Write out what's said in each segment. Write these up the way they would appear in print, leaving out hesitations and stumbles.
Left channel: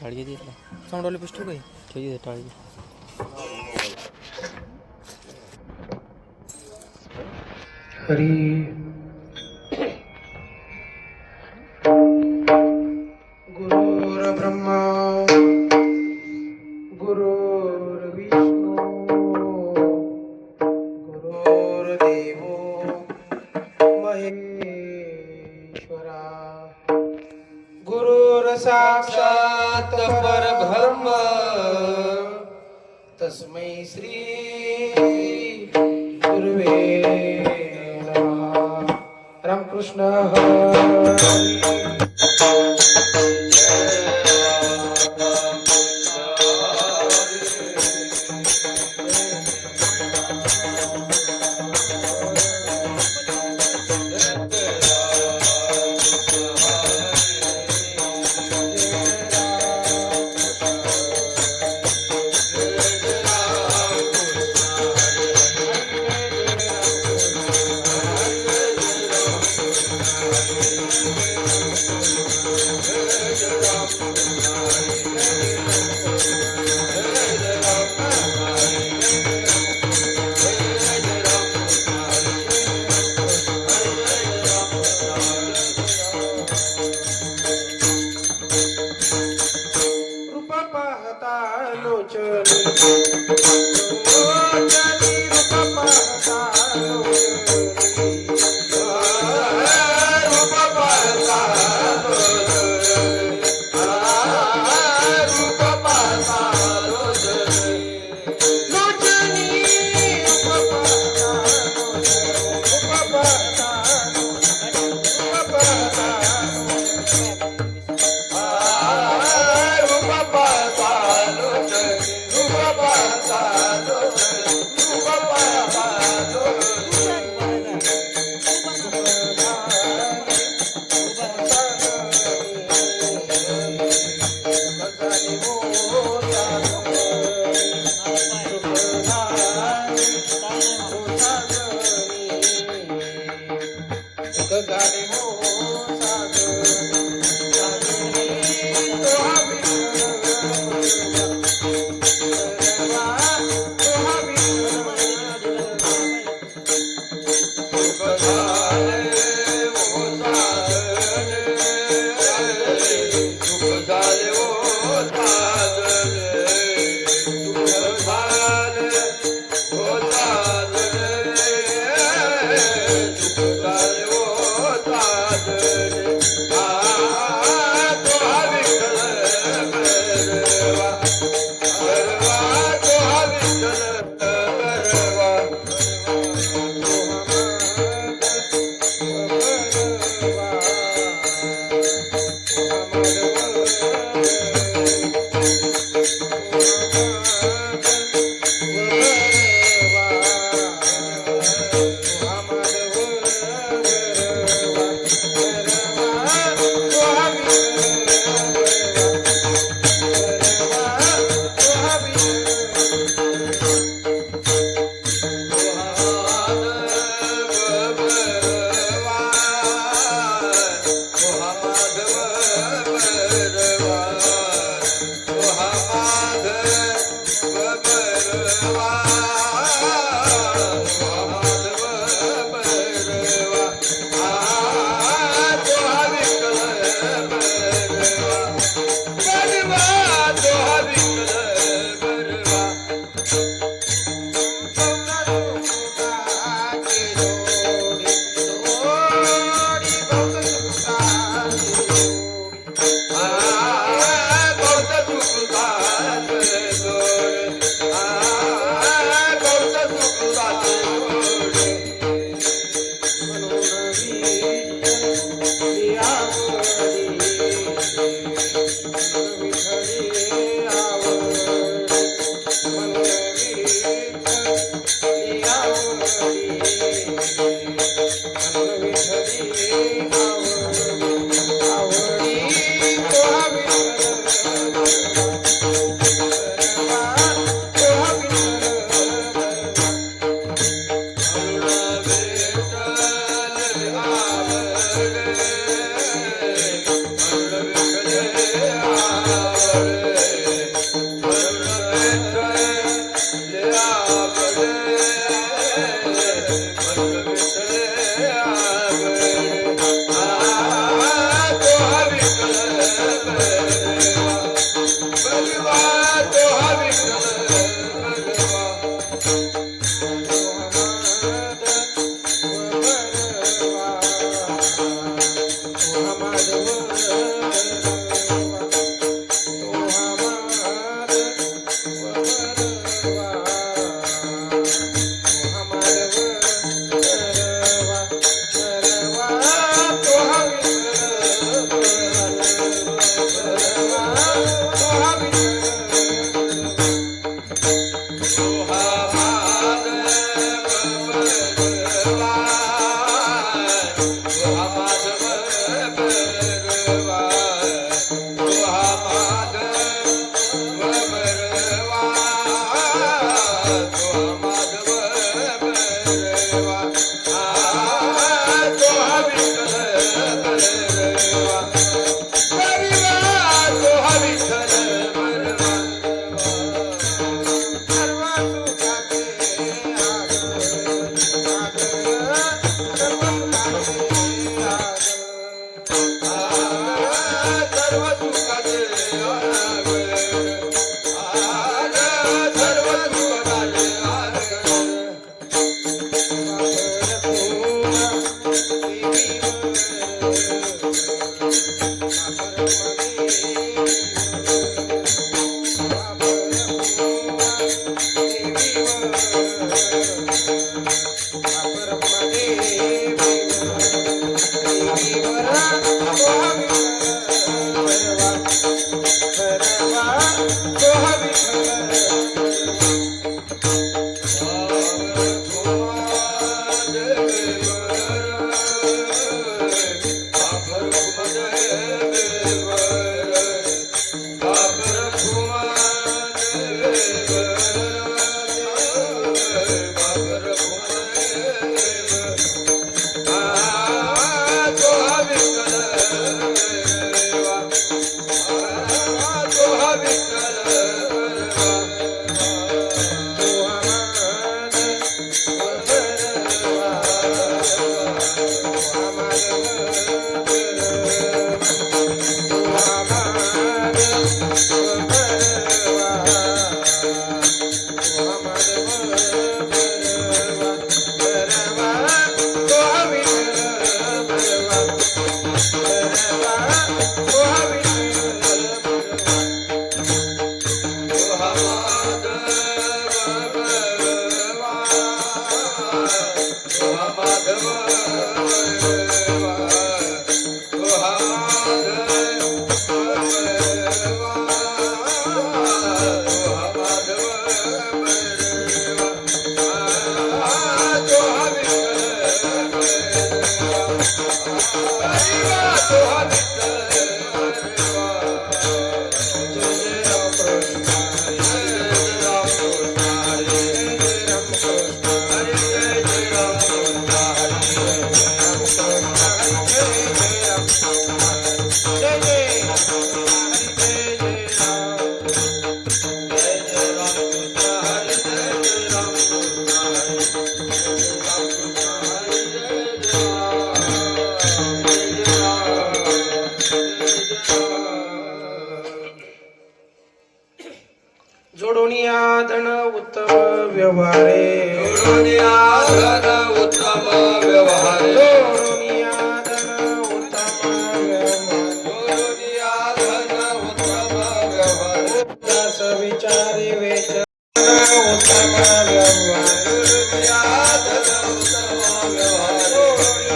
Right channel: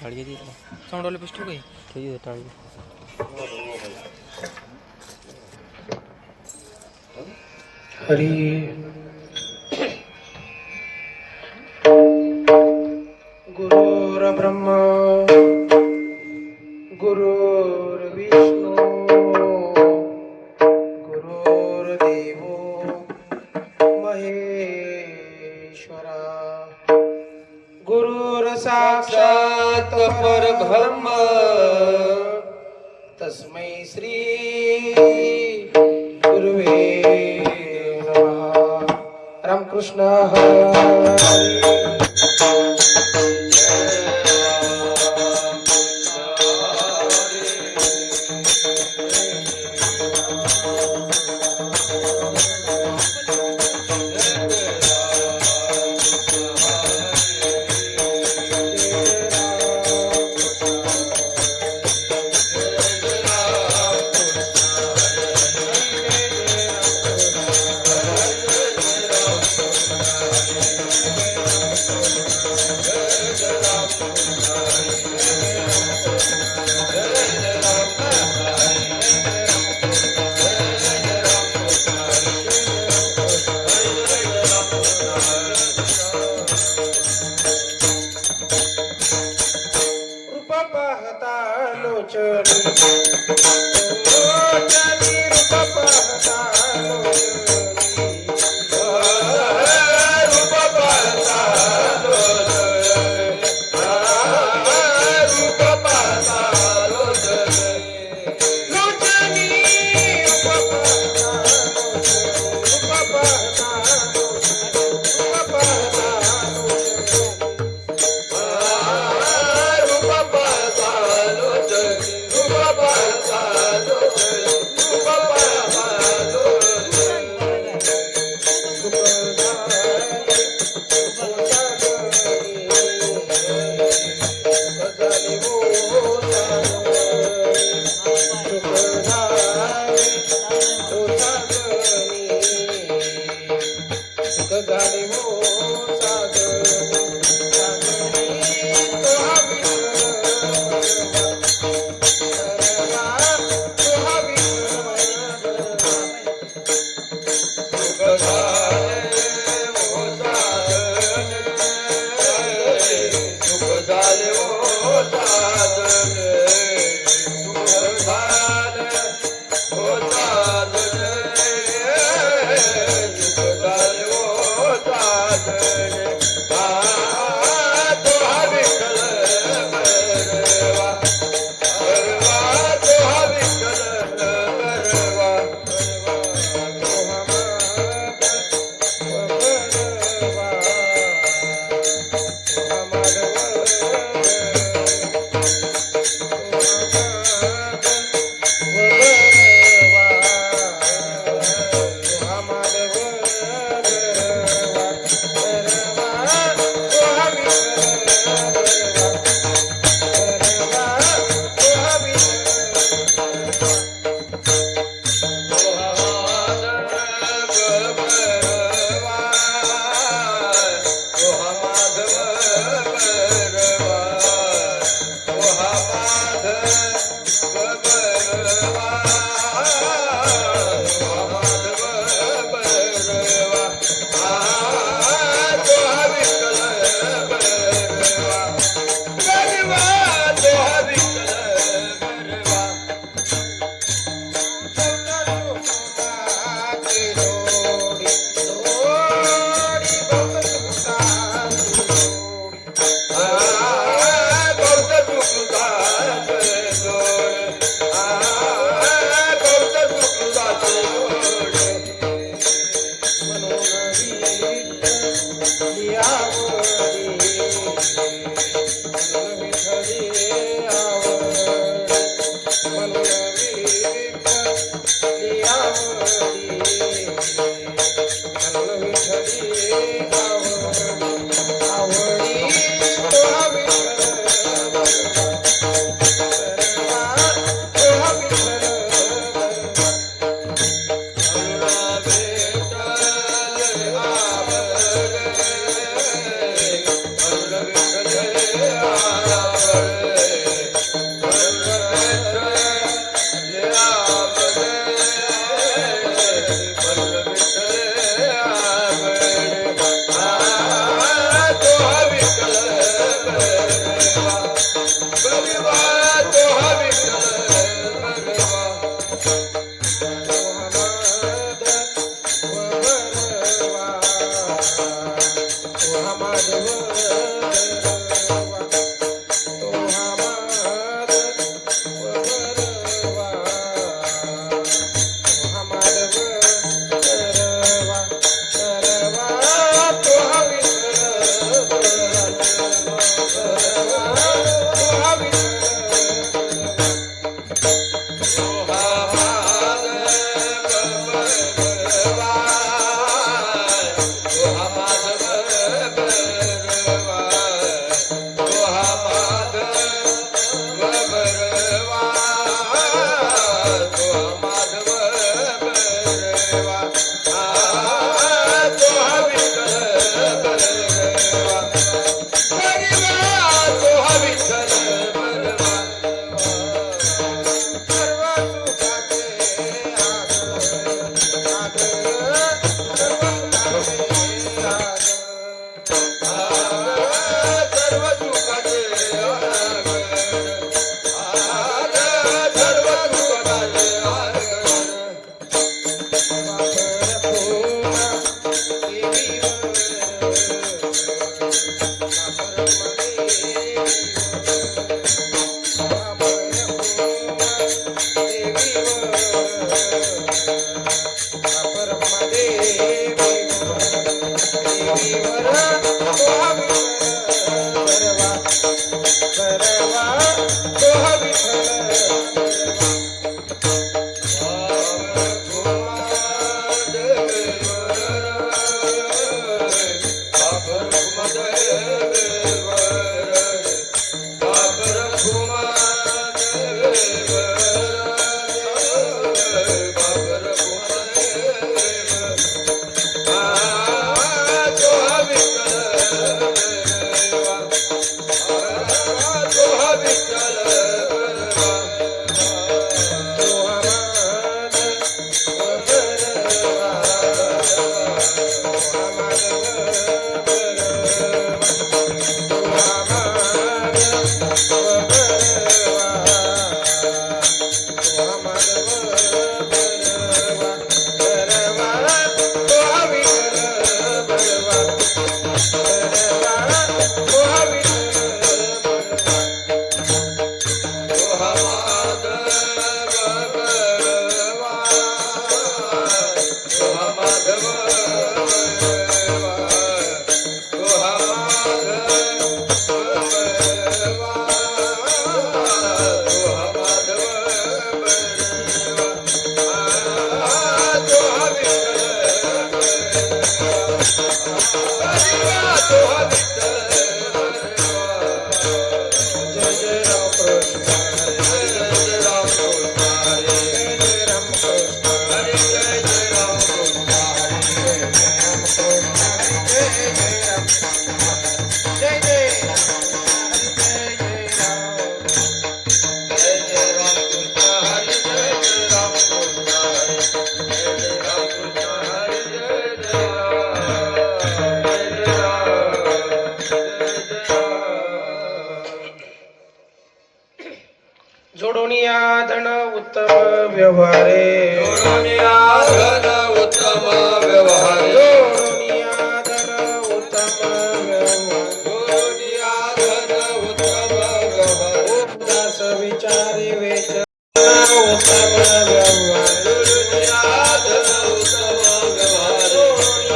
टाळगे घेतला साऊंडवाला पिस्टल काही ठीक आहे टाळगे हरी गुरुर्ब्रह्मा गुरुर्विष्णू गुरुर्देवो महेश्वरा गुरुर्साक्षात् परब्रह्म तस्मै श्री गुरुवे नमः. रामकृष्ण हरी. रूप पाहता लोचनी रूप पाहता लोचनी रूप पाहता रूप पाहता लोचनी रूप पाहता जोडोनिया धन उत्तम व्यवहारे जोडोनिया धन उत्तम व्यवहारे जोडोनिया धन उत्तम व्यवहारे जोडोनिया धन उत्तम व्यवहारे उदास विचारे वेच उत्तम व्यवहारे जोडोनिया धन उत्तम व्यवहारे जोडोनिया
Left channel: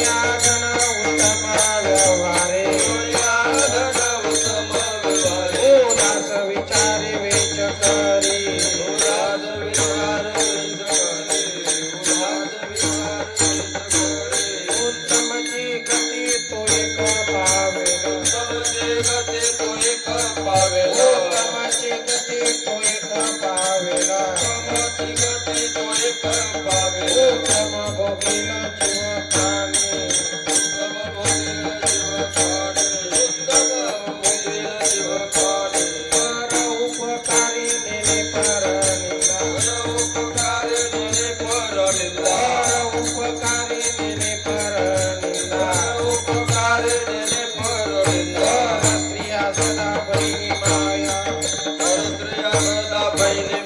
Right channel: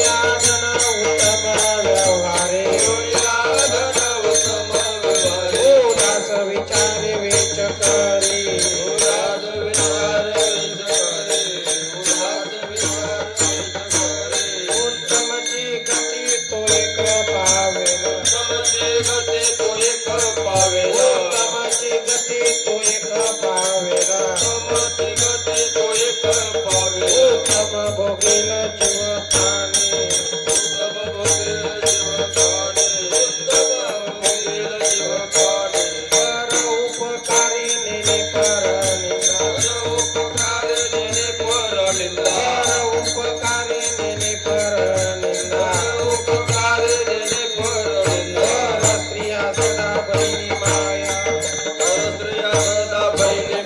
धन उत्तम व्यवहारे जोडोनिया धन उत्तम व्यवहारे उदास विचारे वेच करी उदास विचारे उत्तमची गती तो एक पावेल उत्तमची गती तो एक पावेल उत्तमची गती तो एक पावेल उत्तमची गती तो एक पावेल उत्तम भोगील जीव प्राणी उत्तम भोगील जीव प्राणी उत्तम भोगील जीव प्राणी पर उपकारी नेने पर निंदा उपकार नेने पर निंदा पर उपकारी नेने पर निंदा उपकार नेने पर निंदा स्त्रिया सदा बहिणी माया परस्त्रिया सदा बहिणी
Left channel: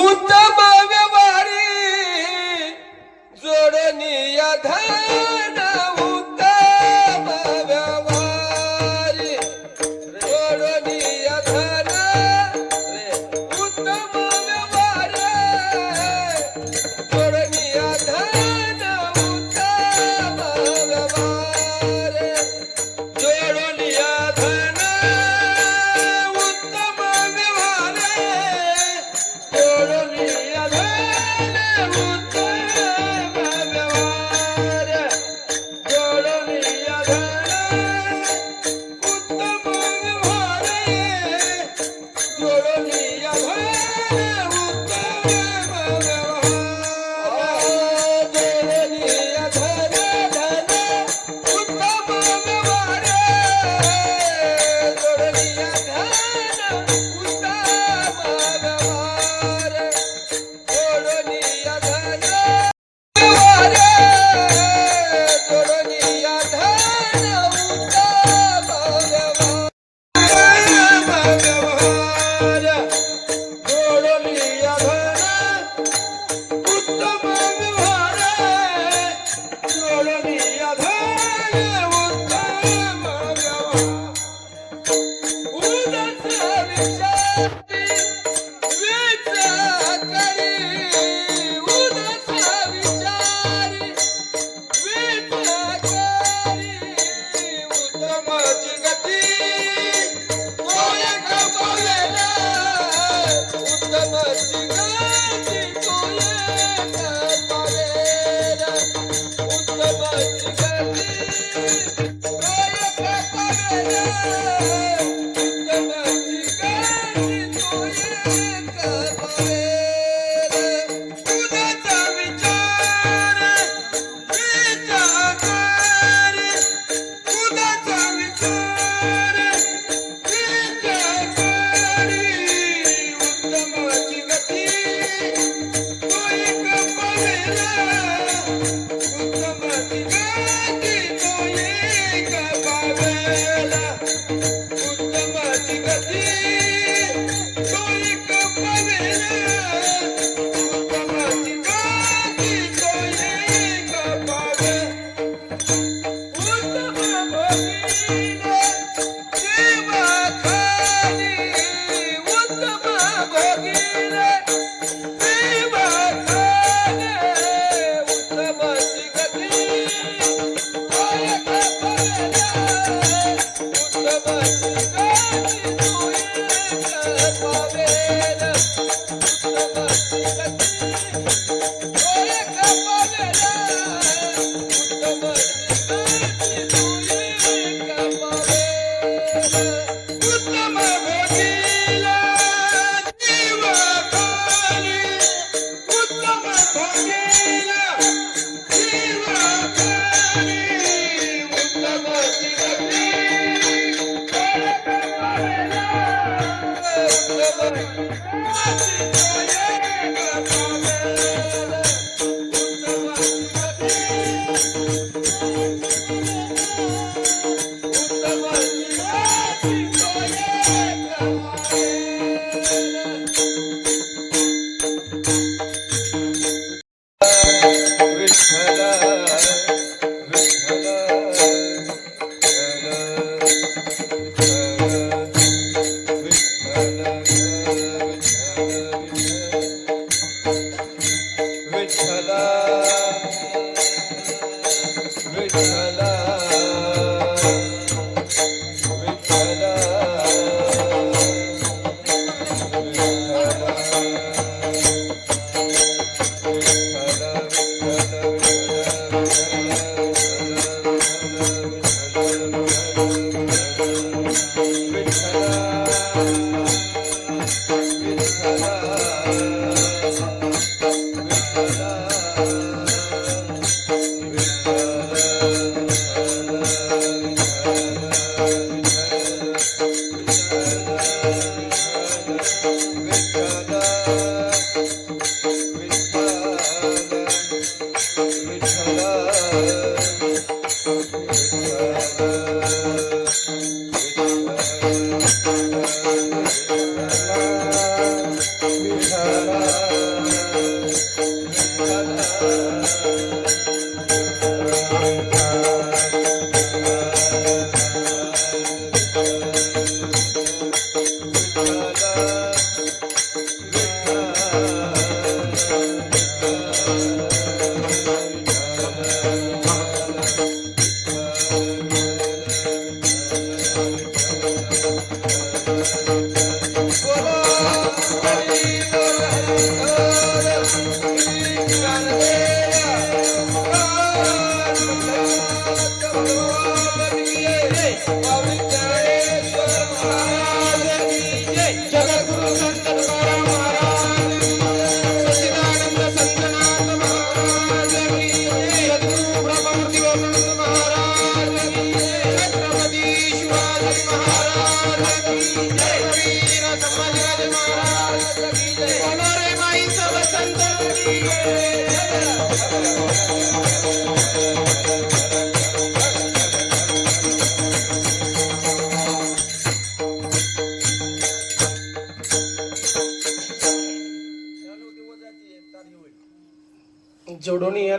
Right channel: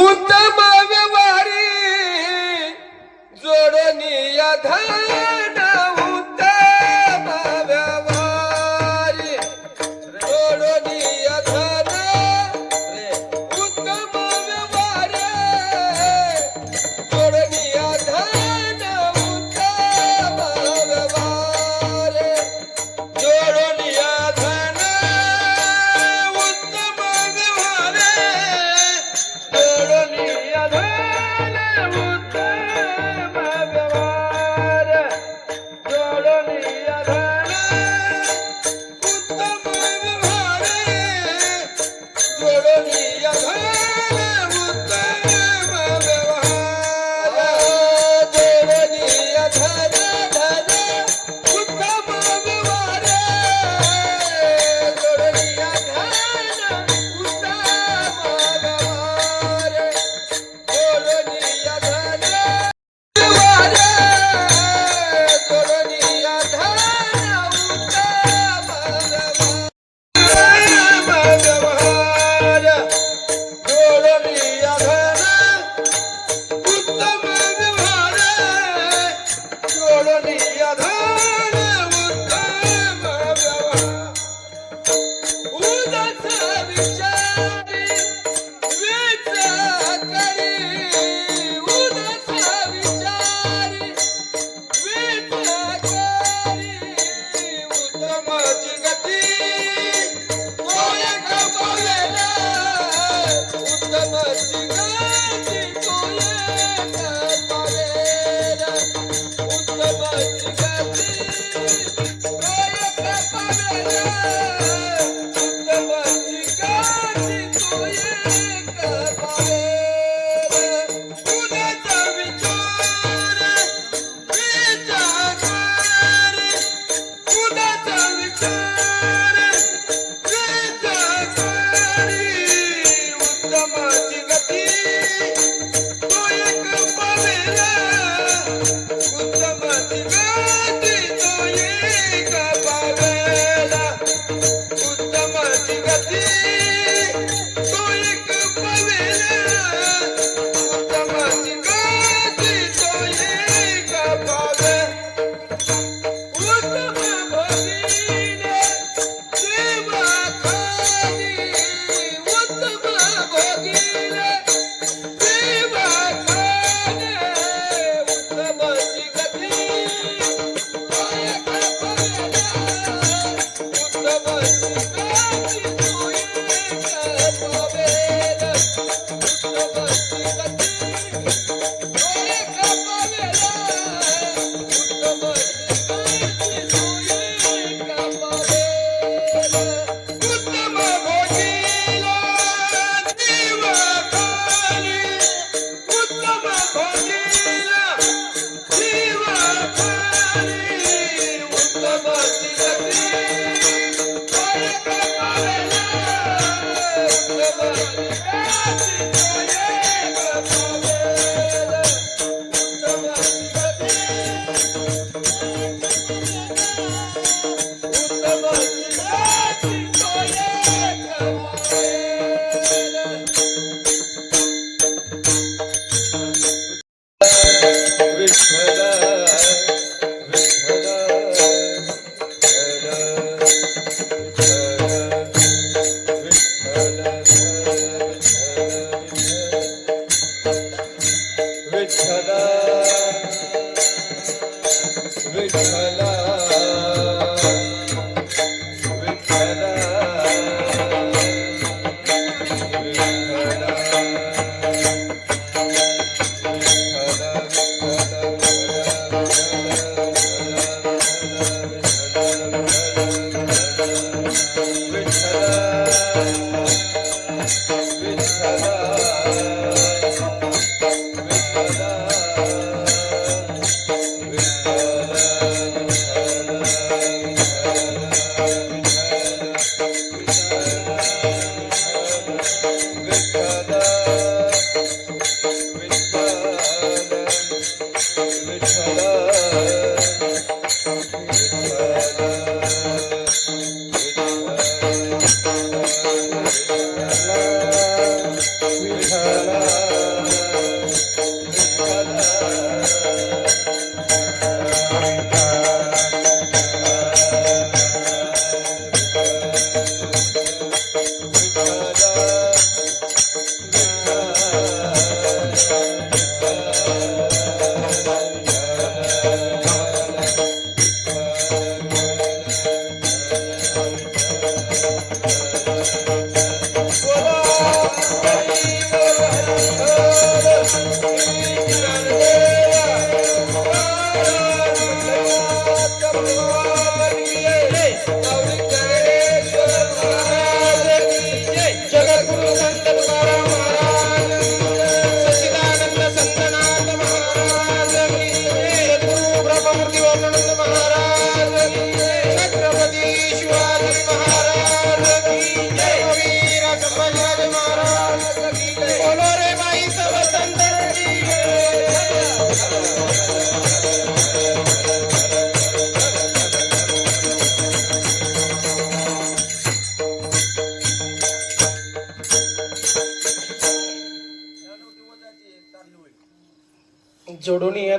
उत्तम व्यवहारी जोडनिया धन उत्तम व्यवहारी जोडनिया धन उत्तम व्यवहारी जोडनिया धन उत्तम व्यवहारी जोडनिया धन उत्तम व्यवहारी जोडनिया धन उत्तम व्यवहार जोडनिया धन उत्तम व्यवहार जोडनिया धन उत्तम व्यवहार जोडनिया धन उत्तम व्यवहार जोडनिया धन उत्तम व्यवहार जोडनिया धन जोडनिया धन उत्तम व्यवहार जोडनिया धन उत्तम व्यवहार जोडनिया धन उत्तम व्यवहार उदास विचारी विचार करी उदास विचारी विचार करी उत्तमाची गती तो एक पावेला उत्तमाची गती तो एक पावेला उत्तमाची गती तो एक पावेला उत्तमाची गती तो एक पावेला उदास विचार विचार करी उदास विचार विचार करी उत्तमाची गती तो एक पावेला उत्तमाची गती तो एक पावेला उत्तमाची गती तो एक पावेला उत्तमाची गती तो एक पावेला उत्तम भगिनी देवा खाली उत्तम भगिनी देवा खाली उत्तमाची गती तो एक पावेला उत्तमाची गती तो एक पावेला उत्तमाची गती तो एक पावेला उत्तमाची गती तो एक पावेला उत्तम भोजीला देवा खाली उत्तम भोजीला देवा खाली उत्तमाची गती तो एक पावेला उत्तमाची गती तो एक पावेला उत्तमाची गती विठ्ठल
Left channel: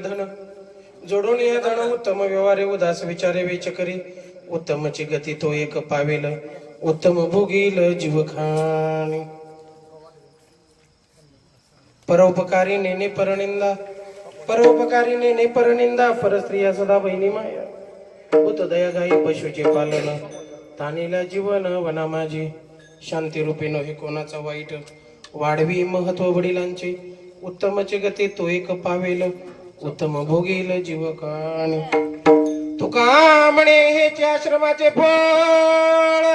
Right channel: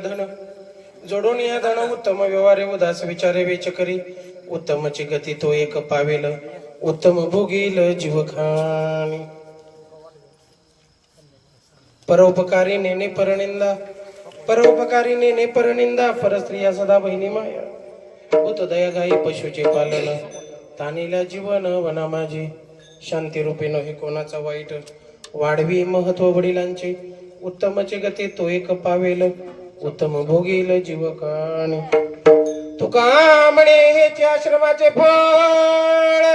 धन जोडून या धन उत्तम व्यवहारे उदास विचारे वेच करी उत्तमची गती तो एक पावेल उत्तम भोगील जीव खाणी परोपकारी नेने परनिंदा परोपकारी नेने परनिंदा परस्त्रिया सदा बहिणी माया उत दया गाई पशुचे पालन तानीला जीवन वना माझी शांती रूपी नव्हे कोणाचा वाईट वाढवी महत्व वडिलांचे उत्तमचे गती तो एक पावेल उत्तम भोगील जीव काणी तुका म्हणे हेचे आश्रमाचे फळ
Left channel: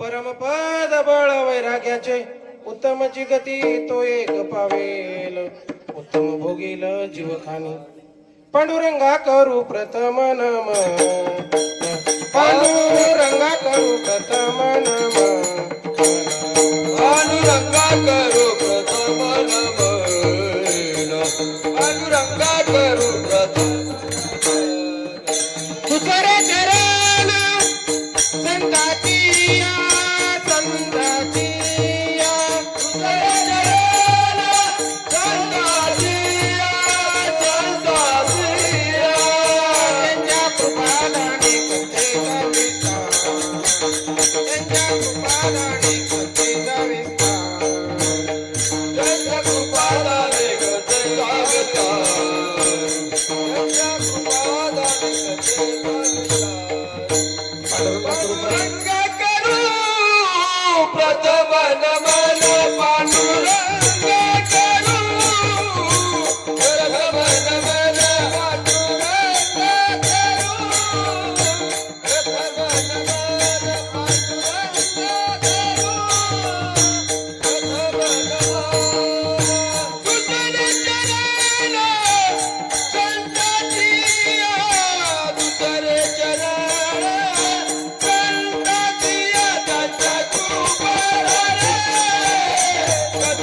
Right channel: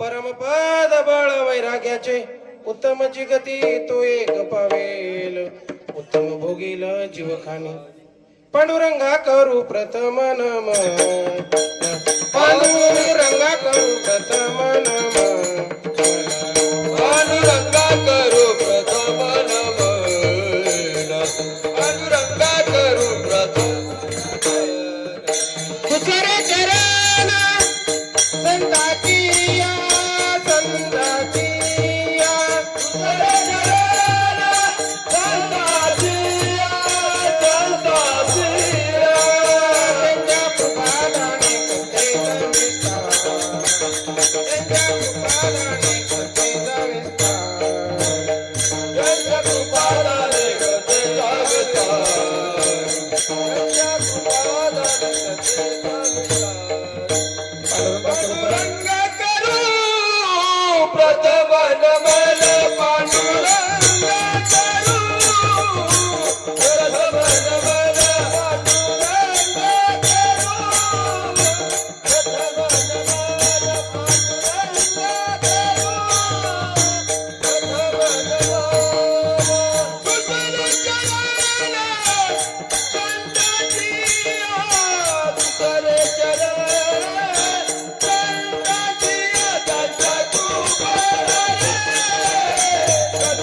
परमपद बळ वैराग्याचे उत्तमची गती तो एक पावेल उत्तम भोगील जीव खाणी पांडुरंगा करू प्रथम नम पांडुरंगा करू प्रथम नम पांडुरंगा करू प्रथम नमन पांडुरंगा करू प्रथम तुझरे चरण संताची संताची प्रथम नमन पांडुरंगा करू प्रथम नमन पांडुरंगा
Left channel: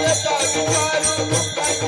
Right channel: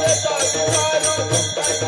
करू प्रथम नमन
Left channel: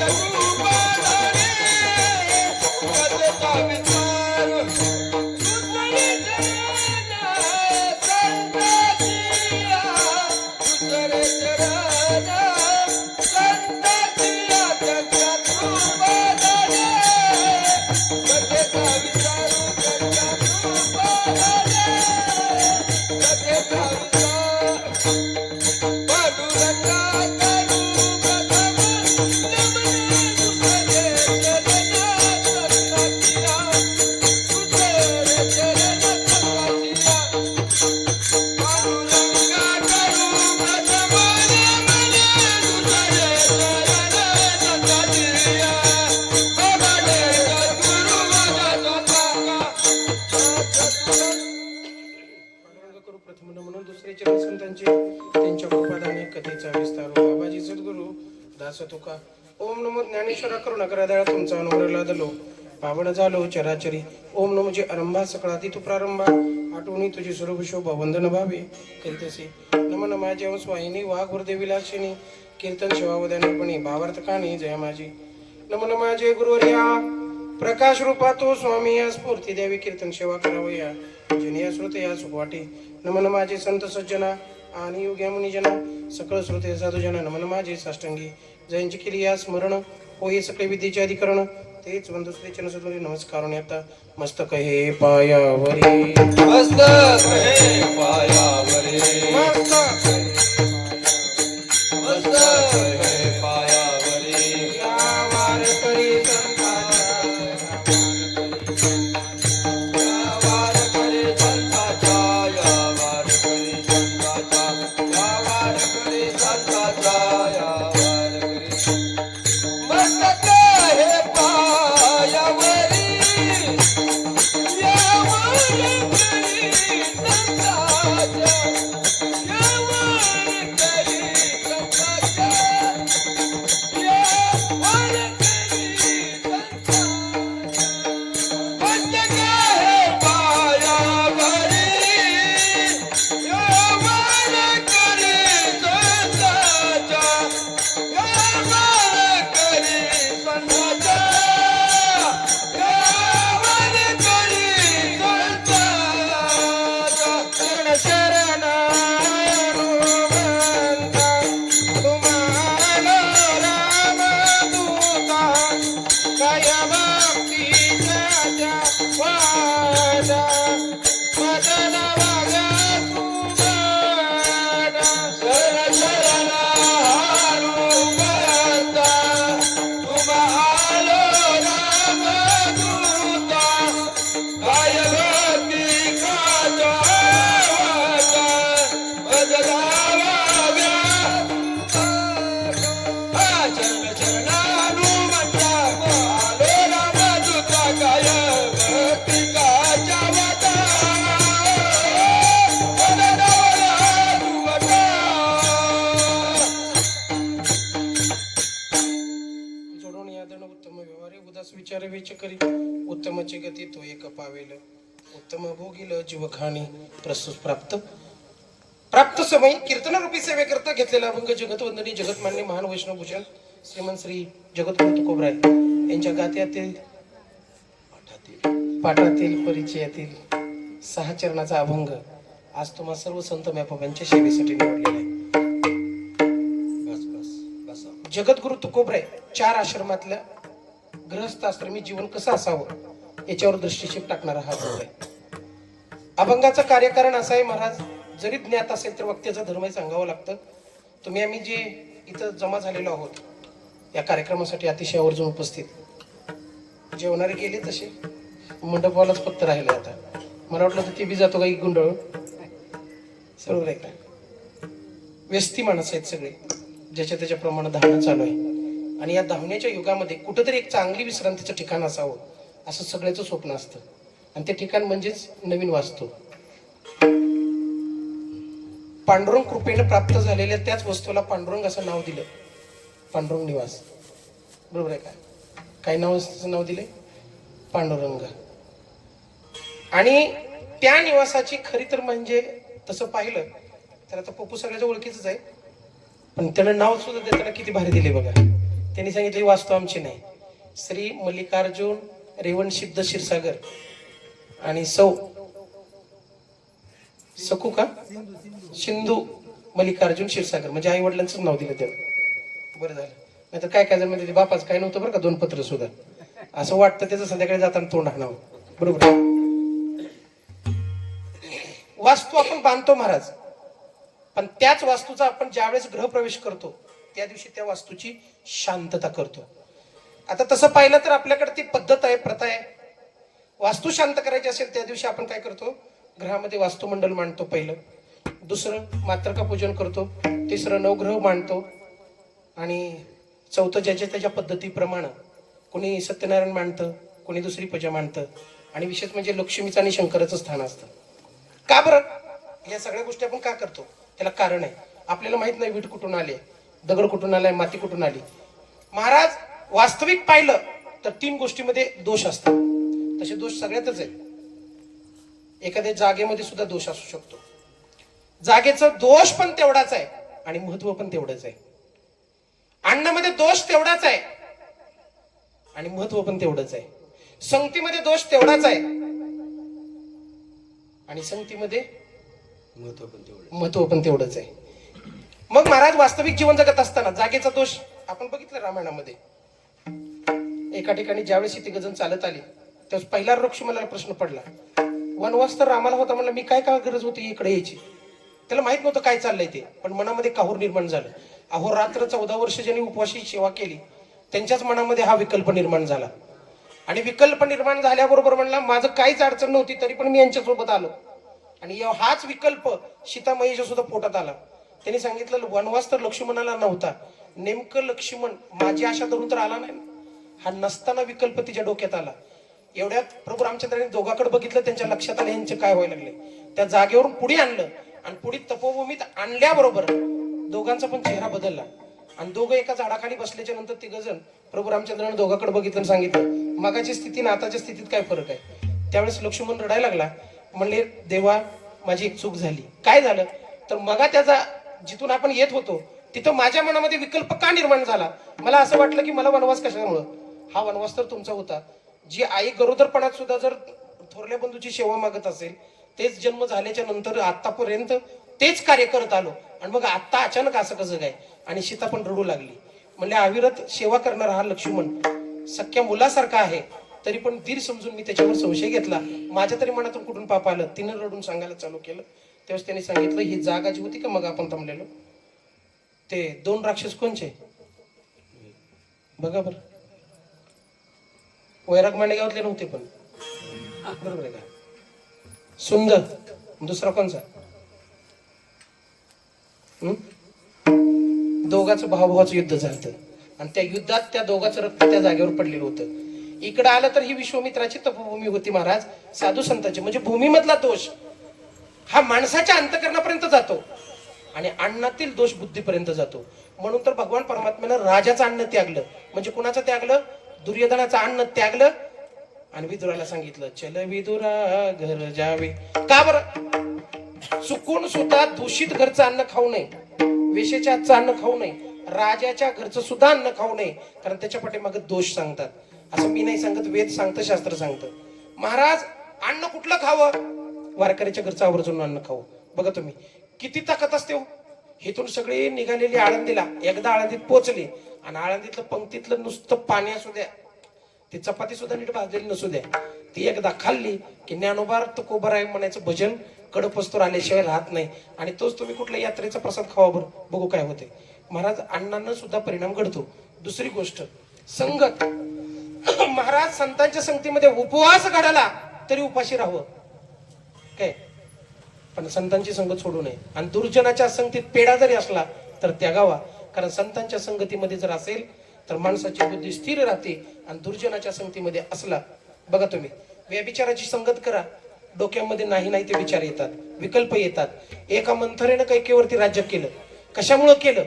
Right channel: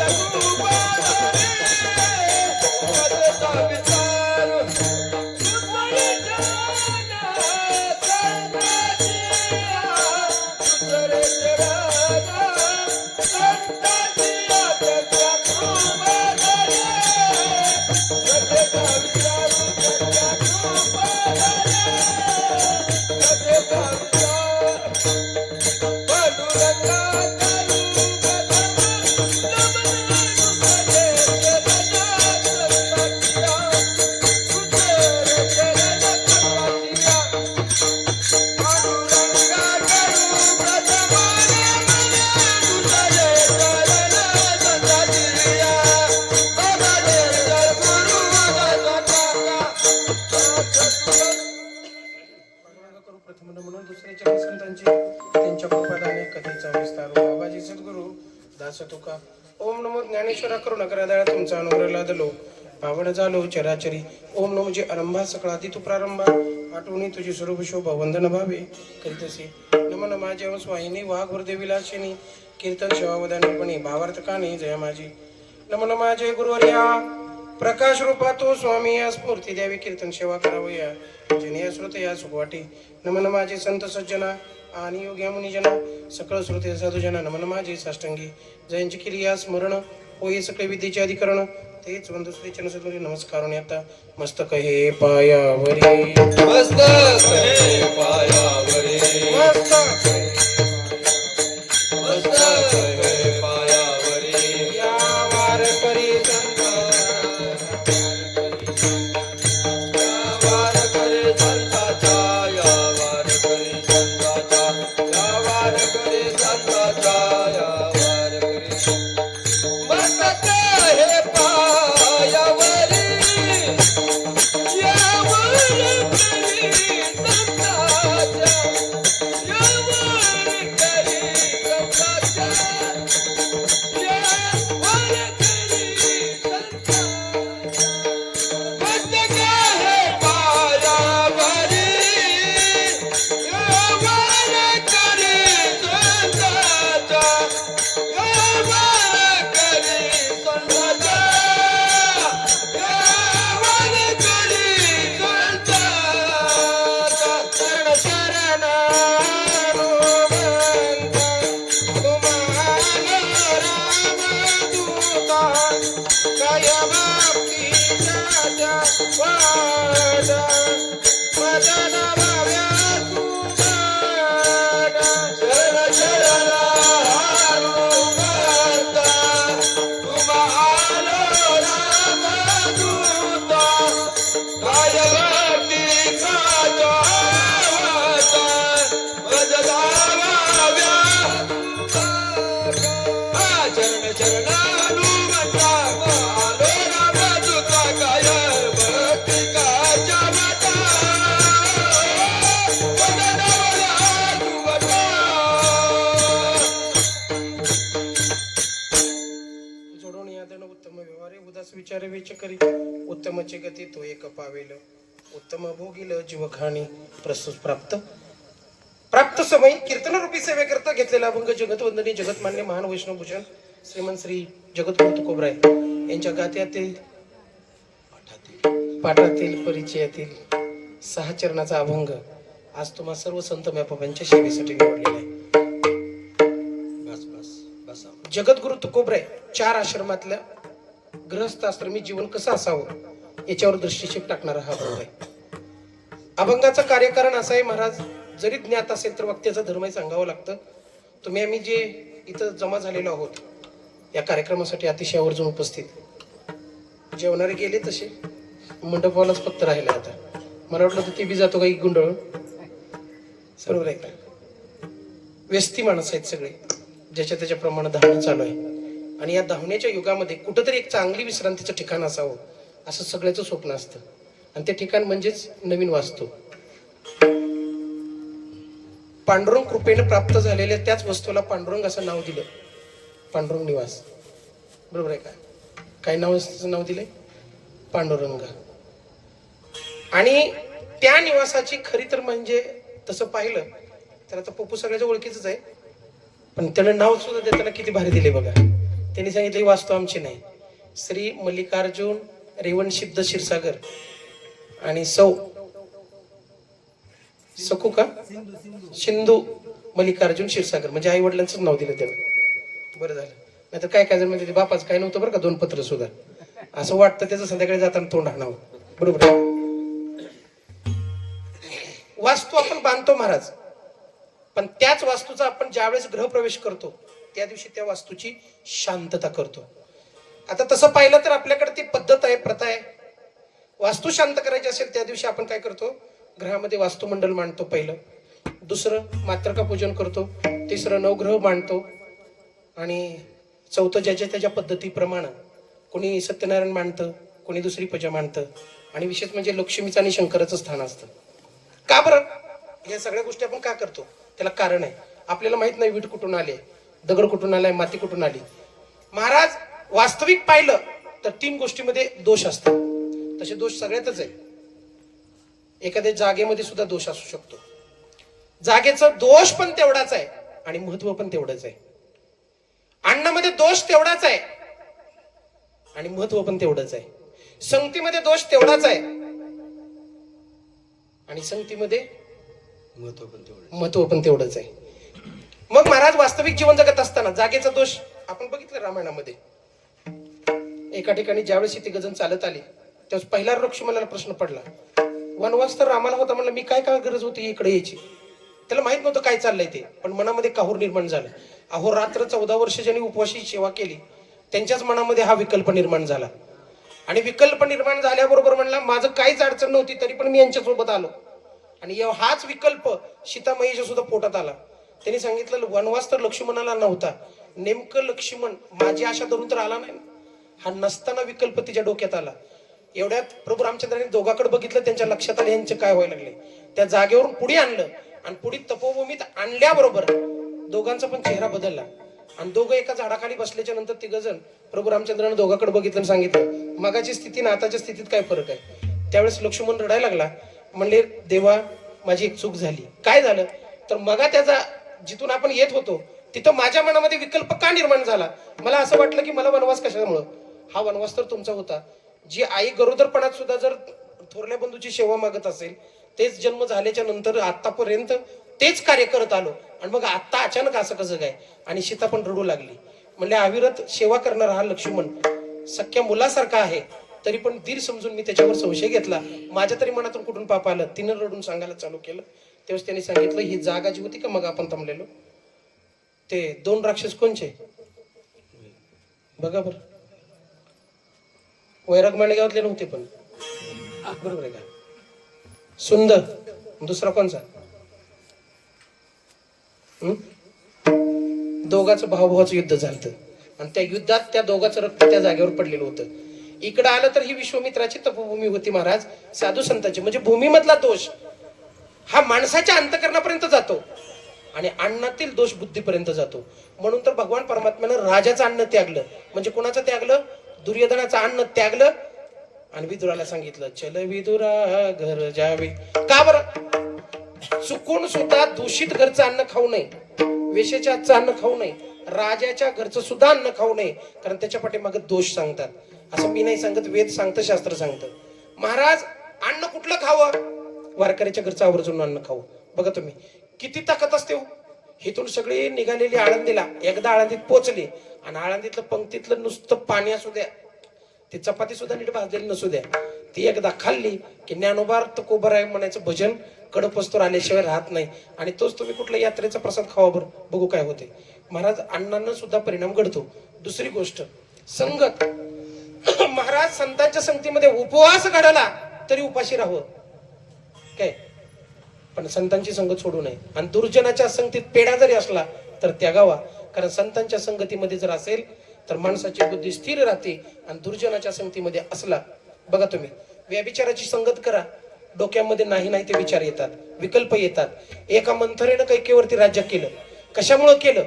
पांडुरंगा करू प्रथम म्हणून दुसरे चरण संतांचे त्यांच्या कृपादाने कथेचा विस्तार बाबाजी सद्गुरु दास तुका ओम नमो ज्ञानेश्वरा करुणा दया तुमचा अनुग्रह लादलो पावन झालो चराचरी ओम नमो जे आरंभा सकळाती तू प्रारंभा आठवणी तुझी स्वरूप शोभा वंदन भावे करीतसी नमन माझ्या स्वाहिनी वाघ गुरुदेवी लाक्षिणी कीर्तन सेवावदानपणे भावार्थ काणी जय माझी नमन माझे गुरुवर्या प्रकाश रूपा तो स्वामी या स्फूर्ती द्यावी कीर्तन सेवा करावया जिने श्रोते या सुख वाटे नमन माझे संत सज्जना आणि योग्या मुनिजना सकळ श्रोते साधुजना नमन माझे साष्टांगी जयांची केली या स्मरण होई सकळे विद्येचे अधिकरण तेच वंदुश्री चरण नमस्कार आता मस्तक हे पायावरी मस्तक हे पायावरी मस्तक मस्तक हे पायावरी या वारकरी संता वारकरी संताचा या वारकरी संताचा या वारकरी संताचा या वारकरी मस्तक हे पायावरी या वारकरी संताचा उत्तमचे गती तो एक पावेल उत्तम भोगील जीवखाणी प्रस्तुत प्राप्त समय कीर्तनरूपी सेवे करता घेतलेला अभंग जगतवंदनी जगतमान्य महान वैष्णवभूषण श्रीमंत श्री जगद्गुरु तुकोबराय यांच्या गात्यातील पाठातील परिचयातील 6 चरणाचा अभंग आज तुम्हा सर्व संत बाबांच्या सेवेसाठी निवडलेला आहे. जगद्गुरु तुकोबराय 4 आश्रमातल्या गृहस्थ आश्रमी जीवन कसं असावं याच्यावर दृष्टिक्षेप टाकणारा हा अभंग आहे. अभंगाचं कार्यकारण असं आहे, महाराज जरी ज्ञात असेल तर वक्त्याचा धर्मही सांगावं लागतं. तुम्ही आम्ही जे इथं जमा झालेलो आहोत या कार्यक्रमासाठी अतिशय आवर्जून उपस्थित, जेवणारे गेले तसे मंडपालाच फक्त राहिले. आता मला वाटलं तर ती बी जातो काही गुंडळ, बरोबर आहे का? व्यस्ती माणसं आहेत सगळे, ज्याच्या त्याच्याप्रमाणे धावणं चालू आहे. आणि या धावण्याच्या युगामध्ये कुठंतरी एक चांगली विश्रांतीचं ठिकाण असावं असं सगळ्याचं स्वप्न असतं. आणि ते ठिकाण म्हणजेच नवीन वास्तू. पांडुरंग कृपेने प्राप्त झालेल्या त्याच वस्तूला पांडुरंग असं नाव दिलं, पांडुरंग निवास, बरोबर आहे का? काय नाव दिले? पांडुरंग. आणि त्या निवासाची खरी तर म्हणजे तसं पाहिलं तर आता पप्पू सगळ्याच्या ओळखीच आहे, पण त्याला नाव सुद्धा देताना किती भारी दिले बघा. त्यांनी सांगितलं ही वास्तू आमची नाही, श्री मल्लिकार्जुन रेवणसिद्ध क्षीरसागर आणि सकू का सिंधू मल्लिकार्जुन क्षीरसागर, म्हणजे आई वडिलांचं नाव दिलं त्याला. बरं झालं, नाहीतर काय काय जण म्हणजे बापाच काय नव्हतं बरं का, 2 पत्र सुद्धा. असं वाटतं त्याचं संध्याकाळी जाताना तोंड हाणावं, बरोबर. वास्तू आपण बांधतो महाराज, पण त्याच वास्तूचा आपण ज्यावेळेस गृहप्रवेश करतो त्या दिवशी त्या वास्तूची शांतता करतो. आता तसं पाहिलं तर आपल्याकडे ती पद्धत आहे, प्रथा आहे. वास्तू शांत करायची असेल त्या दिवशी आपण काय करतो? ग्रहामध्ये वास्तुमंडल मांडतो पहिलं, दुसरं मातृका पूजन करतो, तिसरं नवग्रह मांडतो, आणि चौथं ज्याच्या त्याच्या पद्धतीप्रमाणे कोणी सत्यनारायण मांडतं, कोणी दुसरी पूजा मांडतं. आणि विशेष म्हणजे लक्ष्मीचं आणि शंकराचं स्थान असतं. का बरं? या सगळ्या गोष्टी आपण का करतो त्याला कारण आहे. आपल्याला माहित नाही वीट कुठून आले, दगड कुठून आलाय, माती कुठून आली. महाराज वास्तविक पाहिलं तर 3 गोष्टीमध्ये दोष असतात. तसे दोष सगळ्यातच आहे. एखाद्या जागेमध्ये सुद्धा दोष असू शकतो. जागेचं दोष पण तेवढाच आहे आणि महत्व पण तेवढंच आहे. अन्नामध्ये दोष तेवढाच आहे आणि महत्व पण तेवढंच आहे. संगतीमध्ये दोष तेवढाच आहे आणि संगतीमध्ये महत्व पण तेवढंच आहे. मग महाराज वास्तविक जीवन जगत असताना जागेचा दोष आपण बघितलं रामायणामध्ये. एका ठिकाणी ज्यावेळेस ती गजन चालत आली त्यावेळेस पहिला लक्ष्मणाला प्रश्न पडला, वनवास तर रामाला होता, म्हणलं मी काय गरज होती इकडे यायची? त्याला माहित नव्हतं काय चाललंय ते, पण मनामध्ये काहूर निर्माण झालं. अहोरात्र 14 वर्ष ज्यांनी उपवाशी सेवा केली त्यांच्याच मनामध्ये हा विकल्प निर्माण झाला. आणि विकल्प निर्माण झाल्याबरोबर म्हणला माझं काहीच अडचण नव्हती तरी पण मी यांच्यासोबत आलो. आणि हाच विकल्प सीतामाईच्या सुद्धा पोटात आला. त्यांनी सांगितलं वनवास तर लक्ष्मणाला नव्हता, नेमकं लक्ष्मण माझी आशा धरून तर आला नाही. हा नसताना विकल्प तिच्या डोक्यात आला. एवढ्यात प्रभू रामचंद्रांनी दोघांकडे बघितलं, त्यांच्या लक्षात आलं यांचे काय व्हायला लागले. त्या जागेवरून पुढे आणलं आणि पुढे तपोभूमीत आणल्याबरोबर दोघांचा पण चेहरा बदलला. आणि दोघं एका झाडाखाली बसल्याच्या नंतर 3 जण प्रभू रामचंद्रांनी दोघांकडे बघितलं आणि सांगितलं मागाची स्थिती आणि आताच्या स्थितीत काय फरक आहे. त्यावेळेस लक्ष्मण रडायला लागला, म्हणले देवा माझी एक चूक झाली. काय झालं तर मगा त्याचा जिथून आपण येत होतो तिथं माझ्या मनामध्ये विकल्प का निर्माण झाला. मला असं वाटलं की मला वनवास कशामुळं, हा वनवास तर तुमचा होता. जी आई गरोदरपणात सुद्धा जर थोरल्या बंधूची सेवा मागत असेल, तेच जन्म झाल्याच्या नंतर आतापर्यंत तेच कार्य करत आलो आणि मग आता अचानक असं कसं काय. आणि सीता पण रडू लागली. म्हणले अविरत सेवा करणारा हा लक्ष्मण सख्या मुलासारखा आहे, तरी पण धीर समजून मी त्याच्यावर संशय घेतला. माझ्या तरी मनातून कुठून पाप आलं. तिनं रडून सांगायला चालू केलं. तेव्हा त्यांनी सांगितलं ही जागा जी होती का मग आपण थांबलेलो ते 2 राक्षस कोणचे बघा बरं. वैराग मांडेगावातले नव्हते पण, बरोबर आहे का? सुंदर दुसरा कोणचा? दोघांचं भावाभावाचं युद्ध झालं आणि त्या युद्धात त्या दोघांचं रक्त त्या जागेवर पडलेलं होतं. इकडं आलं तर ही विश्वामित्राची तपोभूमी होती महाराज, साधू संतांची. म्हणजे भूमीमधला दोष हा माणसाच्या अंतकरणापर्यंत जातो आणि अन्नातील दोष बुद्धीपर्यंत जातो. म्हणून तर भगवान परमात्म्यानं राजाचं अन्न त्यागलं. म्हणजे कुणाचं त्यागलं? दुर्योधनाचं अन्न त्यागलं आणि विदुराला सांगितलं चल विदुरा घर जावे. का बरं? चुकून सुद्धा दूषित घरचं अन्न खाऊ नये, वेशेच्या हातचं अन्न खाऊ नये, राजाच्या घरचं सुद्धा अन्न खाऊ नये, कारण त्याच्या पाठीमागे दोष सांगतात. असं मी नाही सांगत, वेद सांगतं, शास्त्र सांगतं. महाराज अन्न कुठलं खावं? वारकऱ्याच्या घरचं आवर्जून अन्न खाऊ. बघा तुम्ही किती ताकद असते हो. इथून सगळे निघालेली आळंदीला एकदा आळंदीत पोहोचले आणि आळंदीतलं पंक्तीतलं नुसतं पाणी असू द्या, ती चपाती सुद्धा नीट भाजलेली नसू द्या, ती एकदा खाल्ली की ज्ञानोबा तुकोबराय म्हणायचं भजन कडपस्तोर आल्याशिवाय राहत नाही. आणि तोच तुम्ही कुठल्या यात्रेचा प्रसाद खावा बरं, बघू काय होते. महाराज अण्णांना सुद्धा परिणाम घडतो. दुसरी गोष्ट संगत. महाराज संतांच्या संगतीमध्ये उपवास घडला तरी उपाशी राहावं काय, पण संतांची संगत सोडू नये. आणि दुर्जनाच्या संगतीत पेढा जरी असला तर त्यागावा, कारण संतांच्या संगतीमध्ये जर असेल तर माणसाची बुद्धी स्थिर राहते. आणि दुर्जनाच्या संगतीमध्ये असला, बघा तुम्ही व्यभिचाराची संगत करा, डोक्यामध्ये नाही ते विचार येतात, विकल्प येतात. एका मंथरेनं कैकेवरती राज्य केलं. कशामुळं केलं?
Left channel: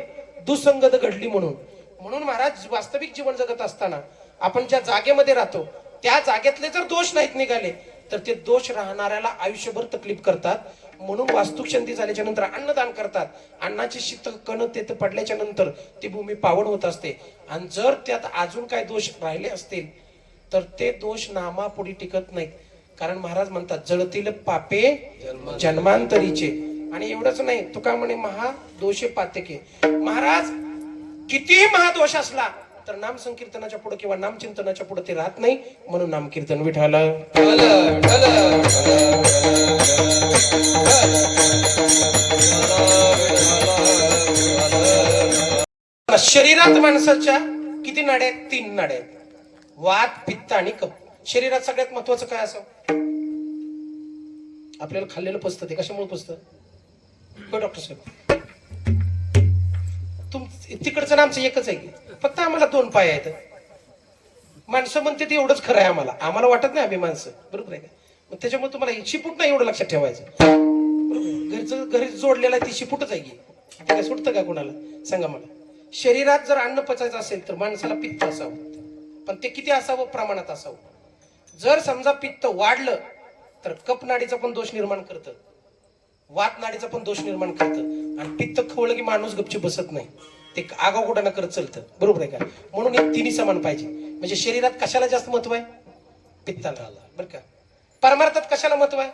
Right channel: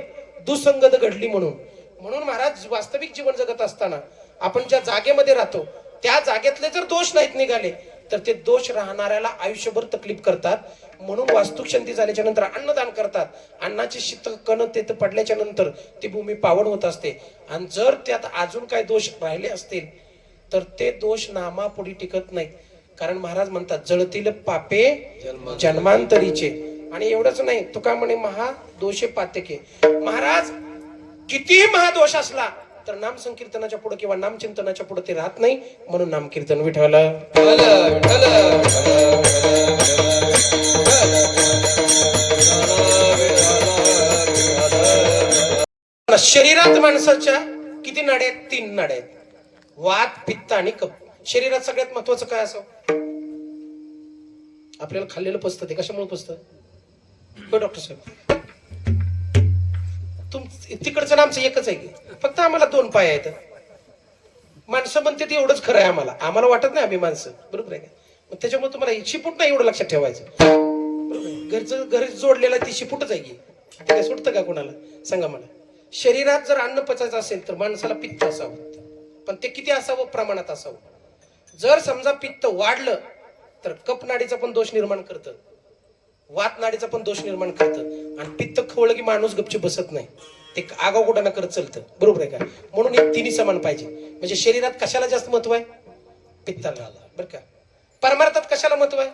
दुसंगत घडली म्हणून. म्हणून महाराज वास्तविक जीवन जगत असताना आपण ज्या जागेमध्ये राहतो त्या जागेतले जर दोष नाहीत निघाले तर ते दोष राहणाऱ्याला आयुष्यभर तकलीफ करतात. म्हणून वास्तुशांती झाल्याच्या नंतर अन्नदान करतात. अन्नाची शीत कण तेथ पडल्याच्या नंतर ती भूमी पावन होत असते. आणि जर त्यात अजून काय दोष राहिले असतील तर ते दोष नामापुढे टिकत नाहीत. कारण महाराज म्हणतात जळतील पापे जन्मांतरीचे. आणि एवढंच नाही, तुका म्हणे महादोषे पातके. महाराज किती महादोष असला तर नाम संकीर्तनाच्या पुढे किंवा नामचिंतनाच्या पुढे ते राहत नाही. म्हणून नामकीर्तन विठाला शरीरात माणसाच्या किती नाड्या आहेत? 3 नाड्या आहेत, वात, पित्त आणि कफ. शरीरात सगळ्यात महत्वाचं काय असं? आपल्याला खाल्लेलं पचतं. ते कशामुळे पचतं? होय डॉक्टर साहेब, तिकडचं नामचं एकच आहे की फक्त आम्हाला 2 पाय आहेत. माणसं म्हणते ते एवढंच खरं आहे. आम्हाला वाटत नाही आम्ही माणसं, बरोबर आहे का? त्याच्यामुळे तुम्हाला शिपूट नाही एवढं लक्षात ठेवायचं. घरचं घरी जोडलेला ती शिपूटच आहे की. काय सुटतं का कुणाला? सांगा मला. शरीरात जर अन्न पचायचं असेल तर माणसाला पित्त असावं, पण ते किती असावं? प्रमाणात असावं. जर समजा पित्त वाढलं तर कफ नाडीचा पण दोष निर्माण करतं, वात नाडीचा पण दोष निर्माण करतं. आणि पित्त खवळलं की माणूस गपची बसत नाही, ते आगाऊपणा करत चालतं, बरोबर आहे का? म्हणून हे तिन्ही समान पाहिजे. म्हणजे शरीरात कशाला जास्त महत्व आहे? पित्ताला, बरं का? परमार्थात कशाला महत्व आहे?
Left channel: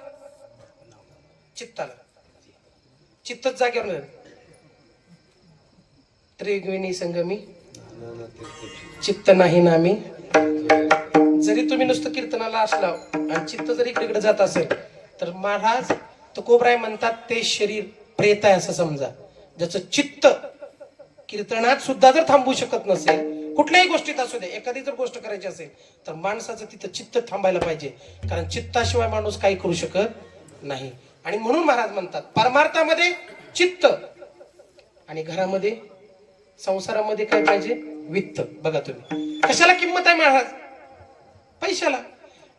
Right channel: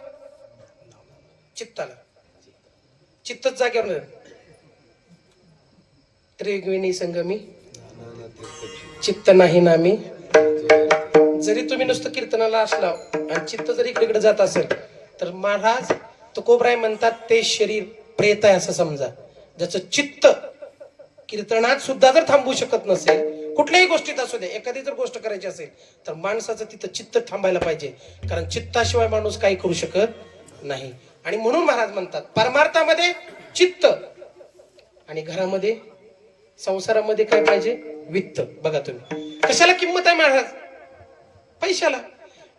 चित्ताला. चित्तच जागेवर. त्रिगुणी संगमी चित्त नाही नामी. जरी तुम्ही नुसतं कीर्तनाला असला आणि चित्त जरी इकडे जात असेल तर महाराज तुकोबराय म्हणतात ते शरीर प्रेत आहे असं समजा. ज्याचं चित्त कीर्तनात सुद्धा जर थांबू शकत नसेल, कुठल्याही गोष्टीत असू दे, एखादी जर गोष्ट करायची असेल तर माणसाचं तिथं चित्त थांबायला पाहिजे, कारण चित्ताशिवाय माणूस काही करू शकत नाही. आणि म्हणून महाराज म्हणतात परमार्थामध्ये चित्त आणि घरामध्ये संसारामध्ये काय पाहिजे? वित्त. बघा तुम्ही कशाला किंमत आहे महाराज? पैशाला.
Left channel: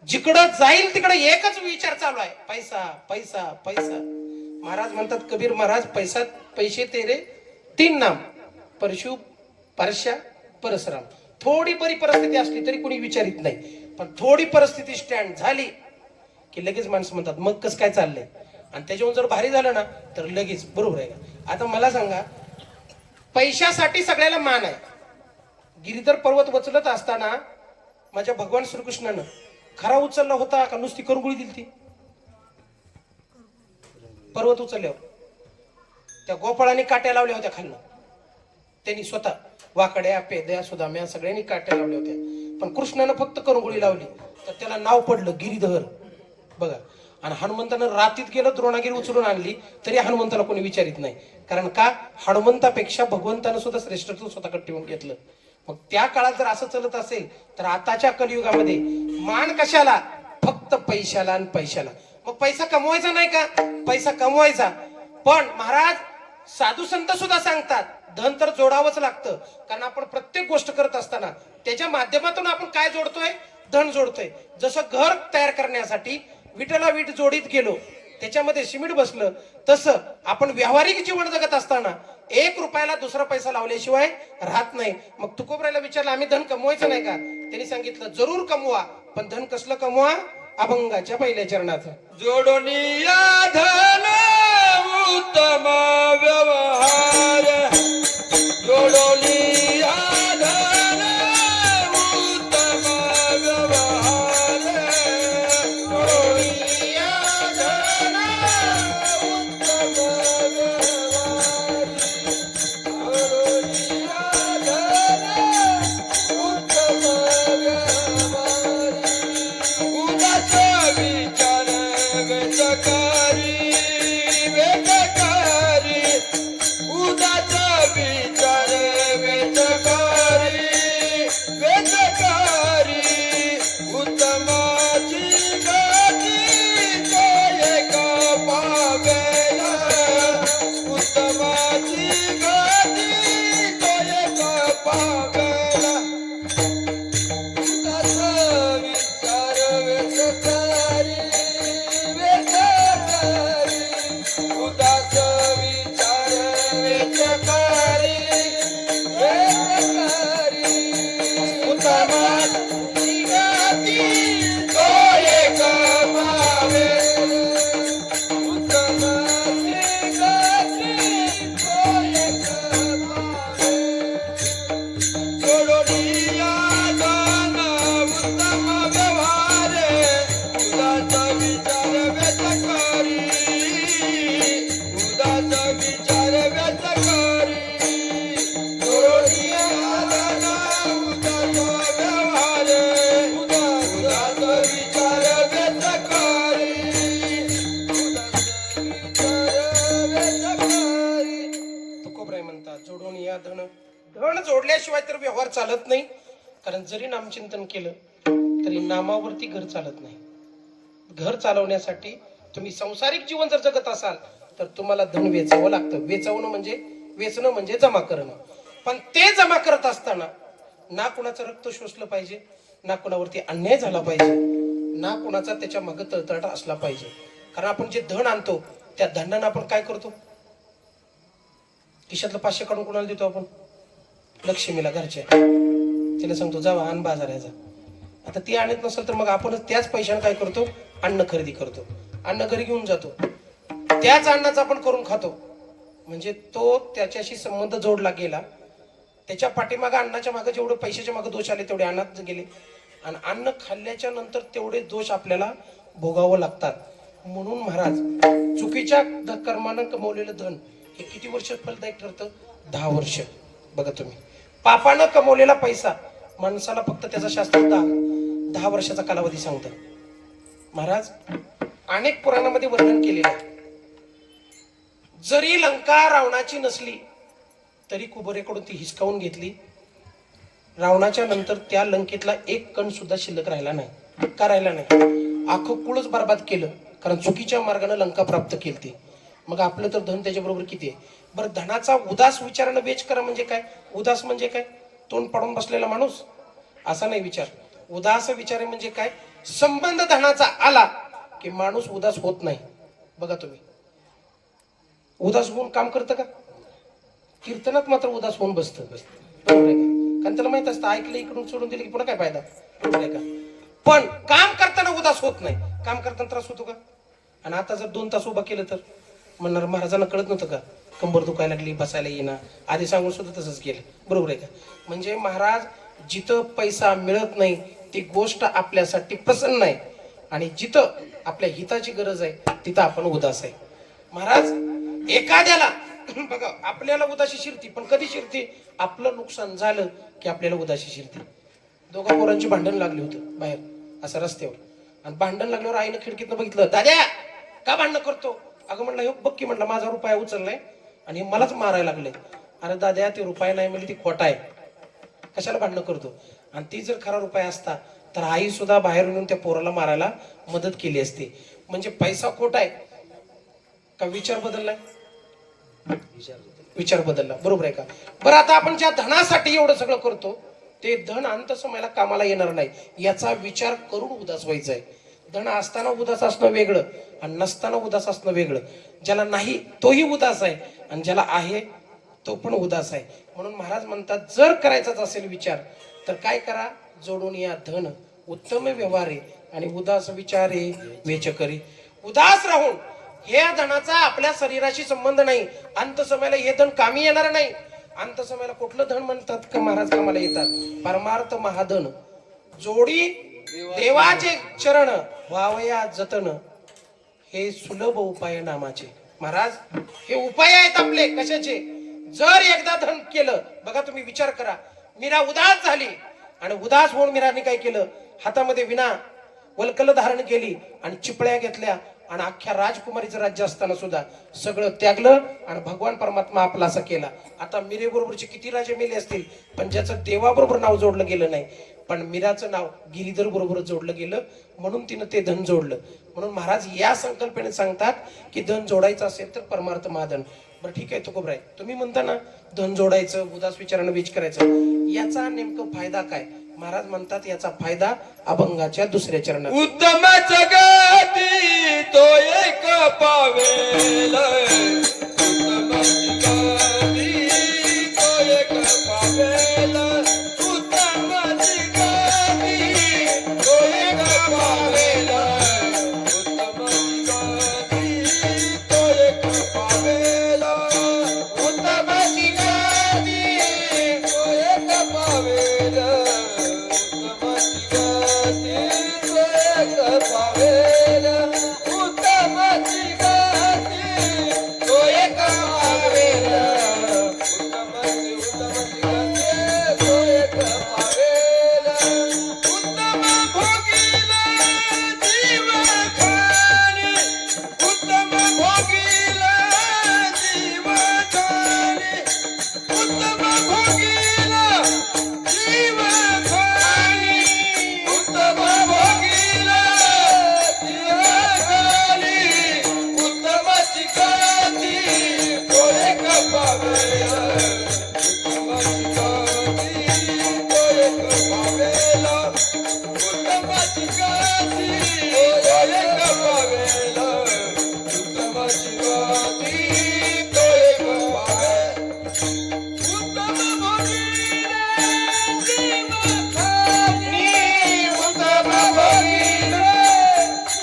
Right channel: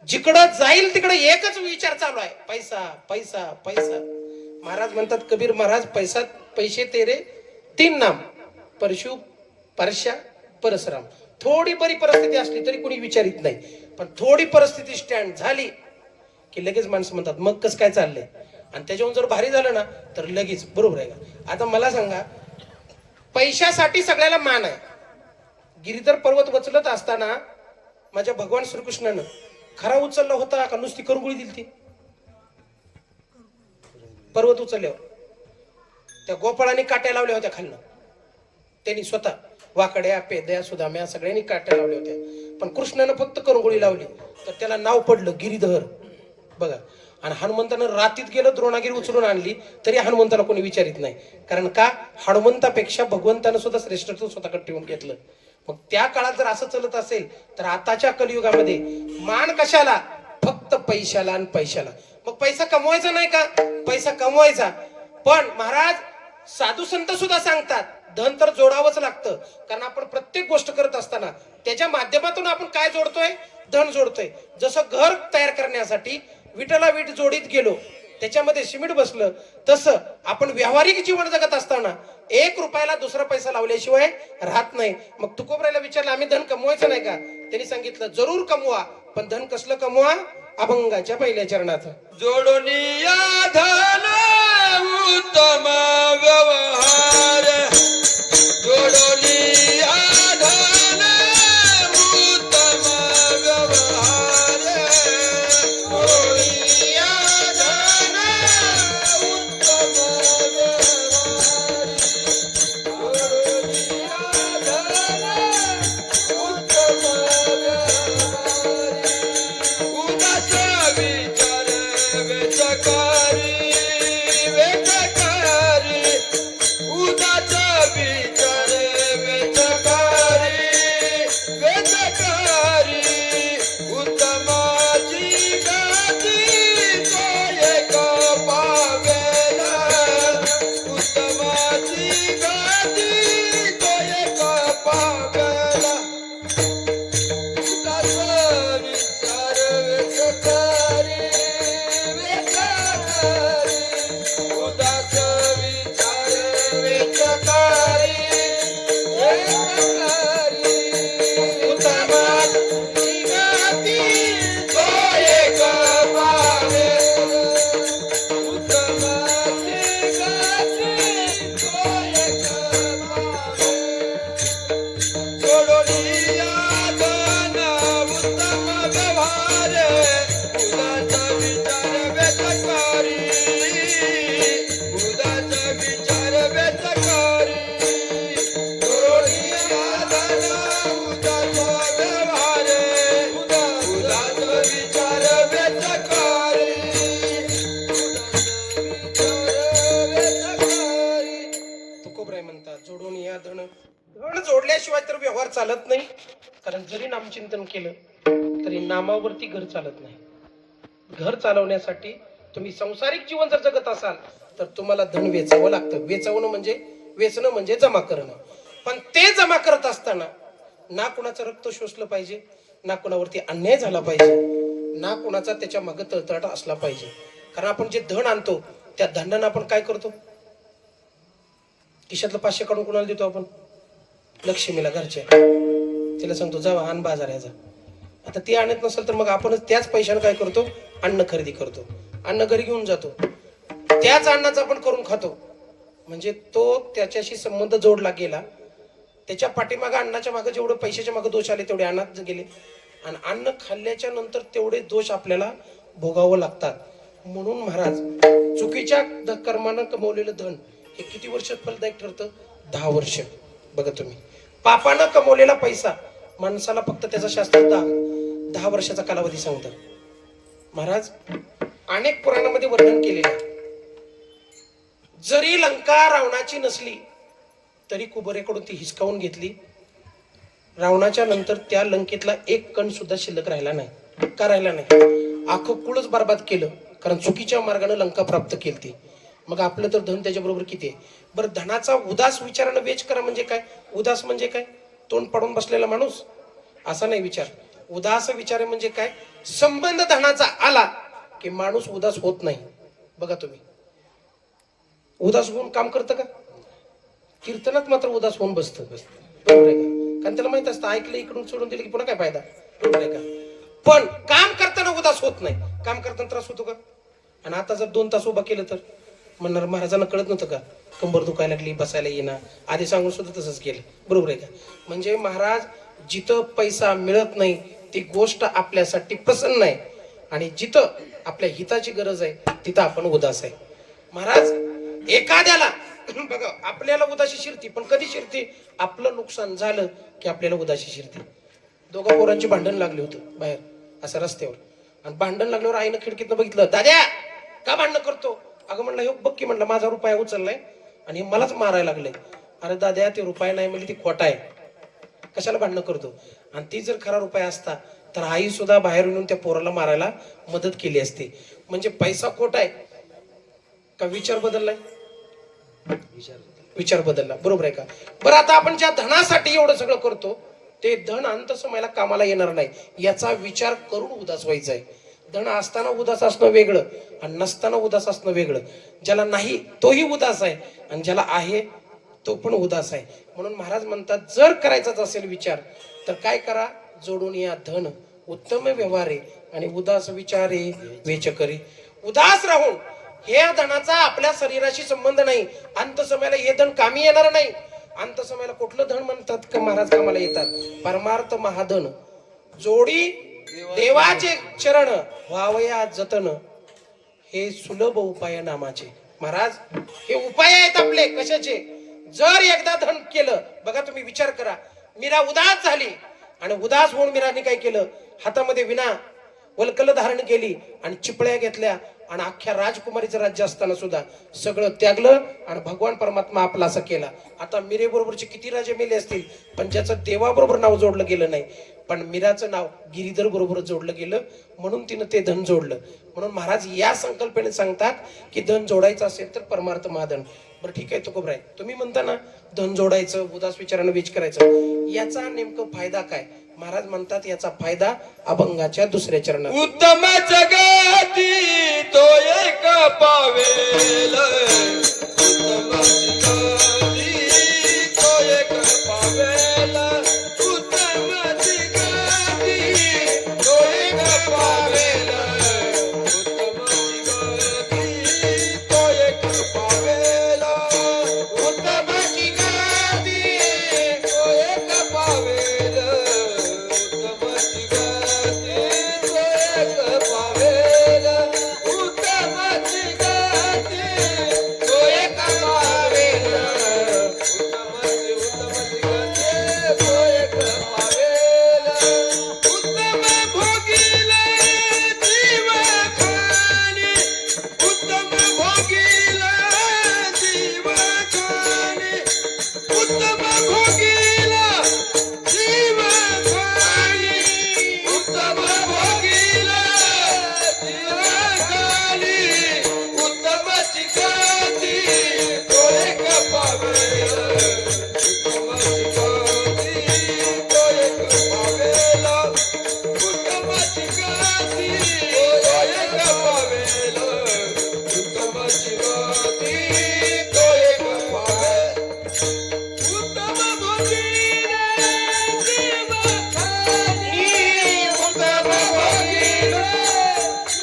जिकडं जाईल तिकडे एकच विचार चालू आहे, पैसा पैसा पैसा. महाराज म्हणतात कबीर महाराज पैसे तेरे 3 नाम, परशु परशा परसराम. थोडी बरी परिस्थिती असली तरी कोणी विचारित नाही, पण थोडी परिस्थिती स्टँड झाली की लगेच माणसं म्हणतात मग कसं काय चाललंय. आणि त्याच्याहून जर भारी झालं ना तर लगेच, बरोबर आहे का? आता मला सांगा, पैशासाठी सगळ्याला मान आहे. गिरिधर पर्वत उचलत असताना माझ्या भगवान श्रीकृष्णानं खरा उचलला होता का नुसती करगुळी दिली ती? पर्वत उचलल्यावर त्या गोपाळांनी काट्या लावल्या होत्या खालनं. त्यांनी स्वतः वाकड्या, पेद्या, सुदाम्या सगळ्यांनी काट्या लावल्या होत्या, पण कृष्णानं फक्त करगुळी लावली तर त्याला नाव पडलं गिरिधर. बघा. आणि हनुमंतानं रातीत गेलं, द्रोणागिरी उचलून आणली तरी हनुमंताला कोणी विचारित नाही. कारण का? हनुमंतापेक्षा भगवंतानं सुद्धा श्रेष्ठत्व स्वतःकडे ठेवून घेतलं. मग त्या काळात जर असं चालत असेल तर आताच्या कलियुगामध्ये मान कशाला? फक्त पैशाला आणि पैशाला. मग पैसा कमवायचा नाही का? पैसा कमवायचा, पण महाराज साधू संत सुद्धा सांगतात धन तर जोडावंच लागतं. कारण आपण प्रत्येक गोष्ट करत असताना त्याच्या माध्यमातून आपण काय जोडतोय? धन जोडतोय. जसं घर तयार करण्यासाठी विटाला वीट जोडीत गेलो, त्याच्यामध्ये सिमेंट बसलं, तसं आपण व्यावहारिक जीवन जगत असताना 1 रुपयाला दुसरा पैसा लावल्याशिवाय राहत नाही. मग तुकोबरायला विचारलं आम्ही धन कमवायचं नाही का? त्यांनी सांगितलं जरूर कमवा, पण धन कसलं कमवा? अभंगाच्या पहिल्या चरणाचं. जोडून या धन उत्तम व्यवहार, जोडून या धन उत्तम व्यवहार, जोडून या धन उत्तम व्यवहार, जोडून या धन उत्तम व्यवहार, उदास विचार वेचकारी, वेचकारी, उदास विचार वेचकारी, वेचकारी, उत्तमाची गती तो एक पावेला, उत्तमाची गती तो एक पावेला, उदास विचार वेचकारी, वेचकारी, उदास विचार वेचकारी, वेचकारी, उत्तमाची गती तो एक पावेला, उत्तमाची गती तो एक पावेला, जोडोनिया दान उत्तम व्यवहार, उदास विचार वेचकारी, उदास विचार वेचकारी, जोडोनिया दान उत्तम व्यवहार, उदास विचार वेचकारी, उदास विचार वेचकारी. तुकोबराय म्हणतात जोडून या धन. धन जोडल्याशिवाय तर व्यवहार चालत नाही. कारण जरी नामचिंतन केलं तरी नामावरती घर चालत नाही. घर चालवण्यासाठी तुम्ही संसारिक जीवन जर जगत असाल तर तुम्हाला धन वेचावं लागतं. वेचवणं म्हणजे वेचणं म्हणजे जमा करणं. पण ते जमा करत असताना ना कुणाचं रक्त शोषलं पाहिजे, ना कुणावरती अन्याय झाला पाहिजे, ना कुणाचा त्याच्या मागे तळतळाट असला पाहिजे. कारण आपण जे धन आणतो त्या धनानं आपण काय करतो? खिशातलं 500 काढून कुणाला देतो आपण? लक्ष्मीला, घरच्या. तिला सांगतो जावा आण बाजाराचा. आता ती आणत नसेल तर मग आपणच त्याच पैशाने काय करतो? अन्न खरेदी करतो, अन्न घरी घेऊन जातो, त्याच अन्नाचं आपण करून खातो. म्हणजे तो त्याच्याशी संबंध जोडला गेला. त्याच्या पाठीमागे अन्नाच्या मागे जेवढे पैशाच्या मागे दोष आले तेवढे अन्नात गेले, आणि अन्न खाल्ल्याच्या नंतर तेवढे दोष आपल्याला भोगावं लागतात. म्हणून महाराज चुकीच्या कर्मानं कमवलेलं धन हे किती वर्ष फलदायक ठरतं? 10 वर्ष. बघा तुम्ही, पापानं कमवलेला पैसा माणसाला फक्त त्याचा शास्त्र 10 वर्षाचा कालावधी सांगतं. महाराज अनेक पुराणामध्ये वर्णन केलेलं आहे. जरी लंका रावणाची नसली तरी कुबेराकडून ती हिसकावून घेतली. रावणाच्या नंतर त्या लंकेतला एक कण सुद्धा शिल्लक राहिला नाही. का राहिला नाही? अख्खं कुळच बरबाद केलं, कारण चुकीच्या मार्गाने लंका प्राप्त केली. मग आपलं तर धन त्याच्याबरोबर किती आहे? बरं, धनाचा उदास विचारानं वेच करा म्हणजे काय? उदास म्हणजे काय? तोंड पाडून बसलेला माणूस असा नाही विचार. उदास विचार म्हणजे काय? संबंध धनाचा आला की माणूस उदास होत नाही. बघा तुम्ही, उदास होऊन काम करतं का? कीर्तनात मात्र उदास होऊन बसतं. बरोबर आहे का? कारण त्याला माहित असतं ऐकलं इकडून सोडून दिलं की पुन्हा काय फायदा. बरोबर आहे का? पण काम करताना उदास होत नाही. काम करताना त्रास होतो का? आणि आता जर 2 तास उभा केलं तर म्हणणार महाराजांना कळत नव्हतं का? कंबर दुखायला लागली, बसायला येणार. आधी सांगून सुद्धा तसंच केलं. बरोबर आहे का? म्हणजे महाराज जिथं पैसा मिळत नाही ती गोष्ट आपल्यासाठी प्रसन्न नाही, आणि जिथं आपल्या हिताची गरज आहे तिथं आपण उदास आहे. महाराज एखाद्याला बघा आपल्याला उदासी शिरती, पण कधी शिरते? आपलं नुकसान झालं की आपल्याला उदासी शिरते. दोघा पोरांची भांडण लागली होतं बाहेर असं रस्त्यावर, आणि भांडण लागल्यावर आईनं खिडकीतनं बघितलं, दाद्या का भांडण करतो? अगं म्हणलं हे बघ की, म्हणलं माझा रुपया उचललाय आणि मलाच मारायला लागले. अरे दाद्या ते रुपया नाही म्हणजे ती खोटा आहे, कशाला भांडण करतो? आणि ती जर खरा रुपया असता तर आई सुद्धा बाहेर येऊन त्या पोराला मारायला मदत केली असती. म्हणजे पैसा खोटा आहे का विचार बदललाय? विचार बदलला. बरोबर आहे का? बरं, आता आपण ज्या धनासाठी एवढं सगळं करतो ते धन अंत समयाला कामाला येणार नाही याचा विचार करून उदास व्हायचा आहे. धन असताना उदास असणं वेगळं आणि नसताना उदास असणं वेगळं. ज्याला नाही तोही उदास आहे आणि ज्याला आहे तो पण उदास आहे. म्हणून महाराज म्हणतात जर करायचाच असेल विचार तर काय करा? जोडून या धन उत्तम व्यवहारे आणि उदास विचारे वेचकरी. उदास राहून हे धनाचा आपल्या शरीराशी संबंध नाही. अंत समयाला हे धन कामी येणार नाही. अंत समयाला कुठलं धन म्हणतात का महाराज कामाला येतात? परमार्थ महाधन. जोडी देवाचे चरण व्हावया जतन, हे सुलभ उपाय नामाचे. महाराज हे उपाय आहेत आपले कशाचे? जर एकदा धन केलं, बघा तुम्ही विचार करा, मीरा उदास झाली आणि उदास होऊन मीराने काय केलं? हातामध्ये विना वल्कल धारण केली आणि चिपळ्या घेतल्या आणि अख्ख्या राजकुमारीचं राज्य असताना सुद्धा सगळं त्यागलं आणि भगवान परमात्मा आपला असा केला. आता मीरे बरोबरचे किती राजे मेले असतील, पण ज्याचं देवाबरोबर नाव जोडलं गेलं नाही, पण मीराचं नाव गिरीधर बरोबर जोडलं गेलं म्हणून तिनं ते धन जोडलं. म्हणून महाराज या संकल्पने सांगतात की धन जोडायचं असेल तर परमार्थ महाधन. बरं ठीक आहे तुकोबराय, तुम्ही म्हणता ना धन जोडायचं, उदास विचारानं बीज करायचं, याचा नेमकं फायदा काय? महाराज म्हणतात याचा फायदा अभंगाच्या दुसऱ्या चरणात. उत्तम जगाती तो एक पावेल, उत्तम जगाती तो एक पावेल, उत्तम जगाती तो एक पावेल, उत्तम जगाती तो एक पावेल, उत्तम जगाती तो एक पावेल, उत्तम जगाती तो एक पावेल, उत्तम जगाती तो एक पावेल, उत्तम जगाती तो एक पावेल, उत्तम भोगीला जीव खाणे, उत्तम भोगीला जीव खाणे, उत्तम भोगीला जीव खाणे, उत्तम भोगीला जीव खाणे, उत्तम चिकाती तो एक पावेल, उत्तम चिकाती तो एक पावेल, उत्तम चिकाती तो एक पावेल, उत्तम चिकाती तो एक पावेल, उत्तम भोगीला जीव खाणे, उत्तम भोगीला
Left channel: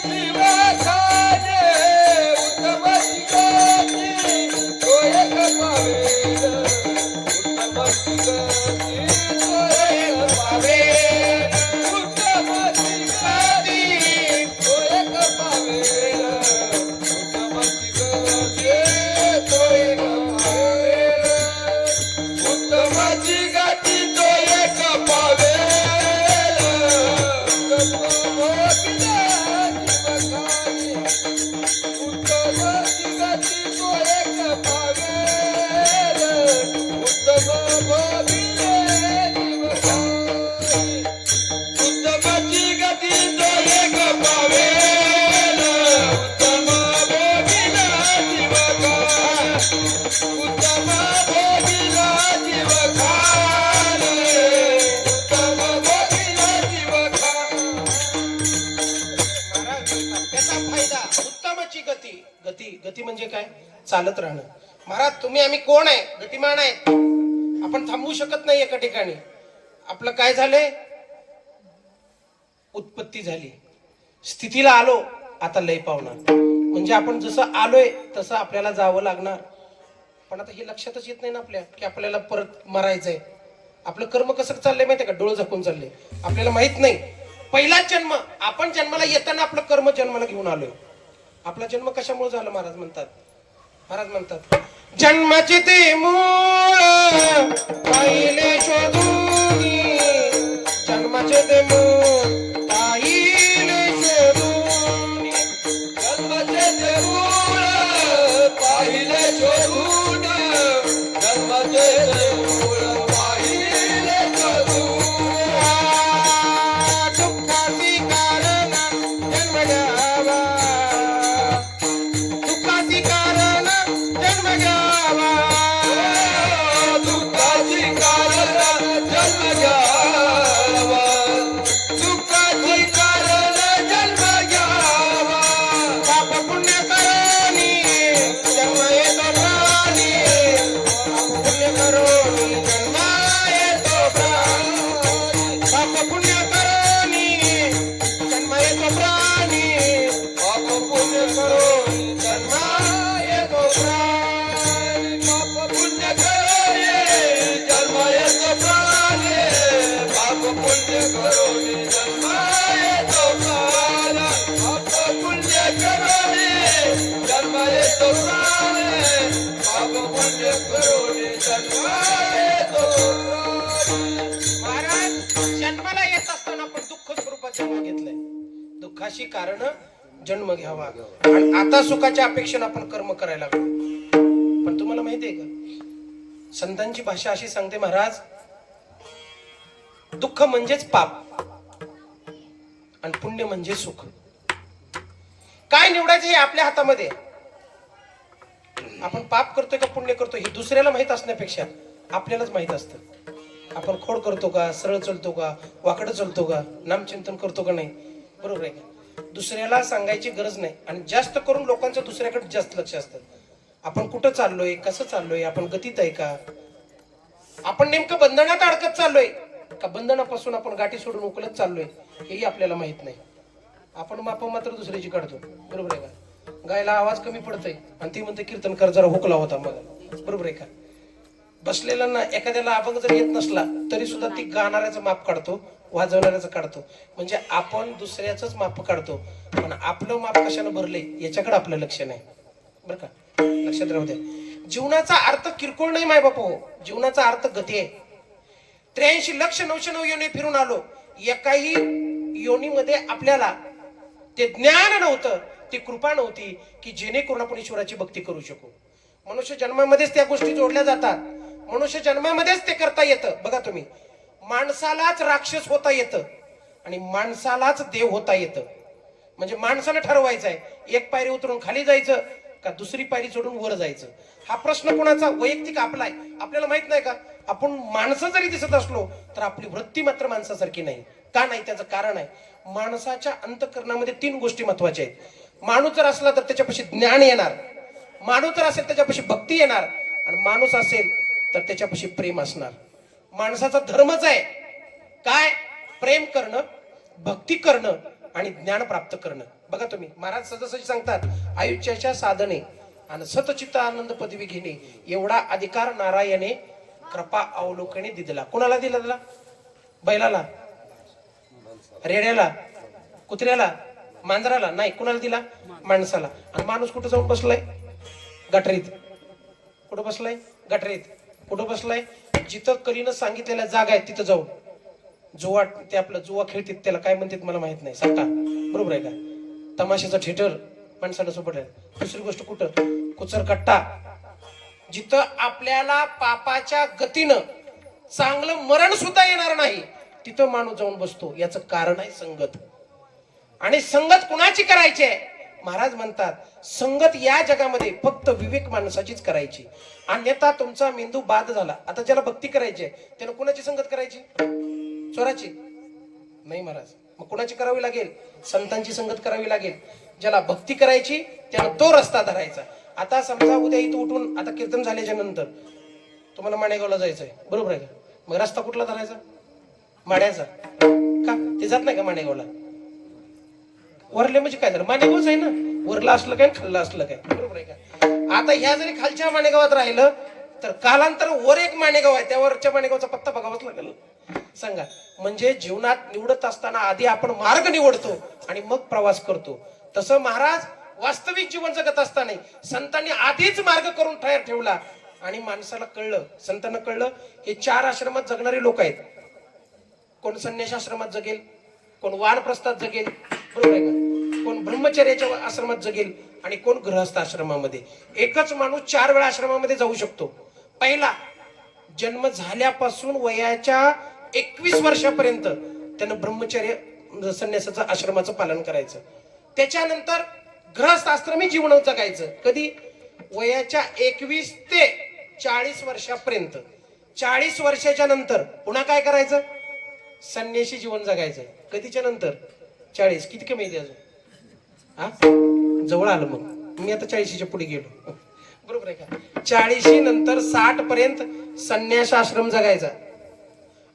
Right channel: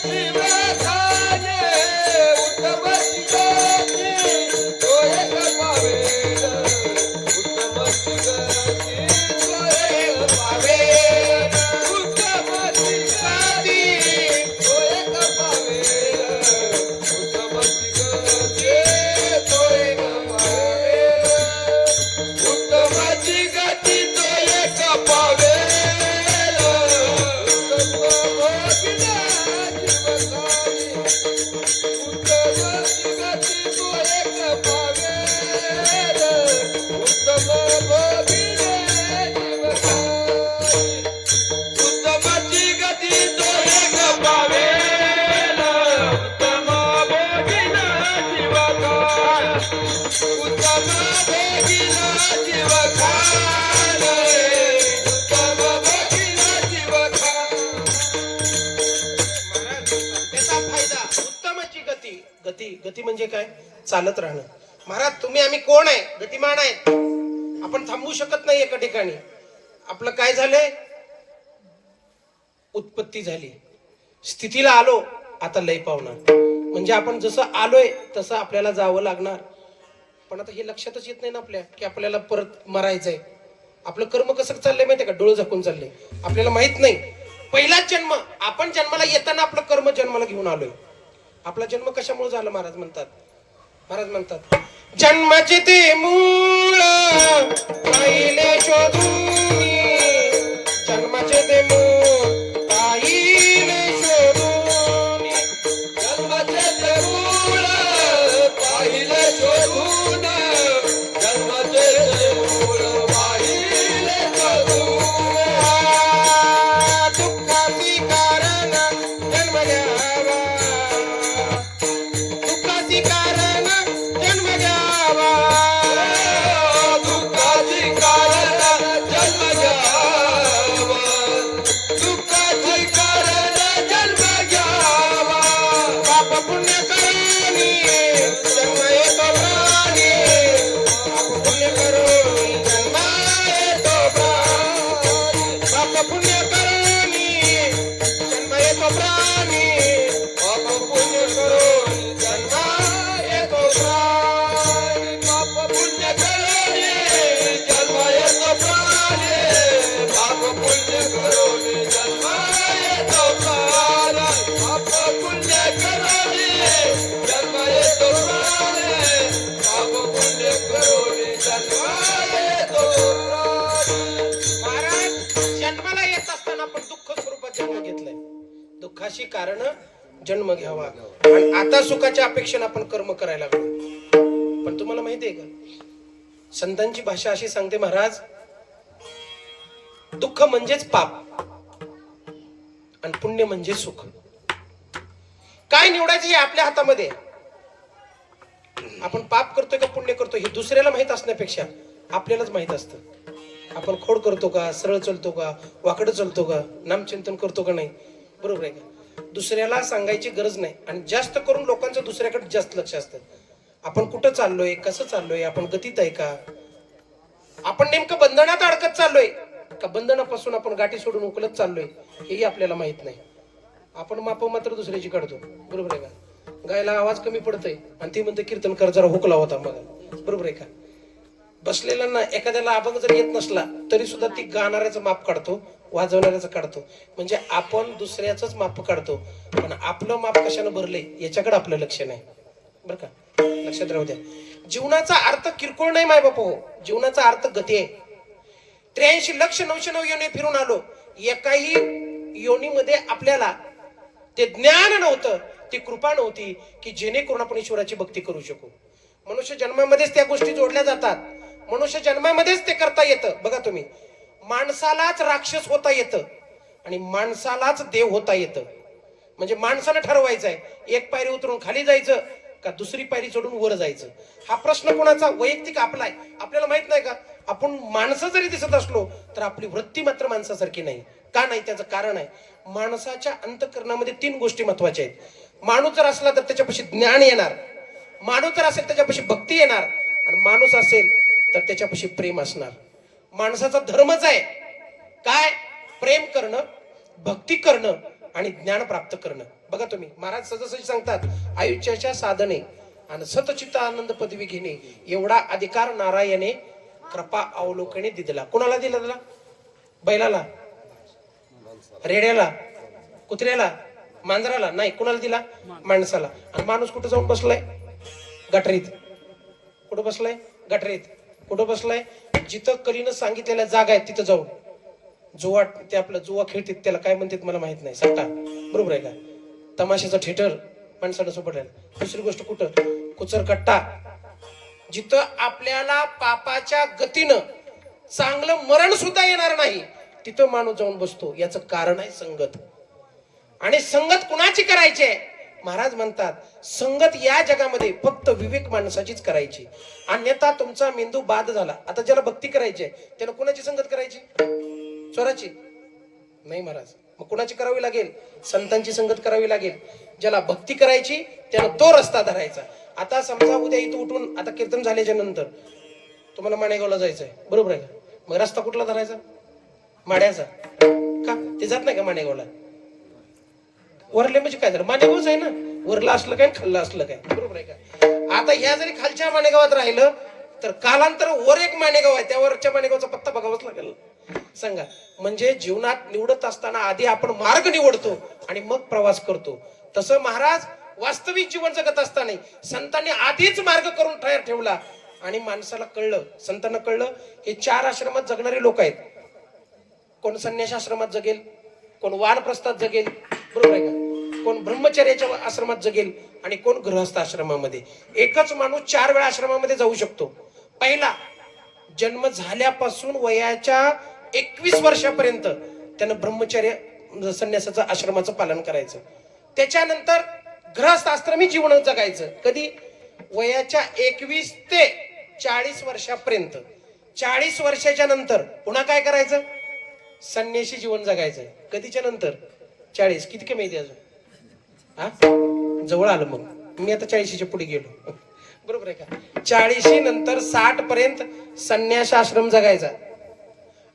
जीव खाणे, उत्तम चिकाती तो एक पावेल, उत्तम चिकाती तो एक पावेल, उत्तम चिकाती तो एक पावेल, उत्तम चिकाती तो एक पावेल, उत्तम चिकाती तो एक पावेल, उत्तम भोगीला जीव खाणे, उत्तम चिकाती तो एक पावेल, उत्तम भोगीला जीव खाणे, उत्तम चिकाती तो एक पावेल, उत्तम भोगीला जीव खाणे, उत्तम भोगीला जीव खाणे, उत्तम भोगीला जीव खाणे. महाराज त्याचा फायदा उत्तमची गती. गती गती म्हणजे काय? चालत राहणं. महाराज तुम्ही आम्ही कोण आहे? गतिमान आहेत. आपण थांबू शकत नाही एका ठिकाणी. आपलं काय झालंय? उत्पत्ती झाली, स्थितीला आलो, आता लय पावणार. म्हणजे आपण जसं आलोय तसं आपल्याला जावं लागणार. पण आता हे लक्षातच येत नाही ना आपल्या की आपल्याला परत मरायचंय. आपलं कर्म कसं चाललंय माहितीये का? डोळं झाकून चाललंय. आपल्याला माहित नाही. पहिलाच जन्म, आपण जन्माला येताना आपलं कर्म जन्माला घेऊन आलोय. आपला जन्म कशामुळे झाला? महाराज म्हणतात जन्माचे ते मूळ पहिले शोधून, जन्माचे ते मूळ पाहिले शोधून, जन्माचे ते मूळ पाहिले शोधून, जन्माचे ते मूळ पाहिले शोधून, दुःखाची कारण जन्म घ्यावा, दुःखाची कारण जन्म घ्यावा, दुःखाची कारण जन्म घ्यावा, अशी कारण जन्म घ्यावा आणि आता सुखाच्या अपेक्षेने आपण कर्म करायला लागलो. पण तुम्हाला माहितीये का, संतांची भाषा अशी सांगते महाराज, दुःख म्हणजेच पाप आणि पुण्य म्हणजे सुख. काय निवडायचं हे आपल्या हातामध्ये. आपण पाप करतोय का पुण्य करतोय हे दुसऱ्याला माहित असण्यापेक्षा आपल्यालाच माहित असतं. आपण खोड करतो का, सरळ चलतो का, वाकडं चलतो का, नामचिंतन करतो का नाही, बरोबर आहे का. दुसऱ्याला सांगायची गरज नाही. आणि जास्त करून लोकांचं दुसऱ्याकडे जास्त लक्ष असतं. आपण कुठं चाललोय, कसं चाललोय, आपण गतीत आहे का, आपण नेमकं बंधनात अडकत चाललोय का बंधनापासून आपण गाठी सोडून उकलत चाललोय हेही आपल्याला माहित नाही. आपण माप मात्र दुसऱ्याची काढतो, बरोबर आहे का. गायला आवाज कमी पडतोय आणि ती म्हणते कीर्तनकार जरा हुकला होता मग, बरोबर आहे का. बसलेल्यांना एखाद्याला अभंग जर येत नसला तरी सुद्धा ती गाणाऱ्याचं माप काढतो, वाजवणाऱ्याचं काढतो. म्हणजे आपण दुसऱ्याच माप काढतो, पण आपलं माप कशानं भरले याच्याकडे आपलं लक्ष नाही, बरं का. लक्षात राहू द्या. जीवनाचा अर्थ किरकोळ नाही माय बाप हो, जीवनाचा अर्थ गती आहे. 83,909 योनी फिरून आलो, एकाही योनीमध्ये आपल्याला ते ज्ञान नव्हतं, ती कृपा नव्हती की जेणेकरून आपण ईश्वराची भक्ती करू शकू. मनुष्य जन्मामध्येच त्या गोष्टी जोडल्या जातात, मनुष्य जन्मामध्येच ते करता येतं. बघा तुम्ही, माणसालाच राक्षस होता येतं आणि माणसालाच देव होता येतं. म्हणजे माणसानं ठरवायचं आहे एक पायरी उतरून खाली जायचं का दुसरी पायरी चढून वर जायचं. हा प्रश्न कोणाचा, वैयक्तिक आपला आहे. आपल्याला माहित नाही का, आपण माणसं जरी दिसत असलो तर आपली वृत्ती मात्र माणसासारखी नाही. का नाही, त्याचं कारण आहे, माणसाच्या अंतःकरणामध्ये 3 गोष्टी महत्वाच्या आहेत. माणूस जर असला तर त्याच्यापाशी ज्ञान येणार, माणूस जर असेल त्याच्यापाशी भक्ती येणार, आणि माणूस असेल तर त्याच्यापाशी प्रेम असणार. माणसाचा धर्मच आहे काय, प्रेम करणं, भक्ती करणं आणि ज्ञान प्राप्त करणं. बघा तुम्ही, महाराज सहज सांगतात, आयुष्याच्या साधने आणि सतचित्त आनंद पदवी घेणे एवढा अधिकार नारायणे कृपा अवलोकने दिला. कुणाला दिला? दिला बैलाला, रेड्याला, कुत्र्याला, मांजराला नाही. कुणाला दिला? माणसाला. आणि माणूस कुठं जाऊन बसलाय? गटरीत. कुठं बसलाय? गटरीत. कुठं बसलाय? जिथं कलीनं सांगितलेल्या जागा आहेत तिथं जाऊन. जुवा, ते आपलं जुवा खेळतात त्याला काय म्हणतात मला माहित नाही, सट्टा, बरोबर आहे का. तमाशाचा थिएटर माणसाला सोबत. दुसरी गोष्ट कुठं? कुचर कट्टा. जिथं आपल्याला पापाच्या गतीनं चांगलं मरण सुद्धा येणार नाही तिथं माणूस जाऊन बसतो. याचं कारण आहे संगत. आणि संगत कुणाची करायची आहे? महाराज म्हणतात संगत या जगामध्ये फक्त विवेक माणसाचीच करायची, अन्यथा तुमचा मेंदू बाद झाला. आता ज्याला भक्ती करायची आहे त्यानं कुणाची संगत करायची? चोराची नाही महाराज. मग कुणाची करावी लागेल? संतांची संगत करावी लागेल. ज्याला भक्ती करायची त्यानं तो रस्ता धरायचा. आता समजा उद्या इथं उठून आता कीर्तन झाल्याच्या नंतर तुम्हाला माणेगावला जायचंय, बरोबर आहे का. मग रस्ता कुठला धरायचा? माड्याचा. का ते जात नाही का माणेगावला? वरले म्हणजे काय झालं, माणेगावच आहे ना. वरला असलं काय, खाल्लं असलं काय, बरोबर आहे का. आता ह्या जरी खालच्या माणेगावात राहिलं तर कालांतर वर एक माणेगाव आहे, त्यावरच्या माणेगावचा पत्ता बघावाच लागेल. सांगा. म्हणजे जीवनात निवडत असताना आधी आपण मार्ग निवडतो आणि मग प्रवास करतो. तसं महाराज वास्तविक जीवन जगत असताना संतांनी आधीच मार्ग करून तयार ठेवला आणि माणसाला कळलं, संतांना कळलं हे 4 आश्रमात जगणारे लोक आहेत. कोण संन्यास आश्रमात जगेल, कोण वानप्रस्थात जगेल, बरोबर आहे का, कोण ब्रह्मचर्याच्या आश्रमात जगेल आणि कोण गृहस्थ आश्रमामध्ये. एकच माणूस 4 वेळा आश्रमामध्ये जाऊ शकतो. पहिला, जन्म झाल्यापासून वयाच्या 21 वर्षापर्यंत त्यानं ब्रह्मचर्य संन्यासाचं आश्रमाचं पालन करायचं. त्याच्यानंतर गृहस्थ आश्रमी जीवन जगायचं. कधी? वयाच्या 21 ते 40 वर्षापर्यंत. 40 वर्षाच्या नंतर पुन्हा काय करायचं? संन्यासी जीवन जगायचं. कधीच्या नंतर? 40. किती कमी येते अजून? हा, जवळ आलं. मग मी आता 40च्या पुढे गेलो, बरोबर आहे का. 40 नंतर 60 पर्यंत संन्यास आश्रम जगायचा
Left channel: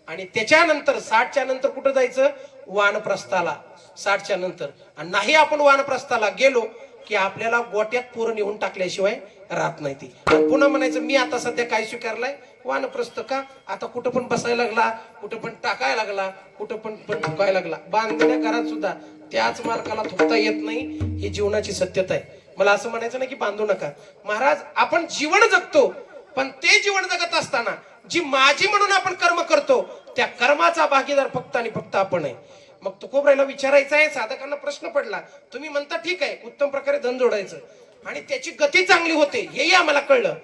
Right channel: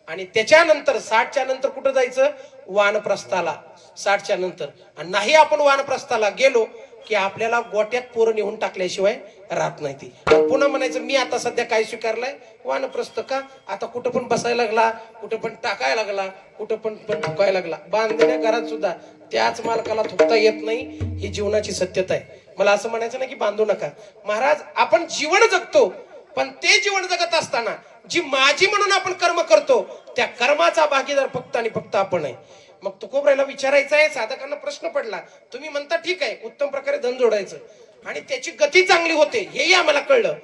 आणि त्याच्यानंतर 60च्या नंतर कुठं जायचं? वानप्रस्थाला. 60च्या नंतर. आणि नाही आपण वानप्रस्थाला गेलो की आपल्याला गोट्यात पोरं नेऊन टाकल्याशिवाय राहत नाही ती. पुन्हा म्हणायचं मी आता सध्या काय स्वीकारलाय? वानप्रस्थ. का? आता कुठं पण बसायला लागला, कुठं पण टाकायला लागला, कुठं पण थुकायला लागला. बांधलेल्या घरात सुद्धा त्याच मालकाला थुकता येत नाही. ही जीवनाची सत्यता आहे. मला असं म्हणायचं नाही की बांधू नका. महाराज आपण जीवन जगतो, पण ते जीवन जगत असताना जी माझी म्हणून आपण कर्म करतो त्या कर्माचा भागीदार फक्त आणि फक्त आपण आहे. मग तुकोबरायला विचारायचं आहे, साधकांना प्रश्न पडला. तुम्ही म्हणता ठीक आहे, उत्तम प्रकारे धन जोडायचं आणि त्याची गती चांगली होते, हेही आम्हाला कळलं.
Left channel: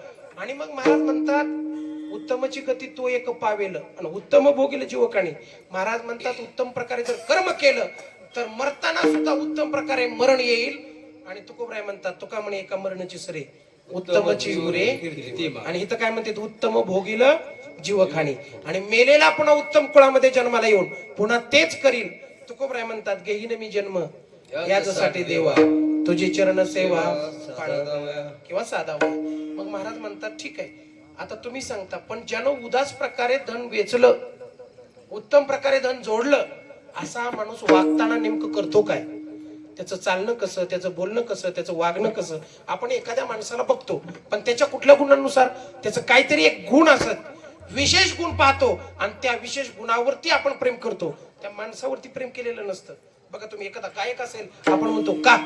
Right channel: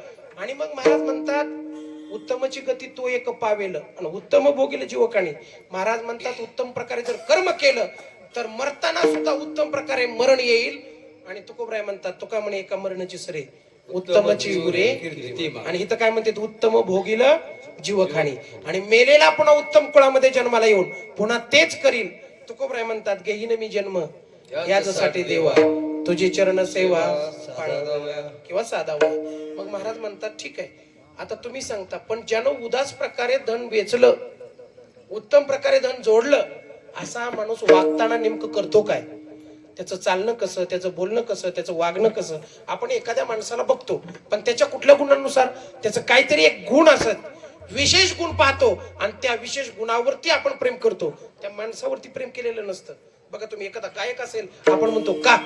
आणि मग महाराज म्हणतात उत्तमची गती तो एक पावेल आणि उत्तम भोगील जीवकाणी. महाराज म्हणतात उत्तम प्रकारे जर कर्म केलं तर मरताना सुद्धा उत्तम प्रकारे मरण येईल. आणि तुकोबराय म्हणतात तुका म्हणे एका मरणाची सरे उत्तमची उरे. आणि इथं काय म्हणते, उत्तम भोगील जीवखाणी. आणि मेलेला पुन्हा उत्तम कुळामध्ये जन्माला येऊन पुन्हा तेच करील. तुकोबराय म्हणतात घेईन मी जन्म याच्यासाठी देवा, तुझी चरण सेवा किंवा साधावा. मग महाराज म्हणतात ठीक आहे, आता तुम्ही सांगता, पण ज्यानं उदास प्रकारे धन वेचलं, उत्तम प्रकारे धन जोडलं, असा हा माणूस वागताना नेमकं करतो काय? त्याचं चालणं कसं, त्याचं बोलणं कसं, त्याचं वागणं कसं? आपण एखाद्या माणसाला बघतो, पण त्याच्या कुठल्या गुणांनुसार त्याचं काहीतरी एक गुण असत, विशेष गुण पाहतो आणि त्या विशेष गुणावरती आपण प्रेम करतो. त्या माणसावरती प्रेम केलेलं नसतं. बघा तुम्ही एखादा गायक असेल, आपण म्हणतो का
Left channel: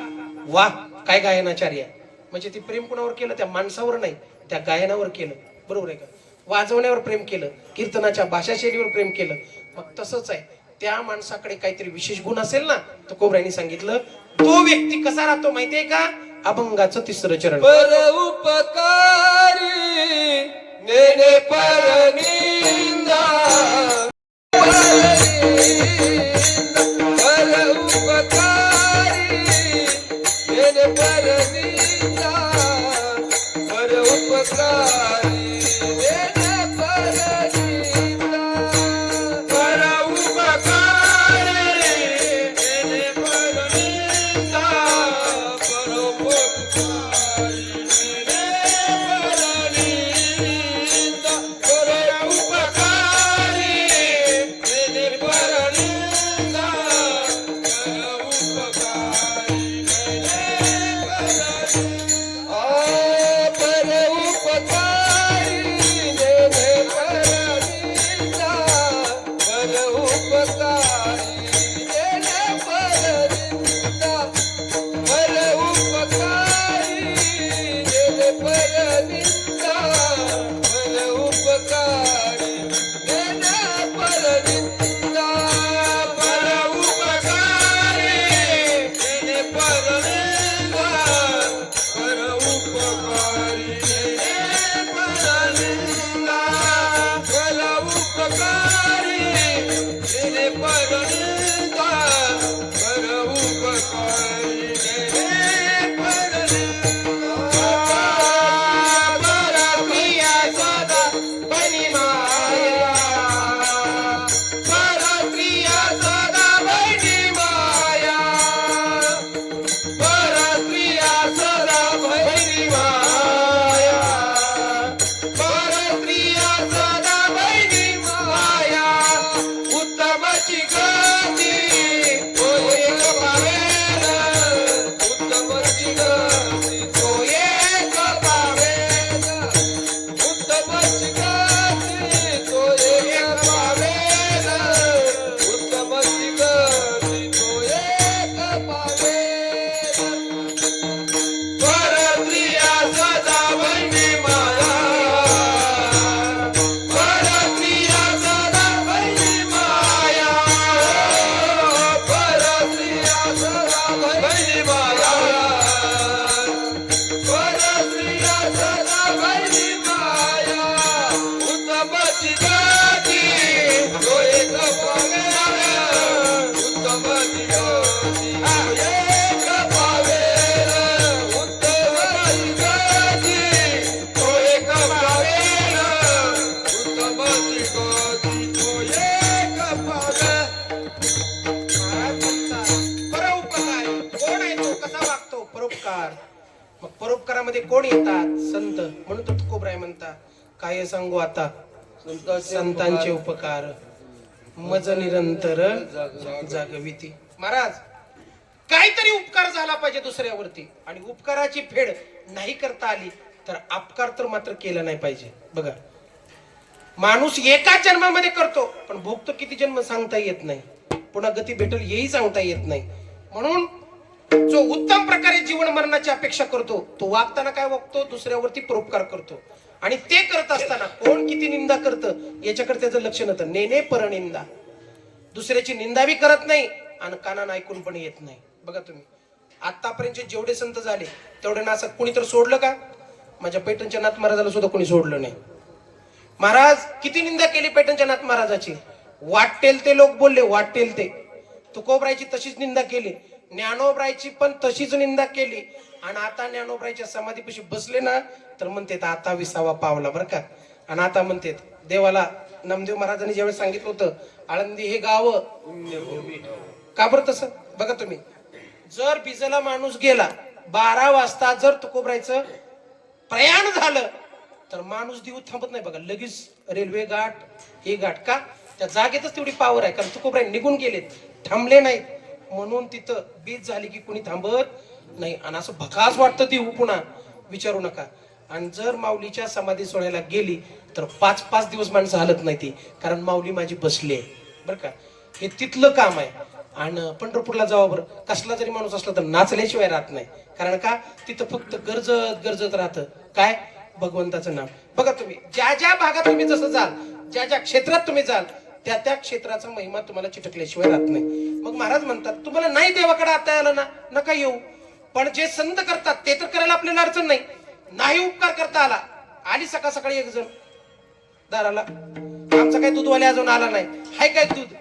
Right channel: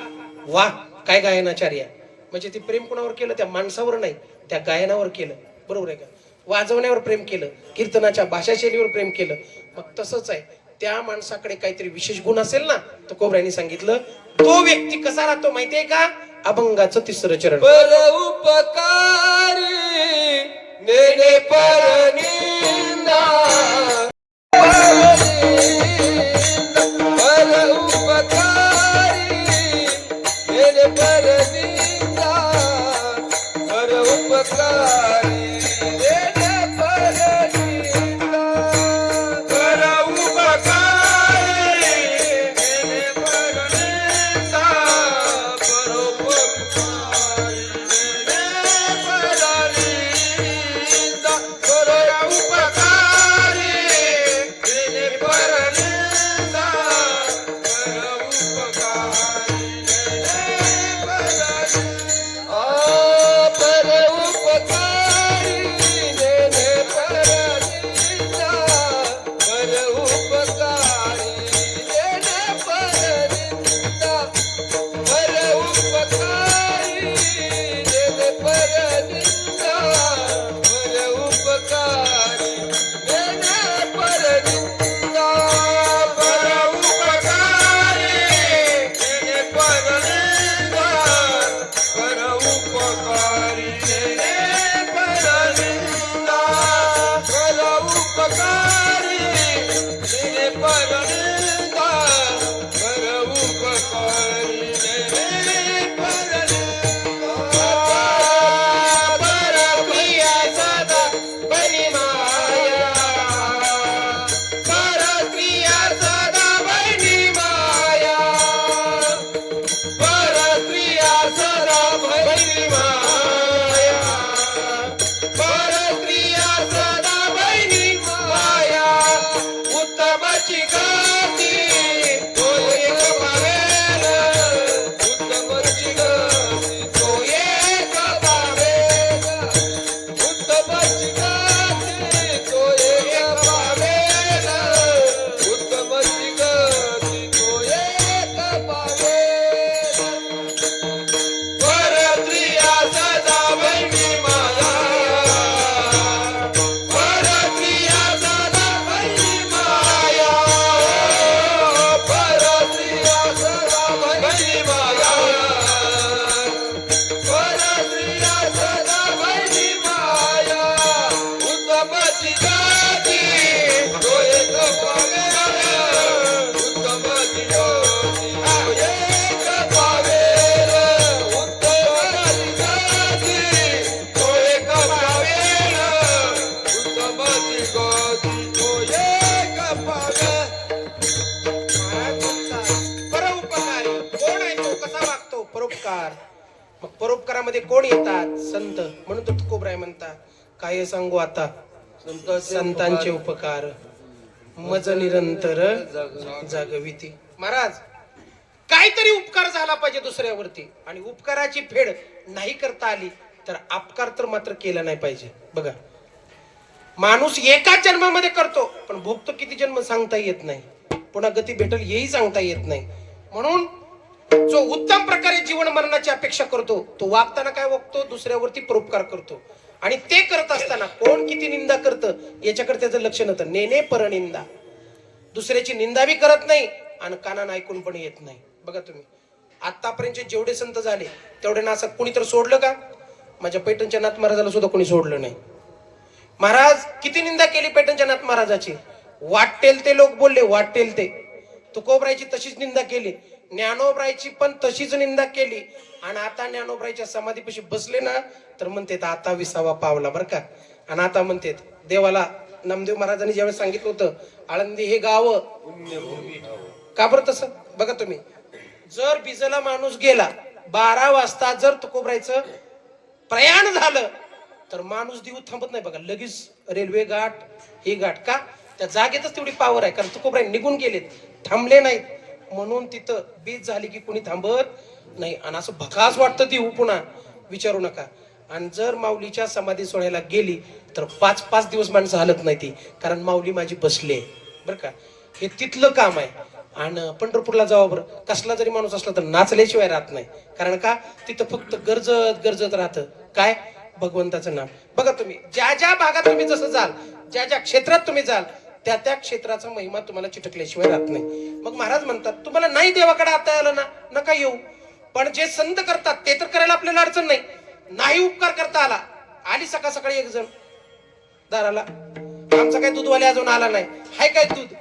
वा काय गायनाचार्य, म्हणजे ते प्रेम कुणावर केलं? त्या माणसावर नाही, त्या गायनावर केलं. बरोबर आहे का? वाजवण्यावर प्रेम केलं, कीर्तनाच्या भाषाशैलीवर प्रेम केलं. मग तसंच आहे, त्या माणसाकडे काहीतरी विशेष गुण असेल ना, तर कोबऱ्याने सांगितलं तो व्यक्ती कसा राहतो माहितीये का? अभंगाचं तिसरं चरण. पर उपकारी नेने पर निंदा, पर उपकारी नेने पर निंदा, पर उपकारी नेने पर निंदा, पर उपकारी नेने पर निंदा, पर उपकारी नेने पर निंदा, पर उपकारी नेने पर निंदा, पर उपकारी नेने पर निंदा, पर उपकारी नेने पर निंदा, पर उपकारी नेने पर निंदा, पर उपकारी नेने पर निंदा, पर उपकारी नेने पर निंदा, पर उपकारी नेने पर निंदा, पर उपकारी नेने पर निंदा, पर उपकारी नेने पर निंदा, पर उपकारी नेने पर निंदा, पर क्रिया सदा बनी माया, पर क्रिया सदा बनी माया, पर क्रिया सदा बनी माया, पर क्रिया सदा बनी माया, उत्तमची गती तो एक पावेल, उत्तमची गती तो एक पावेल, उत्तमची गती तो एक पावेल, उत्तमची गती तो एक पावेल, पर क्रिया सदा बनी माया, पर क्रिया सदा बनी माया, पर क्रिया सदा बनी माया, पर क्रिया सदा बनी माया, उत्तमची गती तो एक पावेल, उत्तमची गती तो एक पावेल, उत्तमची गती तो एक पावेल, उत्तमची गती तो एक पावेल. महाराज म्हणतात परोपकारी कोण आहे? तो कसा वागतो? परोपकार. मग परोपकारामध्ये कोण येतात? संत. म्हणून तर तुकोबराय म्हणतात काय सांगू आता, संतांचे उपकार मज निरंतर जागविती. महाराज काहीतरी उपकार झाला पाहिजे दुसऱ्यावरती, आणि उपकाराची फेड नाही करता आली तर अपकार तर मात्र केला नाही पाहिजे. बघा माणूस एका जन्मामध्ये करतो, पण भोगतो किती जन्म सांगता येत नाही, पुन्हा गती भेटल हेही सांगता येत नाही. म्हणून जो उत्तम प्रकारे जीवन मरणाची अपेक्षा करतो, तो वागताना काय वागतो? दुसऱ्यावरती परोपकार करतो. आणि ते करत असताना कोण किती निंदा करतं याच्याकडे त्याचं लक्ष नव्हतं. नेने परनिंदा, दुसऱ्याची निंदा बी करत नाही आणि कानानं ऐकून पण येत नाही. बघा तुम्ही आतापर्यंत जेवढे संत झाले तेवढे ना असं कोणी तर सोडलं का? माझ्या पैठणच्या नाथ महाराजाला सुद्धा कोणी सोडलं नाही. महाराज किती निंदा केली पैठणच्या नाथ महाराजाची. वाटेल ते लोक बोलले, वाटेल ते. तुकोबरायची तशीच निंदा केली, ज्ञानोबरायची पण तशीच निंदा केली. आणि आता ज्ञानोबरायच्या समाधीपाशी बसले ना तर म्हणतात आता 20वा पावला बरं का. आणि आता म्हणतात देवाला नामदेव महाराजांनी ज्यावेळेस सांगितलं होतं आळंदी हे गाव का बरं तसं. बघा तुम्ही जर बिजला माणूस गेला 12 वाजता जर तुकोबरायचं प्रयाण झालं तर माणूस दिवस थांबत नाही. बघा लगेच रेल्वे गाठ ही गाठ का त्या जागेतच तेवढी पावर आहे. कारण तुकोबराय निघून गेलेत, थांबले नाहीत. म्हणून तिथं बीज झाली की कुणी थांबत नाही. आणि असं भकास वाटतं ती पुन्हा विचारू नका. आणि जर माऊलीच्या समाधी सोहळ्याला गेली तर 5-5 दिवस माणसं हलत नाही ती. कारण माऊली माझी बसली आहे बरं का. हे तिथलं काम आहे. आणि पंढरपूरला जावं बरं कसला जरी माणूस असला तर नाचल्याशिवाय राहत नाही. कारण का तिथं फक्त गरजत गरजत राहतं काय भगवंताचं नाव. बघा तुम्ही ज्या ज्या भागात तुम्ही जसं जाल, ज्या ज्या क्षेत्रात तुम्ही जाल त्या त्या क्षेत्राचा महिमा तुम्हाला चिटकल्याशिवाय राहत नाही. मग महाराज म्हणतात तुम्हाला नाही देवाकडे आता आलं ना नका येऊ, पण जे संत करतात ते तर करायला आपल्याला अडचण नाही. नाही उपकार करता आला, आली सकाळ सकाळी एक जण दाराला, आमचा काय दूधवाले अजून आला नाही, हाय काय दूध,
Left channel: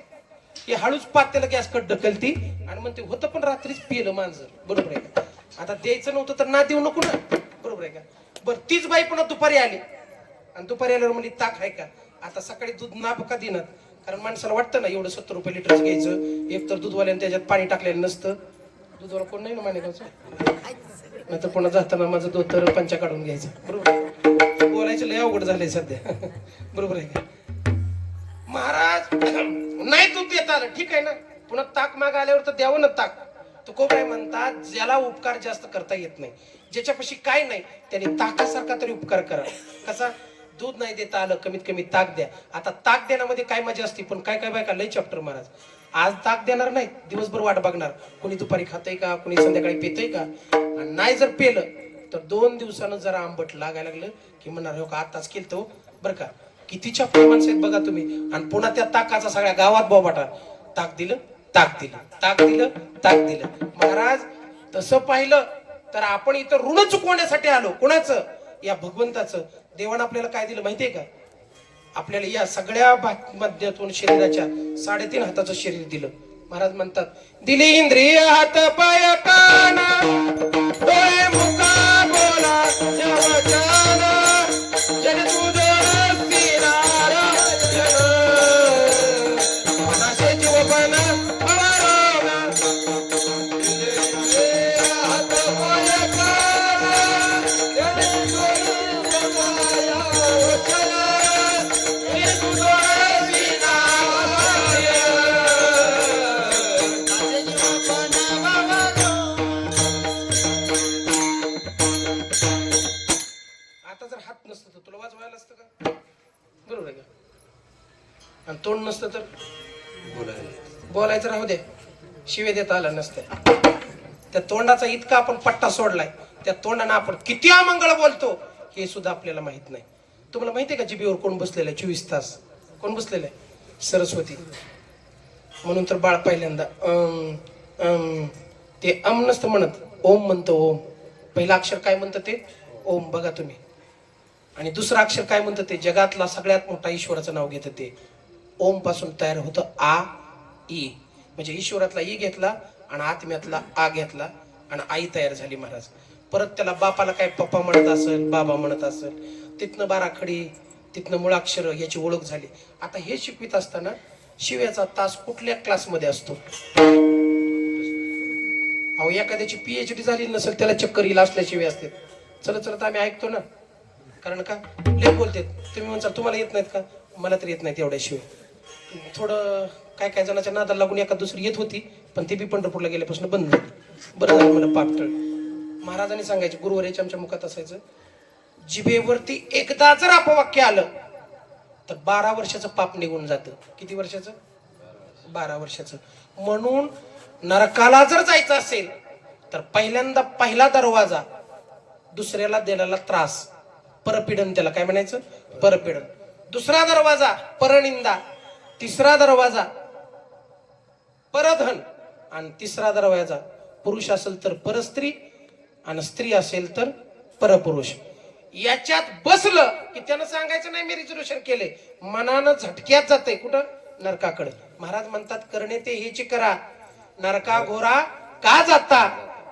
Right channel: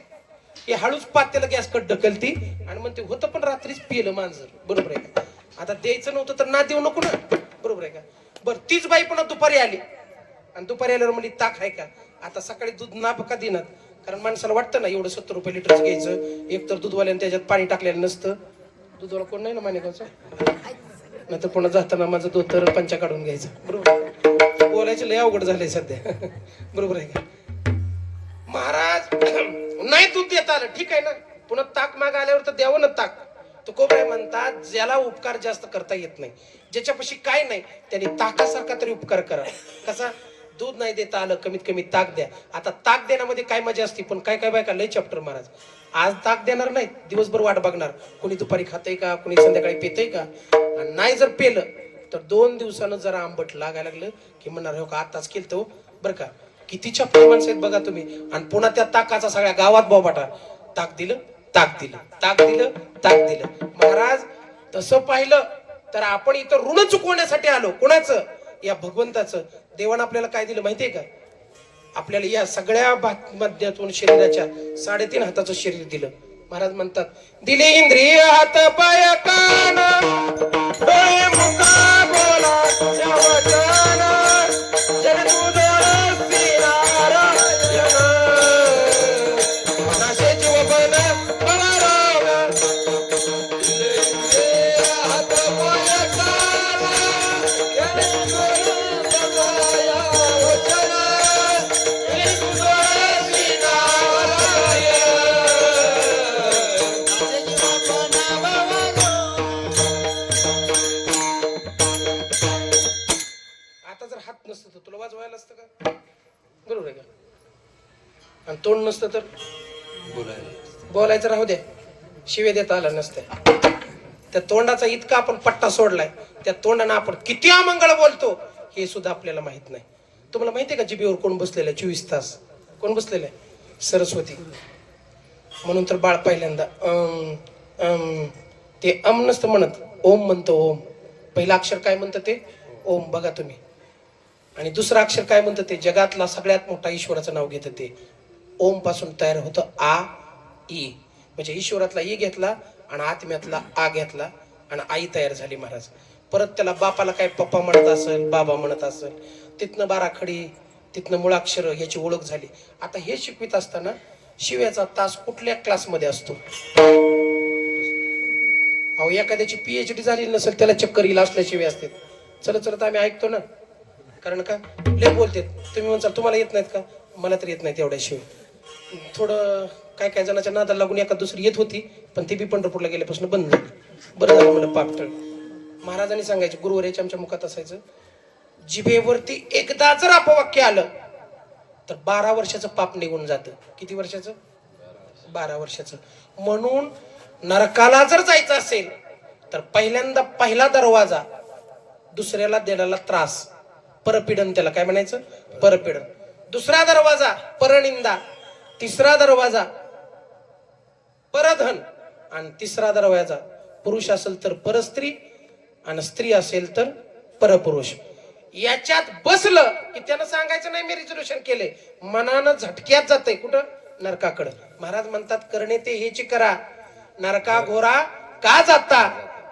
हे हळूच पात्याला गॅस कट ढकलती आणि म्हणते होतं पण रात्रीच पिलं मांजर. बरोबर आहे का. आता द्यायचं नव्हतं तर ना देऊ नको ना. बरोबर आहे का. बरं तीच बाई पुन्हा दुपारी आली आणि दुपारी आल्यावर म्हणली ताक आहे का. आता सकाळी दूध ना का देणार, कारण माणसाला वाटतं ना एवढं 70 रुपये लिटरच घ्यायचं. एक तर दूधवाल्याने त्याच्यात पाणी टाकलेलं नसतं. दूधवाला कोण नाही ना मानेगावचं, नाही तर पुन्हा जाताना माझं दूध तर पंचा काढून घ्यायचं. बरोबर बोलायचं लय अवघड झालंय सध्या. बरोबर आहे का. महाराज नाही दूध देता आलं ठीक आहे ना, पुन्हा ताक माग आल्यावर तर द्यावं ना ताक. तो काय म्हणतात ज्याला उपकार जास्त करता येत नाही, ज्याच्यापाशी काय नाही त्याने ताकासारखा तरी उपकार करा. कसा दूध नाही देता आलं कमीत कमी ताक द्या. आता ताक देण्यामध्ये काय मजा असते, पण काय काय बायका लय चॅप्टर महाराज. आज ताक देणार नाही दिवसभर वाट बघणार, कोणी दुपारी खातंय का कोणी संध्याकाळी पेतय का. आणि नाही जर पेलं तर 2 दिवसानं जरा आंबट लागायला लागलं की म्हणणार हो का आताच केलं तो बरं का. किती चॅप्टर माणसं आहेत बघा तुम्ही. आणि पुन्हा त्या ताकाचा सगळ्या गावात बोबाटा, ताक दिलं ताक दिलं ताक दिलं ताक दिलं. महाराज तसं पाहिलं तर आपण इथं ऋण चुकवण्यासाठी आलो. कोणाचं? या भगवंताचं. देवानं आपल्याला काय दिलं माहितीये का. आपल्याला या सगळ्या मध्यातून शरीराच्या 3.5 हाताचं शरीर दिलं. महाराज म्हणतात दिले इंद्रिय हात पाय कान डोळे मुखा बोला वचन जन तुझं श्रीनारायण नाशेची वेदन पवारायण. हात पाय कान नसतं तर तुला वाजवायला असतं का. बरोबर आहे का. आणि तोंड नसतं तर बोलायचं राहू द्या, शिव्या देता आला नसतं. त्या तोंडाचा इतका आपण पट्टा सोडलाय, त्या तोंडाने आपण किती अमंगळ बोलतो हे सुद्धा आपल्याला माहित नाही. तुम्हाला माहितीये का जिभेवर कोण बसलेलं आहे 24 तास. कोण बसलेलं आहे? सरस्वती. म्हणून तर बाळ पहिल्यांदा ते नसतं म्हणत, ओम म्हणतो. ओम पहिलं अक्षर काय म्हणतं ते ओम. बघा तुम्ही. आणि दुसरं अक्षर काय म्हणतं ते जगातला सगळ्यात मोठा ईश्वराचं नाव घेतं ते ओम पासून तयार होतं आ ई. म्हणजे ईश्वरातला ई घेतला आणि आत्म्यातला आ घेतला आणि आई तयार झाली. महाराज परत त्याला बापाला काय पप्पा म्हणत असेल बाबा म्हणत असेल, तिथनं बाराखडी तिथनं मुळाक्षर याची ओळख झाली. आता हे शिकवित असताना शिव्याचा तास कुठल्या क्लासमध्ये असतो. अहो एखाद्याची PhD झाली नसेल त्याला चक्कर येईल असल्याशिवाय असते. चलत चलत आम्ही ऐकतो ना, कारण का लय बोलते. तुम्ही म्हणसाल तुम्हाला येत नाहीत का, मला तर येत नाहीत एवढ्याशिवाय. थोडं काय काय जणांच्या नादाला लागून एका दुसरी येत होती, पण ती बी पंढरपूरला गेल्यापासून बंद झाली. बरं झालं मला पापटळ. महाराजांनी सांगायचे गुरुवारीच्या आमच्या मुखात असायचं, जिभेवरती एकदा जर अपवाक्य आलं तर 12 वर्षाचं पाप निघून जातं. किती वर्षाचं? 12 वर्षाचं. म्हणून नरकाला जर जायचं असेल तर पहिल्यांदा पहिला दरवाजा दुसऱ्याला दिलेला त्रास परपीडन, त्याला काय म्हणायचं परपीडन. दुसरा दरवाजा परनिंदा, तिसरा दरवाजा परधन आणि तिसरा दरवाजा पुरुष असेल तर परस्त्री आणि स्त्री असेल तर परपुरुष. याच्यात बसलं की त्यानं सांगायचं नाही मी रिझर्वेशन केले, मनानं झटक्यात जाते कुठं नरकाकडे. महाराज म्हणतात करणे ते हेची करा, नरका घोरा का जाता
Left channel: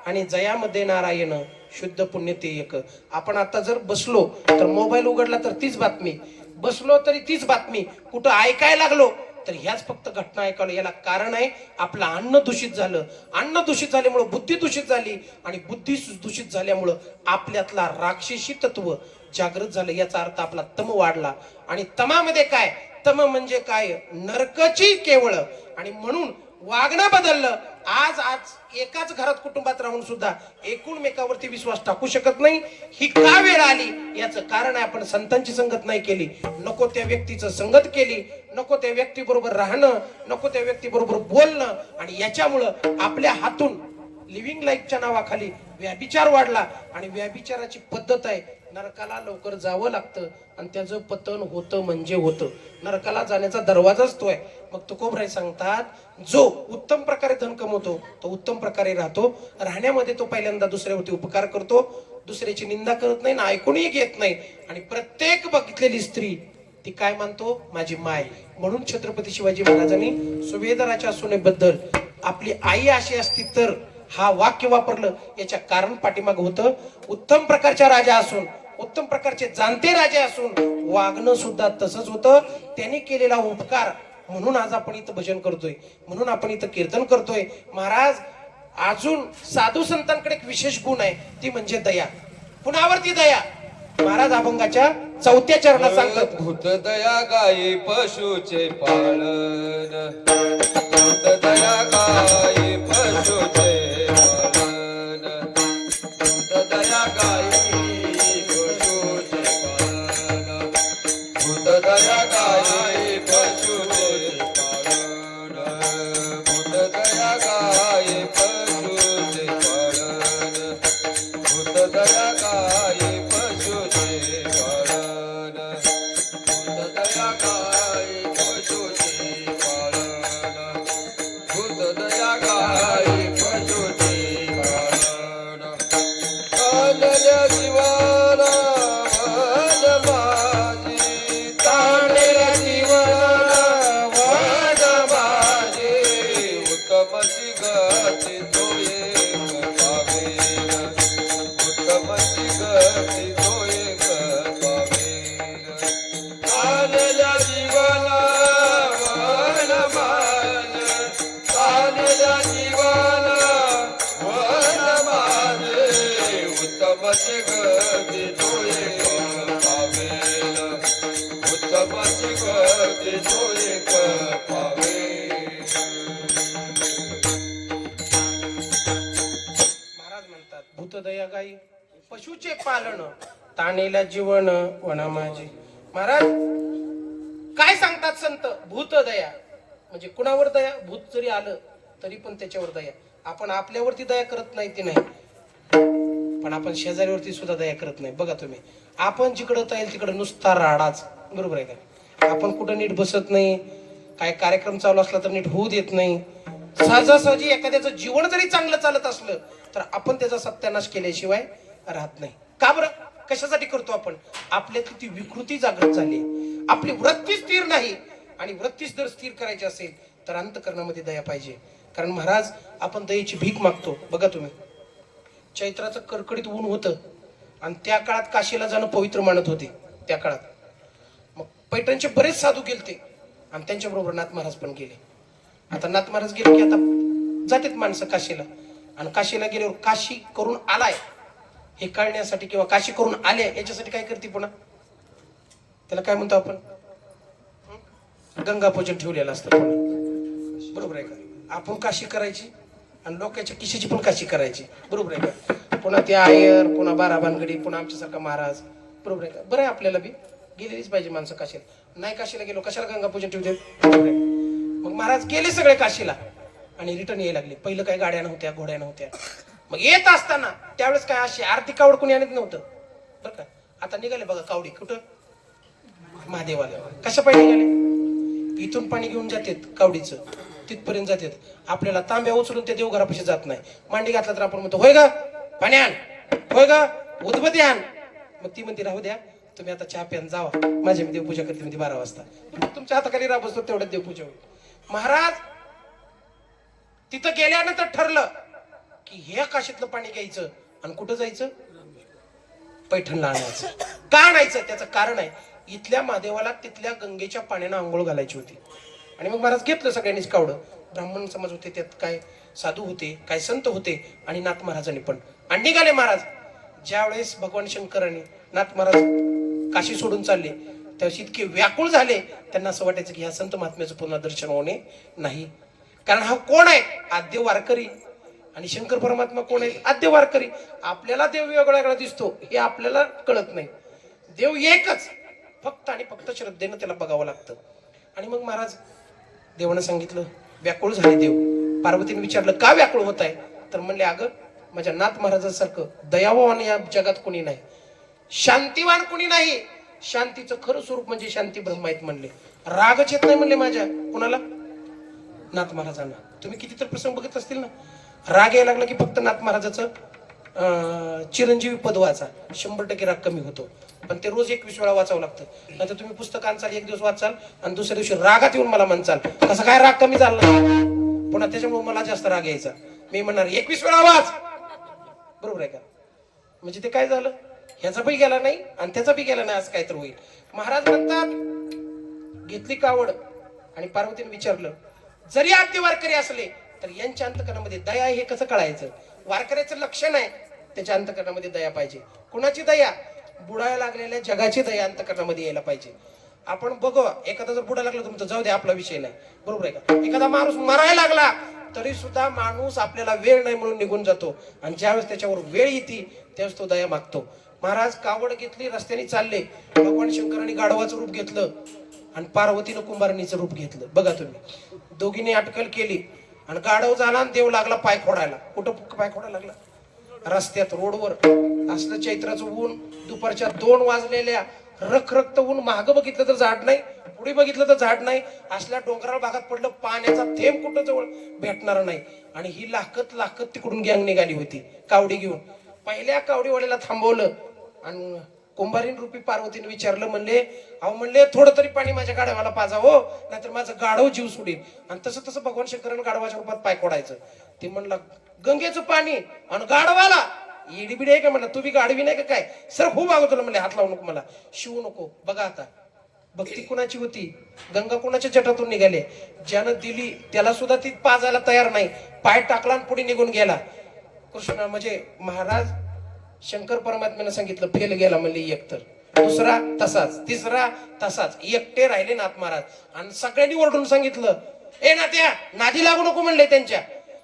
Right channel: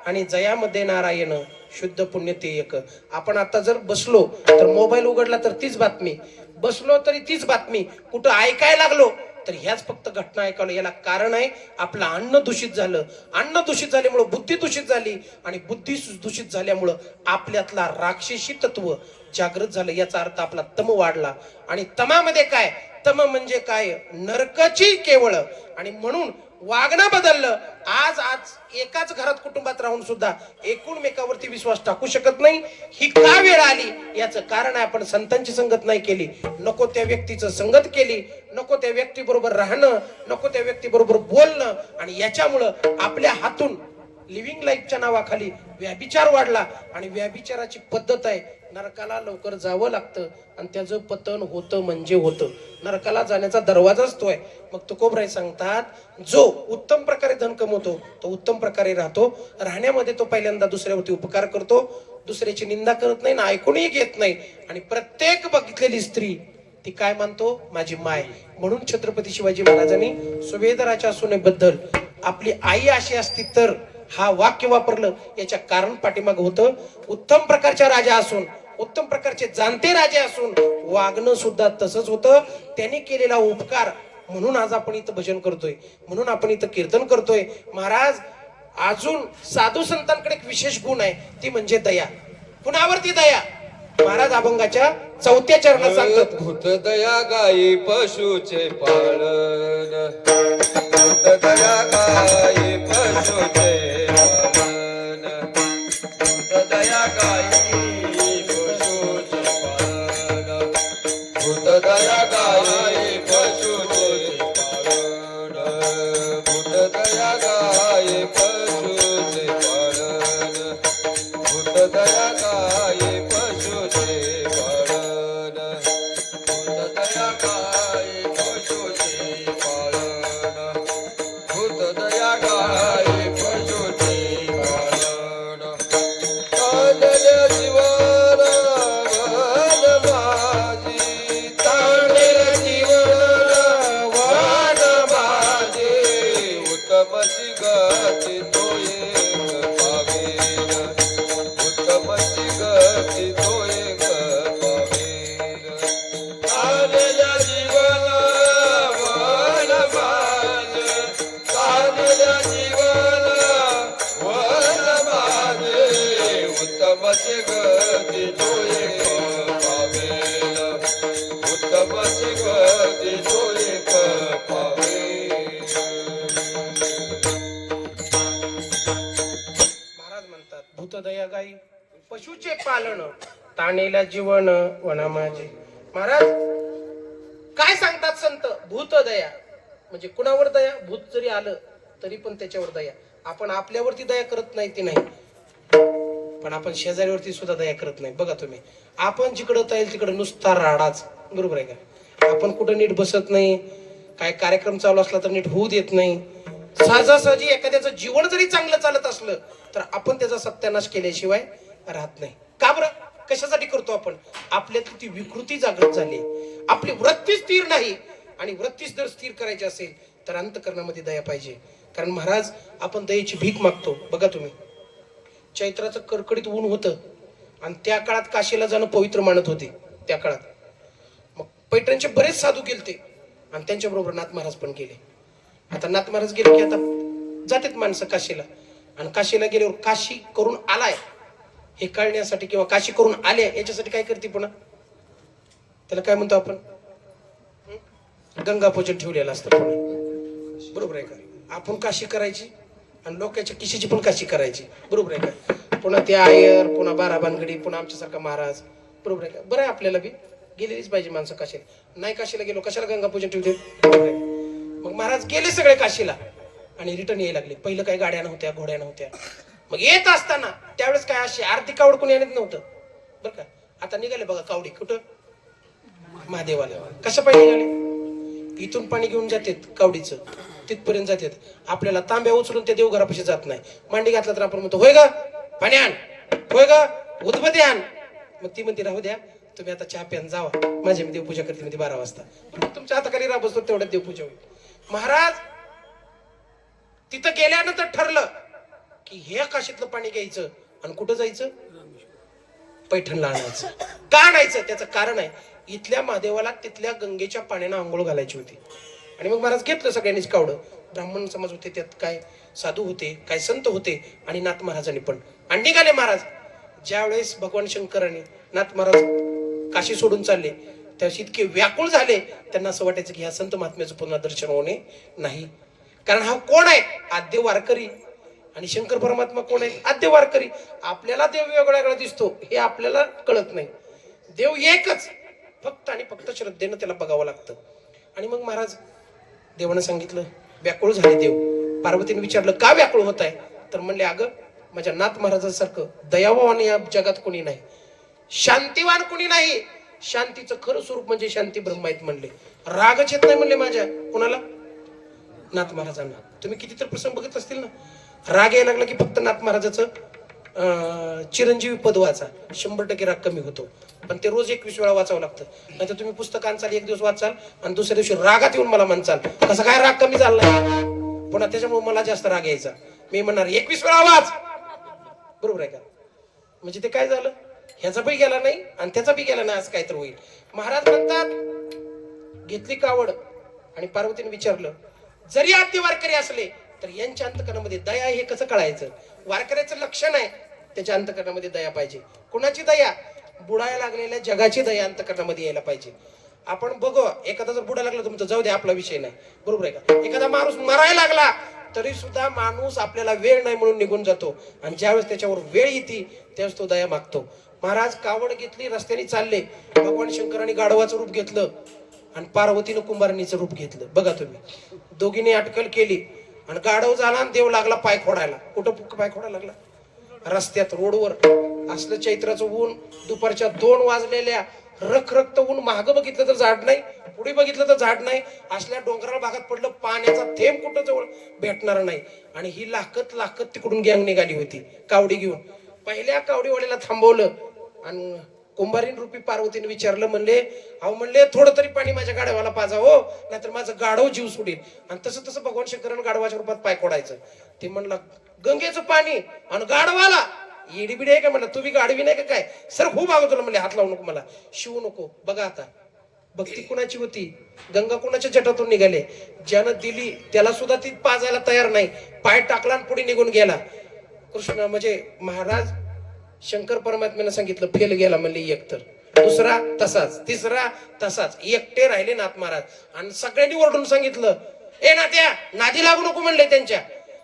आणि जयामध्ये नारायण शुद्ध पुण्य ते एक. आपण आता जर बसलो तर मोबाईल उघडला तर तीच बातमी, बसलो तरी तीच बातमी, कुठं ऐकायला लागलो तर ह्याच फक्त घटना ऐकायला. याला कारण आहे आपलं अन्न दूषित झालं, अन्न दूषित झाल्यामुळं बुद्धी दूषित झाली आणि बुद्धी दूषित झाल्यामुळं आपल्यातला राक्षसी तत्व जागृत झालं. याचा अर्थ आपला तम वाढला. आणि तमामध्ये काय, तम म्हणजे काय, नरकाची केवळ. आणि म्हणून वागणं बदललं. आज एकाच घरात कुटुंबात राहून सुद्धा एकमेकावरती विश्वास टाकू शकत नाही. ही का वेळ आली याचं कारण आहे आपण संतांची संगत नाही केली, नको त्या व्यक्तीचं संगत केली, नको त्या व्यक्ती बरोबर राहणं, नको त्या व्यक्ती बरोबर बोलणं. आणि याच्यामुळं आपल्या हातून लिव्हिंग लाईफच्या नावाखाली व्याभिचार वाढला. आणि व्याभिचाराची पद्धत आहे नरकाला लवकर जावं लागतं आणि त्याचं पतन होतं म्हणजे होतं. नरकाला जाण्याचा दरवाजाच तो आहे. मग तुकोबराय सांगतात जो उत्तम प्रकारे धन कमवतो तो उत्तम प्रकारे राहतो, राहण्यामध्ये तो पहिल्यांदा दुसऱ्यावरती उपकार करतो, दुसऱ्याची निंदा करत नाही ना ऐकूनही घेत नाही. आणि प्रत्येक बघितलेली स्त्री ती काय मानतो, माझी माय. म्हणून छत्रपती शिवाजी महाराजांनी सुभेदाराच्या सुनेबद्दल आपली आई अशी असती तर हा वाक्य वापरलं. याच्या कारण पाठीमाग होतं उत्तम प्रकारच्या राजा असून, उत्तम प्रकारचे जाणते राजे असून वागणं सुद्धा तसंच होतं. त्यांनी केलेला उपकार म्हणून आज आपण इथं भजन करतोय, म्हणून आपण इथं कीर्तन करतोय. महाराज अजून साधू संतांकडे एक विशेष गुण आहे, ती म्हणजे दया. कुणावरती दया? महाराज अभंगाच्या 4थ्या चरणात सांगतात, भूत दया गाई पशुचे पालन, भूत दया गाई पशुचे पालन, भूत दया गाई पशुचे पालन, भूत दया गाई पशुचे पालन, भूत दया गाई पशुचे पालन, भूत दया गाई पशुचे पालन, भूत दया गाई पशुचे पालन, भूत दया गाई पशुचे पालन. ताणल्या जीवाला वाण माझी, ताणल्या जीवाला वाण माझी, उत्तमची गती तो एक पावेल, उत्तमची गती तो एक पावेल. ताणल्या जीवाला वाण माझे, ताणल्या जीवाला वाण माझे, उत्तमची गती तो एक पावेल, उत्तमची गती तो एक पावेल. महाराज म्हणतात भूतदया गाई पशुचे पालन, ताणेल्या जीवन वना माझे. महाराज काय सांगतात संत? भूतदया म्हणजे कुणावर दया? भूत जरी आलं तरी पण त्याच्यावर दया. आपण आपल्यावरती दया करत नाही ते नाही, पण आपण शेजाऱ्यावरती सुद्धा दया करत नाही. बघा तुम्ही, आपण जिकडं जाईल तिकडं नुसता राडाच, बरोबर आहे का? आपण कुठं नीट बसत नाही, काय कार्यक्रम चालू असला तर नीट होऊ देत नाही. सहजासहजी एखाद्याचं जीवन जरी चांगलं चालत असलं तर आपण त्याचा सत्यानाश केल्याशिवाय राहत नाही. का बरं? कशासाठी करतो आपण? आपल्यातली ती विकृती जागृत झाली, आपली वृत्ती स्थिर नाही. आणि वृत्ती जर स्थिर करायची असेल तर अंतःकरणामध्ये दया पाहिजे. कारण महाराज आपण दयेची भीक मागतो. बघा तुम्ही, चैत्राचं कडकडीत ऊन होतं आणि त्या काळात काशीला जाणं पवित्र मानत होते. त्या काळात मग पैठणचे बरेच साधू गेलते आणि त्यांच्या बरोबर नाथ महाराज पण गेले. आता नाथ महाराज गेले की आता जातात माणसं काशीला, आणि काशीला गेल्यावर काशी करून आलाय हे कळण्यासाठी किंवा काशी करून आले याच्यासाठी काय करते पुन्हा? त्याला काय म्हणतो आपण? गंगा पूजन ठेवलेलं असतं पुन्हा, बरोबर आहे का? आपण काशी करायची आणि लोकांच्या किशीची पण काशी करायची, बरोबर आहे का? पुन्हा ते आयर, पुन्हा बारा भानगडी, पुन्हा आमच्यासारखा महाराज, बरोबर आहे का? बरं आहे, आपल्याला बी गेलेलीच पाहिजे माणसं काशीला. नाही काशीला गेलो कशाला गंगा पूजन ठेवते, बरोबर आहे? मग महाराज गेले सगळे काशीला आणि रिटर्न यायला लागले. पहिलं काही गाड्या नव्हत्या, घोड्या नव्हत्या. मग येत असताना त्यावेळेस काय अशी आर्थिक कावड कोणी आणत नव्हतं, बरं का? आता निघाले बघा कावडी, कुठं? महादेवाला. कशा पाहिजे निघाले? इथून पाणी घेऊन जातात कावडीचं, तिथपर्यंत जातात. आपल्याला तांब्या उचलून त्या देवघरापाशी जात नाही. मांडी घातला तर आपण म्हणतो होय ग पाणी आण, होय ग उदबत्ती आण. मग ती म्हणते राहू द्या, तुम्ही आता चहा प्यान जावा, माझ्या मी देवपूजा करते म्हणते 12 वाजता. मग तुमच्या हाताखाली राह बसतो, तेवढ्यात देवपूजा होईल. महाराज तिथं गेल्यानंतर ठरलं की हे काशीतलं पाणी घ्यायचं आणि कुठं जायचं, पैठणला आणायचं. का आणायचं त्याचं कारण आहे, इथल्या महादेवाला तिथल्या गंगेच्या पाण्यानं आंघोळ घालायची होती. आणि मग महाराज घेतलं सगळ्यांनीच कावडं. ब्राह्मण समाज होते, त्यात काय साधू होते, काय संत होते आणि नाथ महाराजांनी पण. आणि निघाले महाराज. ज्यावेळेस भगवान शंकरांनी नाथ महाराज काशी सोडून चालले त्यावेळेस इतके व्याकुळ झाले, त्यांना असं वाटायचं की ह्या संत महात्म्याचं पुन्हा दर्शन होणे नाही. कारण हा कोण आहे, आद्य वारकरी. आणि शंकर परमात्मा कोण आहे, आद्य वारकरी. आपल्याला देव वेगळा वेगळा दिसतो हे आपल्याला कळत नाही. देव एकच, फक्त आणि फक्त श्रद्धेनं त्याला बघावं लागतं. आणि मग महाराज देवानं सांगितलं, व्याकुळ झाले देव. पार्वतीने विचारलं का व्याकुळ होत आहे, तर म्हणले अगं माझ्या नाथ महाराजांसारखं दयावान या जगात कोणी नाही, शांतिवान कोणी नाही. शांतीचं खरं स्वरूप म्हणजे शांती ब्रह्म आहेत म्हणले. रागच येत नाही म्हणले माझ्या कुणाला, नाथ महाराजांना. तुम्ही कितीतरी प्रसंग बघत असतील ना, राग यायला लागला की फक्त नाथ महाराजाचं चिरंजीवी पद वाचा, 100% राग कमी होतो. पण ते रोज 21 वेळा वाचावं लागतं. नाहीतर तुम्ही पुस्तक आणचाल, एक दिवस वाचाल आणि दुसऱ्या दिवशी रागात येऊन मला म्हणचाल कसं काय राग कमी झाला नाही. पुन्हा त्याच्यामुळे मला जास्त राग यायचा. मी म्हणणार 21 वेळा वाच, बरोबर आहे का. म्हणजे ते काय झालं, ह्याचा बी गेला नाही आणि त्याचा बी गेला नाही, असं काय तर होईल. महाराज म्हणतात घेतली कावड आणि पार्वतीने विचारलं, जरी आद्य वारकरी असले तर यांच्या अंतकरणामध्ये दया हे कसं कळायचं. वारकऱ्याचं लक्षण आहे त्याच्या अंतकरणामध्ये दया पाहिजे. कुणाची दया, बुडायला लागलेल्या जगाची दया अंतकरणामध्ये यायला पाहिजे. आपण बघू, एखादा जर बुडा लागला तर जाऊ दे आपला विषय नाही, बरोबर आहे का. एखादा माणूस मरायला लागला तरी सुद्धा माणूस आपल्याला वेळ नाही म्हणून निघून जातो. आणि ज्यावेळेस त्याच्यावर वेळ येते त्यावेळेस तो दया मागतो. महाराज कावड घेतली, रस्त्याने चालले. भगवान शंकरांनी गाढवाचं रूप घेतलं आणि पार्वतीनं कुंभारणीचं रूप घेतलं. बघा तुम्ही, दोघींनी अटकल केली आणि गाढव झाला आणि देव लागला पाय खोडायला. कुठं पाय खोडायला लागला, रस्त्यात, रोडवर. असलं चैत्राचं ऊन, दुपारच्या 2 वाजलेल्या, रखरक्त ऊन. मागं बघितलं तर झाड नाही, पुढे बघितलं तर झाड नाही. असल्या डोंगराळ भागात पडलं, पाण्याचा थेंब कुठं जवळ भेटणार नाही. आणि ही लाकत लाकत तिकडून गँग निघाली होती कावडी घेऊन. पहिल्या कावडीवाल्याला थांबवलं आणि कुंभारीन रूपी पार्वतीने विचारलं, म्हणले अहो म्हणले थोडं तरी पाणी माझ्या गाढवाला पाजा हो, नाहीतर माझं गाढव जीव सोडील. आणि तसं तसं भगवान शंकरानं गाढवाच्या रूपात पाय खोडायचं. ते म्हणलं गंगेचं पाणी आणि गाढवाला इडीबिडी आहे का, म्हणलं तू बी गाढवी नाही का काय, सर खूप आवडलं. म्हणले हात लावू नको मला, शिवू नको. बघा आता भक्ती कुणाची होती, गंगा कुणाच्या जटातून निघाले. ज्यानं दिली त्याला सुद्धा ती पाजायला तयार नाही, पाय टाकला आणि पुढे निघून गेला. कृष्ण म्हणजे महाराज शंकर परमात्म्याने सांगितलं फेल गेला म्हणले एक, तर दुसरा तसाच, तिसरा तसाच, एकटे राहिले नाथ महाराज. आणि सगळ्यांनी ओरडून सांगितलं, ए नात्या नादी लागू नको म्हणले त्यांच्या.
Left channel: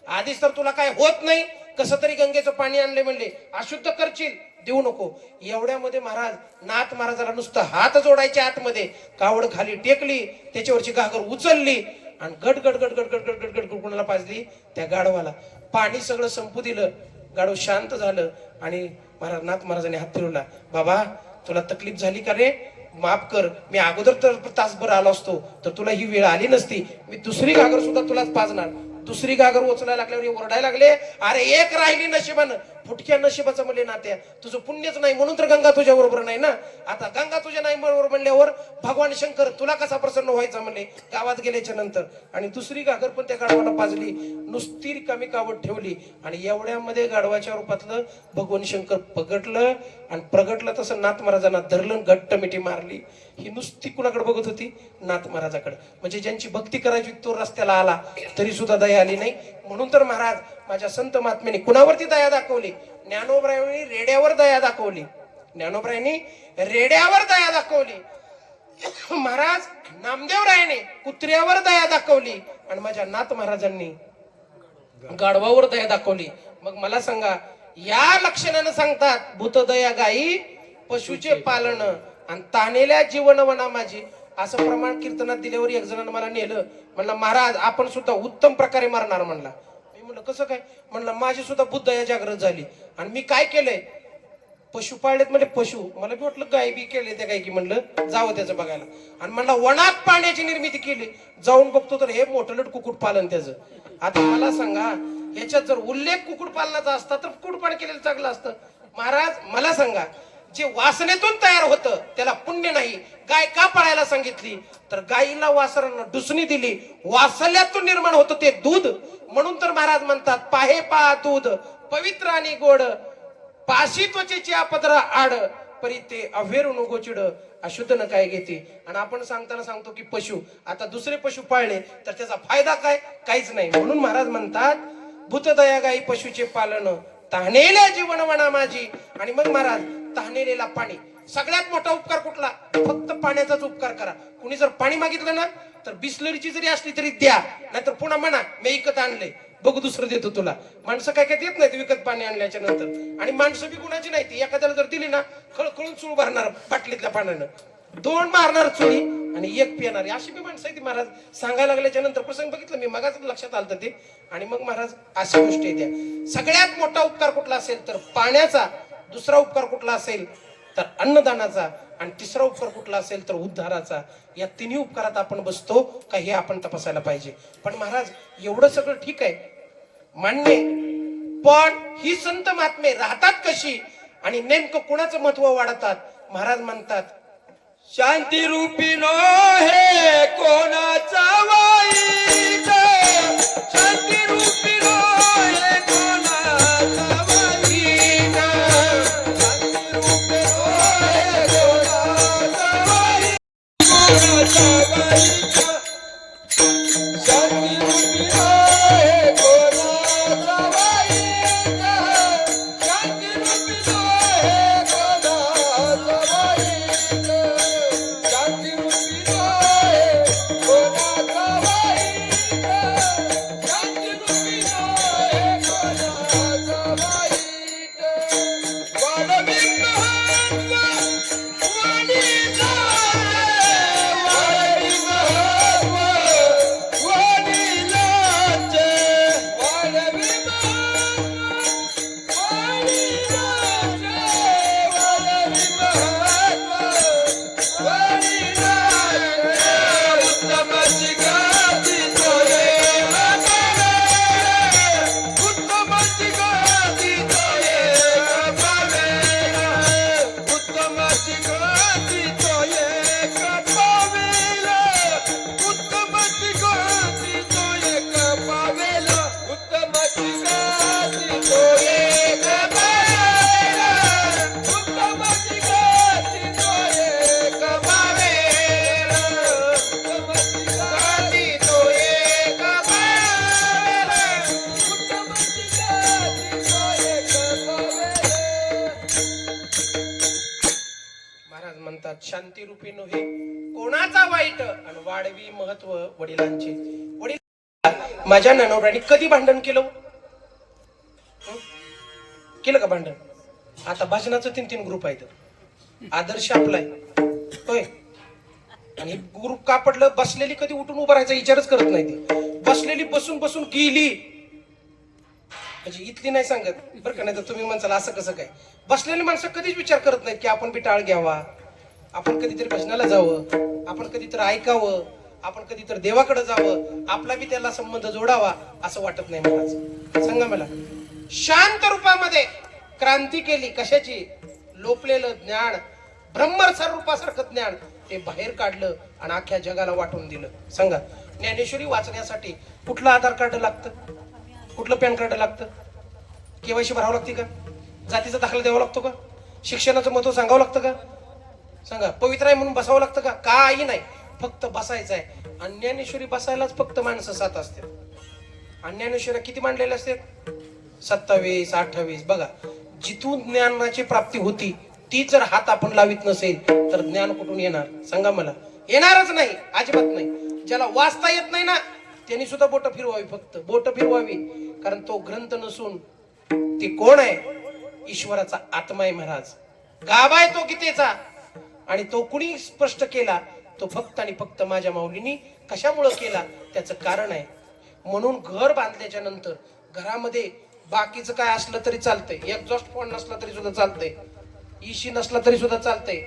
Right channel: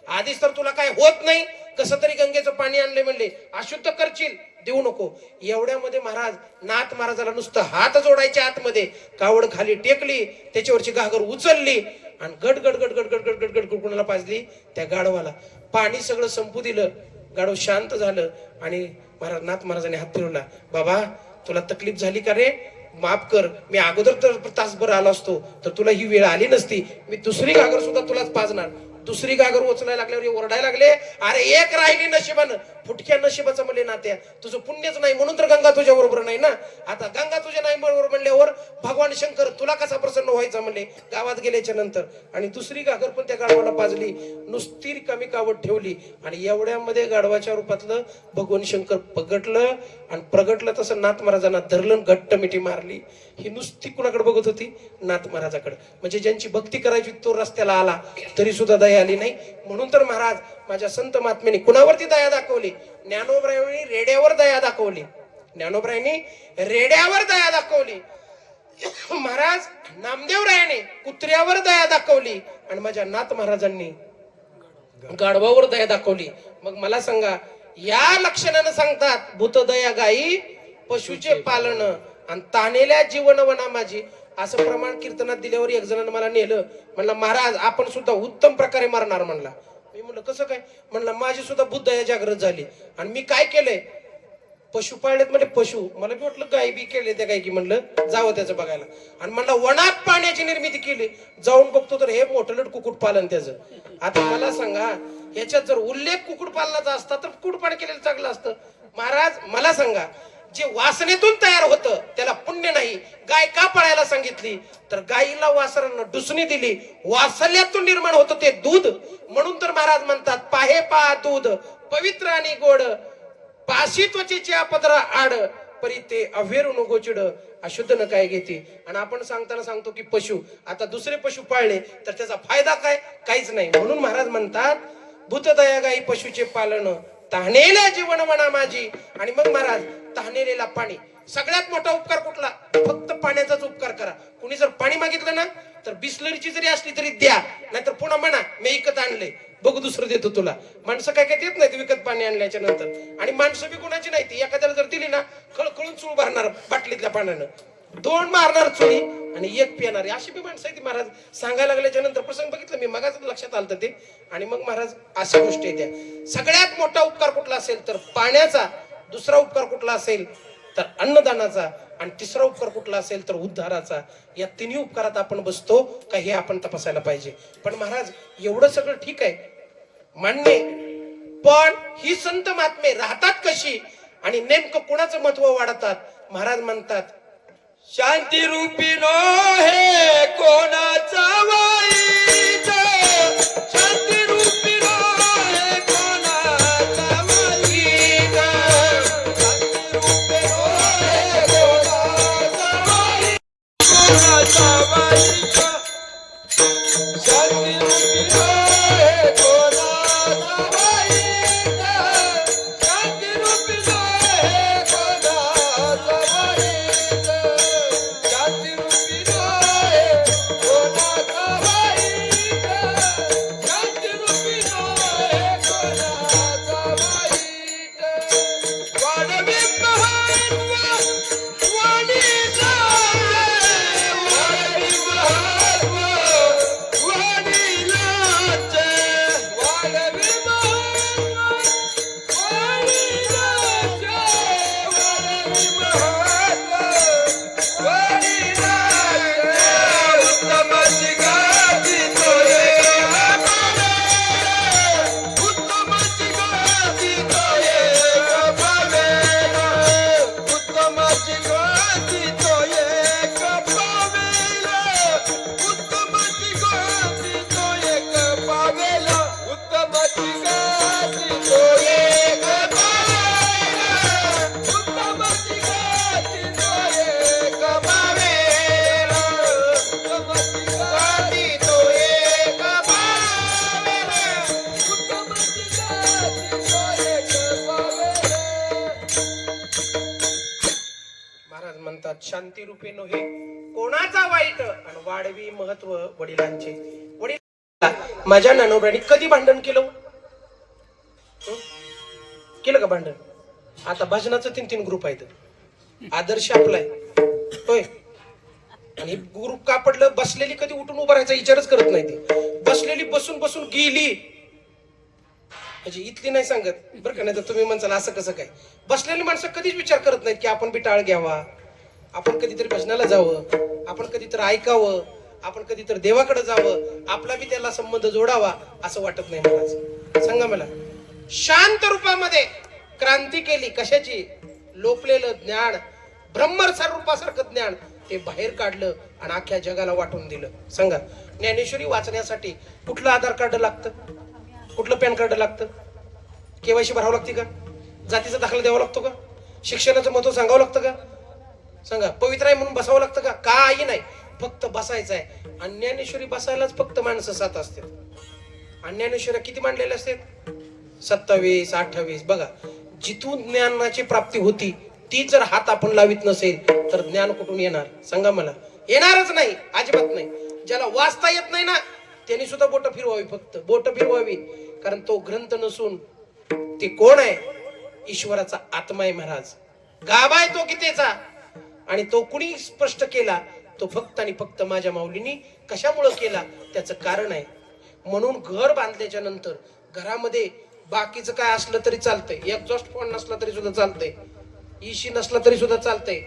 आधीच तर तुला काय होत नाही, कसं तरी गंगेचं पाणी आणले म्हणले, अशुद्ध करशील, देऊ नको. एवढ्यामध्ये महाराज नाथ महाराजाला नुसतं हात जोडायच्या आतमध्ये कावड खाली टेकली, त्याच्यावरची घागर उचलली आणि गट गट गट गट गट गट गट गट कुणाला पाजली, त्या गाढवाला. पाणी सगळं संपू दिलं, गाढव शांत झालं. आणि महाराज नाथ महाराजांनी हात फिरवला, बाबा तुला तकलीफ झाली का रे, माफ कर, मी अगोदर तर तासभर आलो असतो तर तुला ही वेळ आली नसती, मी दुसरी घागर सुद्धा तुलाच पाजणार. दुसरी घागर उचलायला लागल्यावर ओरडायला लागले, अरे एक राहिली नशिबानं, फुटक्या नशिबाचं म्हणले नात्या, तुझं पुण्यच नाही म्हणून तर गंगा तुझ्या बरोबर नाही ना. आता गंगा तुझ्या नाही बरोबर म्हणल्यावर भगवान शंकर तुला कसा प्रसन्न व्हायचा म्हणले गावात गेल्याच्या नंतर. आणि दुसरी घागर पण त्या गाढवाला पाजली, नुसती रिकामी कावड ठेवली. आणि एवढ्यामध्ये गाढवाच्या रूपातलं भगवान शंकर पगटलं आणि प्रगटलं. तसं नाथ महाराजांना धरलं, घट्ट मिठी मारली. ही नुसती कुणाकडे बघत होती, नाथ महाराजाकडे. म्हणजे ज्यांची भक्ती करायची तो रस्त्याला आला तरी सुद्धा दया आली नाही. म्हणून तर महाराज माझ्या संत महात्म्याने कुणावरती दया दाखवली, ज्ञानोबरायांनी रेड्यावर दया दाखवली, ज्ञानोबरायांनी रेड्यावर दया दाखवली. महाराज नामदेवरायाने कुत्र्यावर दया दाखवली आणि माझ्या नाथ महाराजांनी गाढवावर दया दाखवली. मग मला सांगा, या लक्षणानं सांगतात भूतदया गाई पशुचे पालन आणि तानेल्या जीवन वना माझी, असं प्रमाण कीर्तनात दिल्यावर एक जणांना मला नेलं. म्हणलं महाराज आपण सुद्धा उत्तम प्रकारे मरणार म्हणला. मी म्हणलं कसं काय, म्हणलं माझी सुद्धा बुद्धदया जागृत झाली आणि मी काय केलंय, पशु पाळलेत म्हणजे पशु, मला बी वाटलं गाय बी केले त्या काय की म्हणलं जावं त्याचं बघायला, आणि म्हणलं वनात पाण्याची निर्मिती केली, जाऊन बघतो तर हे मोठं कुक्कुट पालन त्याचं. आता मला सांगा ह्याच्यात जर उल्लेख कुक्कुट पालनाचा असता तर कुक्कुट पालन केलेलं चांगलं असतं. महाराज मला सांगा, जे वासनेतून तयार होतं त्याला पुण्य नाही. गाय का पाळायला सांगितली तर गायीला वासरांना डुसणी दिली, वासल्यातून निर्माण होतं ते दूध. म्हणून तर महाराज म्हणतात पाहे पा दूध पवित्र आणि गोड, पाशी त्वचेची आपदरा आड, परी ते अभेरून गोचिड अशुद्ध न काय घेते. आणि आपण सांगताना सांगतो की पशु, आता दुसरे पशु पाळले तर त्याचा फायदा काय, काहीच नाही. म्हणून महाराज म्हणतात भूतदया गाई पशुचे पालन, तहानेल्या जीवन म्हणा माझी. आणि मग महाराज तहानेलेला पाणी, सगळ्यात मोठा उपकार कुठला, फक्त पाण्याचाच उपकार करा. कुणी जर पाणी मागितलं ना तर बिस्लरीची जरी असली तरी द्या, नाहीतर पुन्हा म्हणा मी विकत आणले, बघू दुसरं देतो तुला. माणसं काय काय देत नाही विकत पाणी आणल्याच्या नंतर. आणि माणसं बी कुणाची नाही ती, एखाद्याला जर दिली ना खळखळून चूळ भरणार बाटलीतल्या पाण्यानं, 2 मारणार चुळी आणि 1 पिणार, अशी बी माणसं आहे ती. महाराज सांगायला लागल्याच्या नंतर प्रसंग बघितलं मी, मगाच लक्षात आलं ते. आणि मग महाराज अशा गोष्टी येत्या. सगळ्यात मोठा उपकार कुठला असेल तर पाण्याचा, दुसरा उपकार कुठला असेल तर अन्नदानाचा, आणि तिसरा उपकार कुठला असेल तर उद्धाराचा. या तिन्ही उपकारात आपण बसतो का हे आपण तपासायला पाहिजे. पण महाराज एवढं सगळं ठीक आहे, मान्य, पण ही संत महात्मे राहतात कशी आणि नेमकं कुणाचं महत्व वाढतात. महाराज म्हणतात शांती रूपीनो हे कोणाचा वाईट, शांती रूपीनो हे कोणाचा वाईट, शांती रूपीनो हे कोणाचा वाईट, शांती रूपीनो हे कोणाचा वाईट, शांती रूपीनो हे कोणाचा वाईट, शांती रूपीनो हे कोणाचा वाईट, शांती रूपीनो हे कोणाचा वाईट. वाढवी महत्व वडिलांचे, वाढवी महत्व वडिलांचे, वाढवी महत्व वडिलांचे, वाढवी महत्व वडिलांचे. उत्तमाची गादी तो एक पावे, उत्तमाची गादी तो एक पावे, उत्तमाची गादी तो एक पावे, उत्तमाची गादी तो एक पावेला, उत्तमाची गादी तो एक पावेला, उत्तमाची गादी तो एक पावेला, उत्तमाची गादी तो एक पावेला, उत्तमाची गादी तो एक पावेला. महाराज म्हणतात शांती रूपीनो हे कोणाचा वाईट, आणि वाढवी महत्व वडिलांचे. वडील माझ्या ननवऱ्याने कधी भांडण केलं, केलं का भांडण? आता भजनाचं 3 ग्रुप आहेत, आदर्श आपलाय होय, आणि ग्रुप का पडलं, बसलेली कधी उठून उभं राहायचा विचारच करत नाही ती, बसलेली बसून बसून गेली म्हणजे इथली नाही सांगत बरं का. नाही तर तुम्ही म्हणसाल असं कसं काय, बसलेली माणसं कधीच विचार करत नाहीत की आपण बी टाळ घ्यावा, आपण कधीतरी भजनाला जावं, आपण कधीतरी ऐकावं, आपण कधीतरी देवाकडे जावं, आपला बी त्याला संबंध जोडावा, असं वाटत नाही. महाराज सांगा मला, शांत रूपामध्ये क्रांती केली, कशाची, लोपलेलं ज्ञान, ब्रह्मरसार रूपासारखं ज्ञान ते बाहेर काढलं आणि अख्ख्या जगाला वाटून दिलं. सांगा, ज्ञानेश्वरी वाचण्यासाठी कुठलं आधार कार्ड लागतं, कुठलं पॅन कार्ड लागतं, केवायसी भरावं लागते का, जातीचा दाखला द्यावा लागतो का, शिक्षणाचं महत्व सांगावं लागतं का, सांगा, पवित्र आहे म्हणून बसावं लागतं का, काही नाही, फक्त बसायचं आहे. आणि ज्ञानेश्वरी बसायलाच फक्त माणसं 7 असतात. आणि ज्ञानेश्वरी किती मांडलेले असतात, 27, 28. बघा, जिथून ज्ञानाची प्राप्ती होती ती जर हात आपण लावित नसेल तर ज्ञान कुठून येणार, सांगा मला, येणारच नाही, अजिबात नाही. ज्याला वाचता येत नाही ना त्यांनी सुद्धा बोट फिरवावी, फक्त बोट फिरवावी, कारण तो ग्रंथ नसून ती कोण आहे, ईश्वराचा आत्मा आहे. महाराज गाभा आहे तो गीतेचा, आणि तो कुणी स्पष्ट केला, तो फक्त आणि फक्त माझ्या माऊलीनी. कशामुळे केला त्याचं कारण आहे. म्हणून घर बांधल्याच्या नंतर घरामध्ये बाकीचं काय असलं तरी चालतंय, एक्झॉस्ट फॉन नसला तरी सुद्धा चालतंय, इशी नसला तरी सुद्धा चालतंय,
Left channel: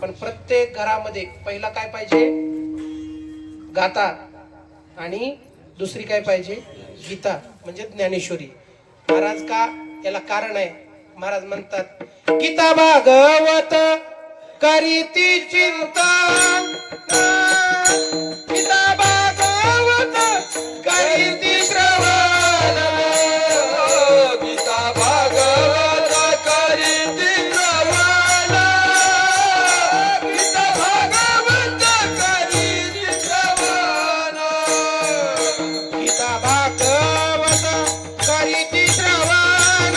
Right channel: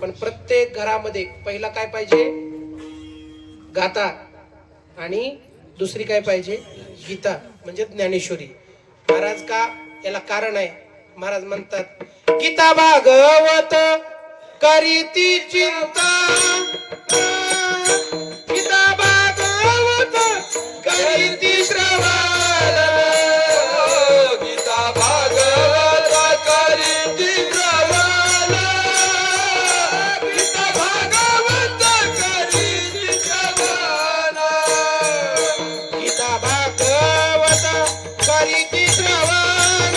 पण प्रत्येक घरामध्ये पहिला काय पाहिजे? गाथा. आणि दुसरी काय पाहिजे? गीता, म्हणजे ज्ञानेश्वरी. महाराज का याला कारण आहे. महाराज म्हणतात, गीता भागवत करीती चिंता, गीता भागवत करीती श्रवण, गीता भागवत करीती श्रवण, गीता भागवत करीती श्रवण, गीता भागवत करीती श्रवण,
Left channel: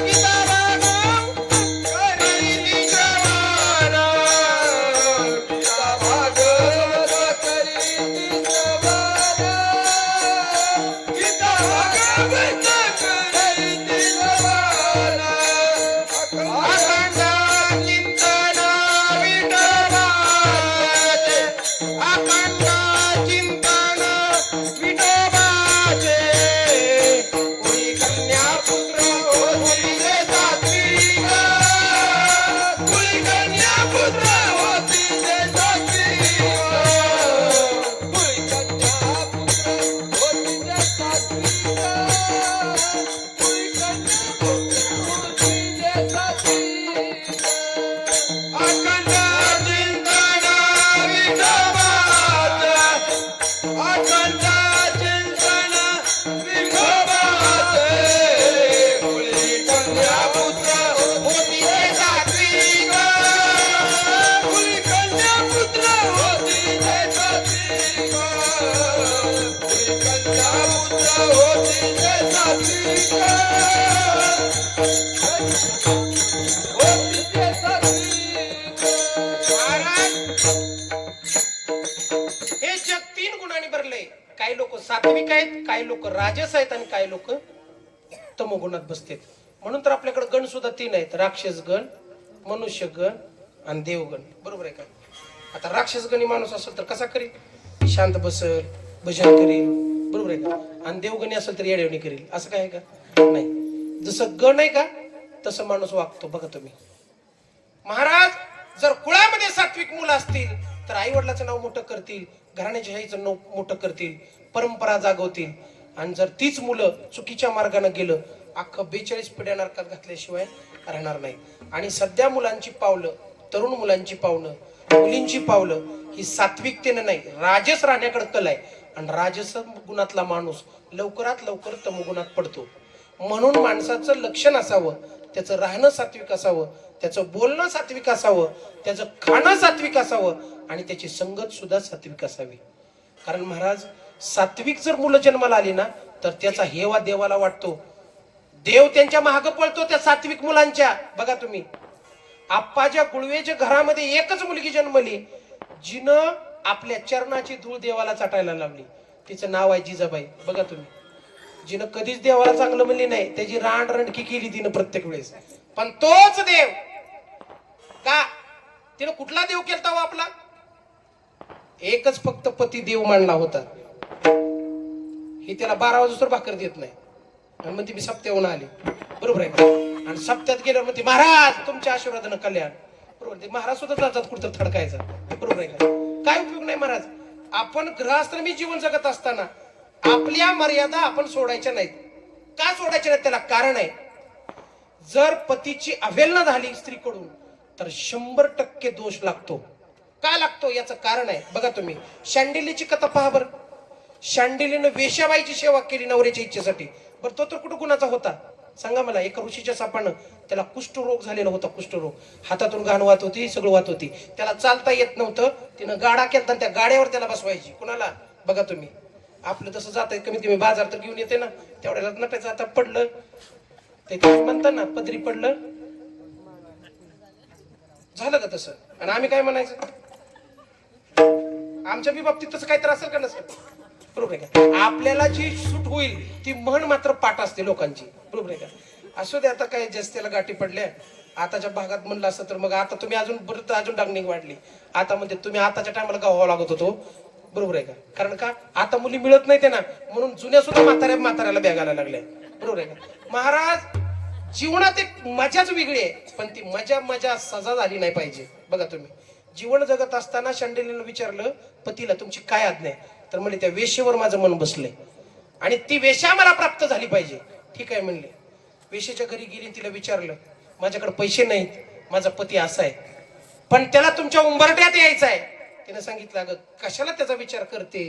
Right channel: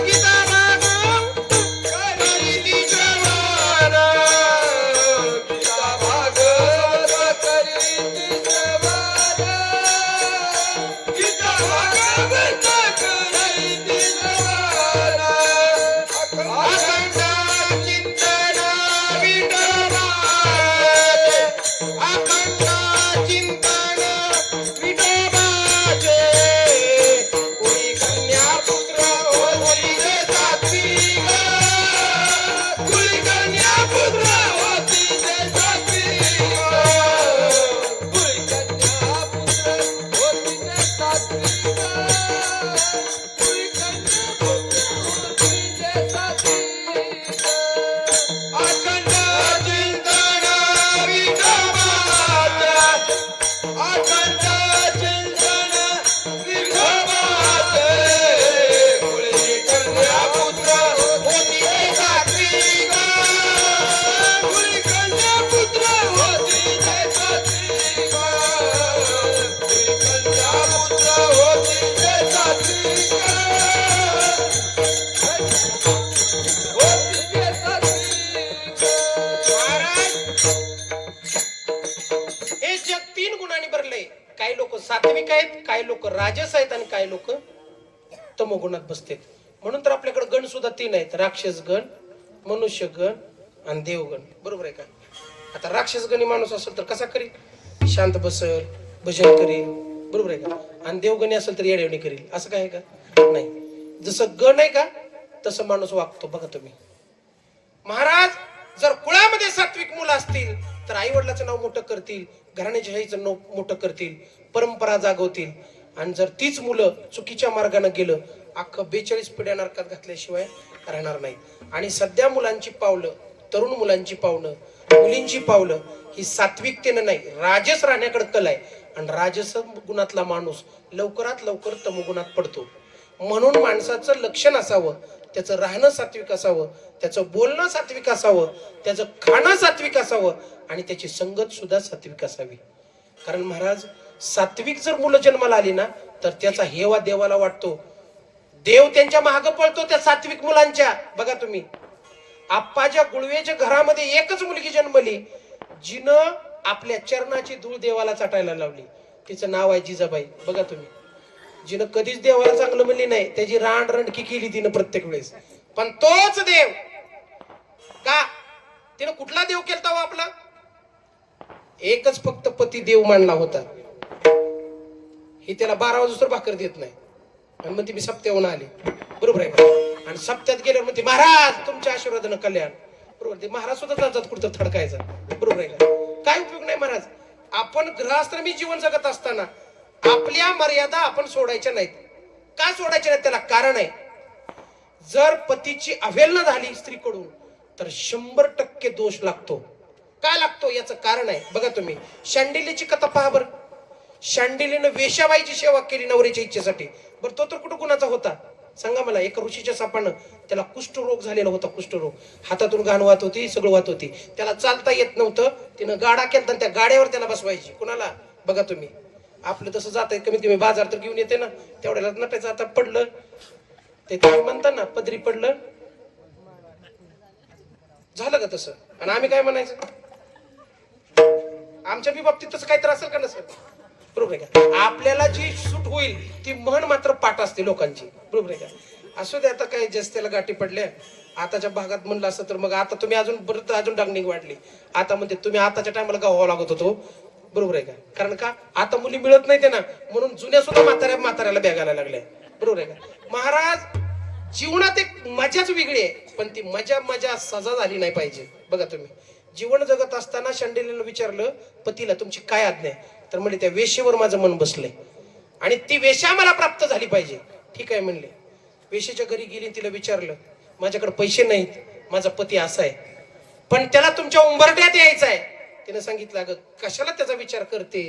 गीता भागवत करीती श्रवण, गीता भागवत करीती श्रवण, गीता भागवत करीती श्रवण, अखंड चिंतन विठोबाचे, अखंड चिंतन विठोबाचे, कुणी कन्या पुत्र होतीले सात्विक, कुणी कन्या पुत्र होतीले सात्विक, कुळी कन्या पुत्र होतीले सात्विक, कुळी कन्या पुत्र होतीले सात्विक, अखंड चिंतन विठोबाचे, अखंड चिंतन विठोबाचे, कुणी कन्या पुत्र होतीले सात्विक, कुणी कन्या पुत्र होतीले सात्विक, कुळी कन्या पुत्र होतीले सात्विक, होतीले सात्विक. महाराज, हे जग 3 गुणांनी भरलंय. काही लोक सात्विक आहेत, काही लोक राजस आहेत, आणि काही लोक तमोगुणात बसतात. म्हणून तर आपल्याकडे गण सुद्धा 3 आहेत: राक्षस गण, मनुष्य गण आणि देवगण. बरोबर आहे का? आता राक्षस गणी माणूस असेल तर कसा करील? शांत बसल, भजन करील. बरोबर आहे का? आणि देवगणी असेल तर येडेवणी करील. असं काय आहे का? नाही. जसं गण आहे का तसं माणूस वागतो. बघा तुम्ही. महाराज, जर कुळामध्ये सात्विक मुलं असतील तर आई वडिलाचं नाव मोठं करतील, घराण्याच्या आईचं नाव मोठं करतील, परंपरा जागवतील. आणि जर तीच मुलं चुकीच्या मार्गाने गेलं, अख्खं 42 पिढ्या नरकात घातल्याशिवाय राहणार नाही. आणि सध्या मुलांची पावलं, तरुण मुलांची पावलं, मुलींची पावलं ही सात्विकतेनं नाही, राजस राहण्याकडे कल आहे. आणि राजस गुणातला माणूस लवकरात लवकर तमोगुणात पडतो. म्हणून माणसाचं लक्षण असावं, त्याचं राहणं सात्विक असावं, त्याचं बोलणं सात्विक असावं, त्याचं खाणं सात्विक असावं, आणि त्याची संगत सुद्धा सात्विक असावी. कारण महाराज, सात्विक जर मुलं जन्माला आली ना तर त्याचा हेवा देवाला वाटतो. देव त्यांच्या मागे पळतो त्या सात्विक मुलांच्या. बघा तुम्ही, आप्पाच्या गुळवेच्या घरामध्ये एकच मुलगी जन्मली, जिनं आपल्या चरणाची धूळ देवाला चाटायला लावली. तिचं नाव आहे जिजाबाई. बघा तुम्ही, जिनं कधीच देवाला चांगलं म्हणली नाही, त्याची रांडरंडकी केली तिनं प्रत्येक वेळेस. पण तोच देव का, तिनं कुठला देव केलता हो आपला? एकच फक्त पती देव मानला होता. ही त्याला 12 वाजता भाकर देत नाही, आणि मग ती मी सप्त्याहून आली. बरोबर आहे का? आणि सप्त्यात गेल्यावर म्हणते, महाराज तुमच्या आशीर्वादानं कल्याण. बरोबर, ते महाराज सुद्धा जातात कुठं थडकायचा. बरोबर आहे का? काय उपयोग नाही महाराज. आपण गृहस्थाश्रमी जीवन जगत असताना आपल्या मर्यादा आपण सोडायच्या नाहीत. का सोडायच्या नाहीत? त्याला कारण आहे. जर पतीची अवहेलना झाली स्त्रीकडून तर 100% दोष लागतो. का लागतो याचं कारण आहे. बघा तुम्ही, शांडिलीची कथा पहा बरं. शांडिलीनं वेश्याबाईची सेवा केली नवऱ्याच्या इच्छेसाठी. बरं, तो तर कुठं गुणाचा होता सांगा मला? एका ऋषीच्या सापानं त्याला कुष्ठरोग झालेला होता. कुष्ठरोग, हातातून घाण वाहत होती, सगळं वाहत होती, त्याला चालता येत नव्हतं. तिनं गाडा केला, त्या गाड्यावर त्याला बसवायची. कुणाला? बघा तुम्ही, आपलं तसं जात आहे, कमीत कमी बाजार तर घेऊन येते ना, तेवढ्याला नटायचं. आता पडलं ते काय म्हणतात ना, पदरी पडलं, झालं का तसं? आणि आम्ही काय म्हणायचं? आमच्या बी बाबतीत तसं काही त्रास असेल का नसेल? बरोबर आहे का? आपल्याला जी सूट होईल ती म्हण मात्र पाठ असते लोकांची. बरोबर आहे का? असू दे, आता काय जास्तीला गाठी पडल्या. आताच्या भागात म्हणलं असं तर मग आता तुम्ही अजून डागणी वाढली. आता म्हणते तुम्ही आताच्या टायमाला गावावं लागत होतो. बरोबर आहे का? कारण का आता मुली मिळत नाही ते ना, म्हणून जुन्या सुद्धा म्हाताऱ्याला बॅगायला लागल्या. बरोबर आहे का? महाराज, जीवनात एक मजाच वेगळी आहे, पण ती मजा मजा सजा झाली नाही पाहिजे. बघा तुम्ही जीवन जगत असताना शंडिलीनं विचारलं पतीला तुमची काय आज्ञा आहे, तर म्हणले त्या वेश्येवर माझं मन बसलंय आणि ती वेश्या मला प्राप्त झाली पाहिजे. ठीक आहे म्हणले. वेश्येच्या घरी गेली, तिला विचारलं माझ्याकडे पैसे नाहीत, माझा पती असा आहे, पण त्याला तुमच्या उंबरट्यात यायचं आहे. तिने सांगितलं अगं कशाला त्याचा विचार करते,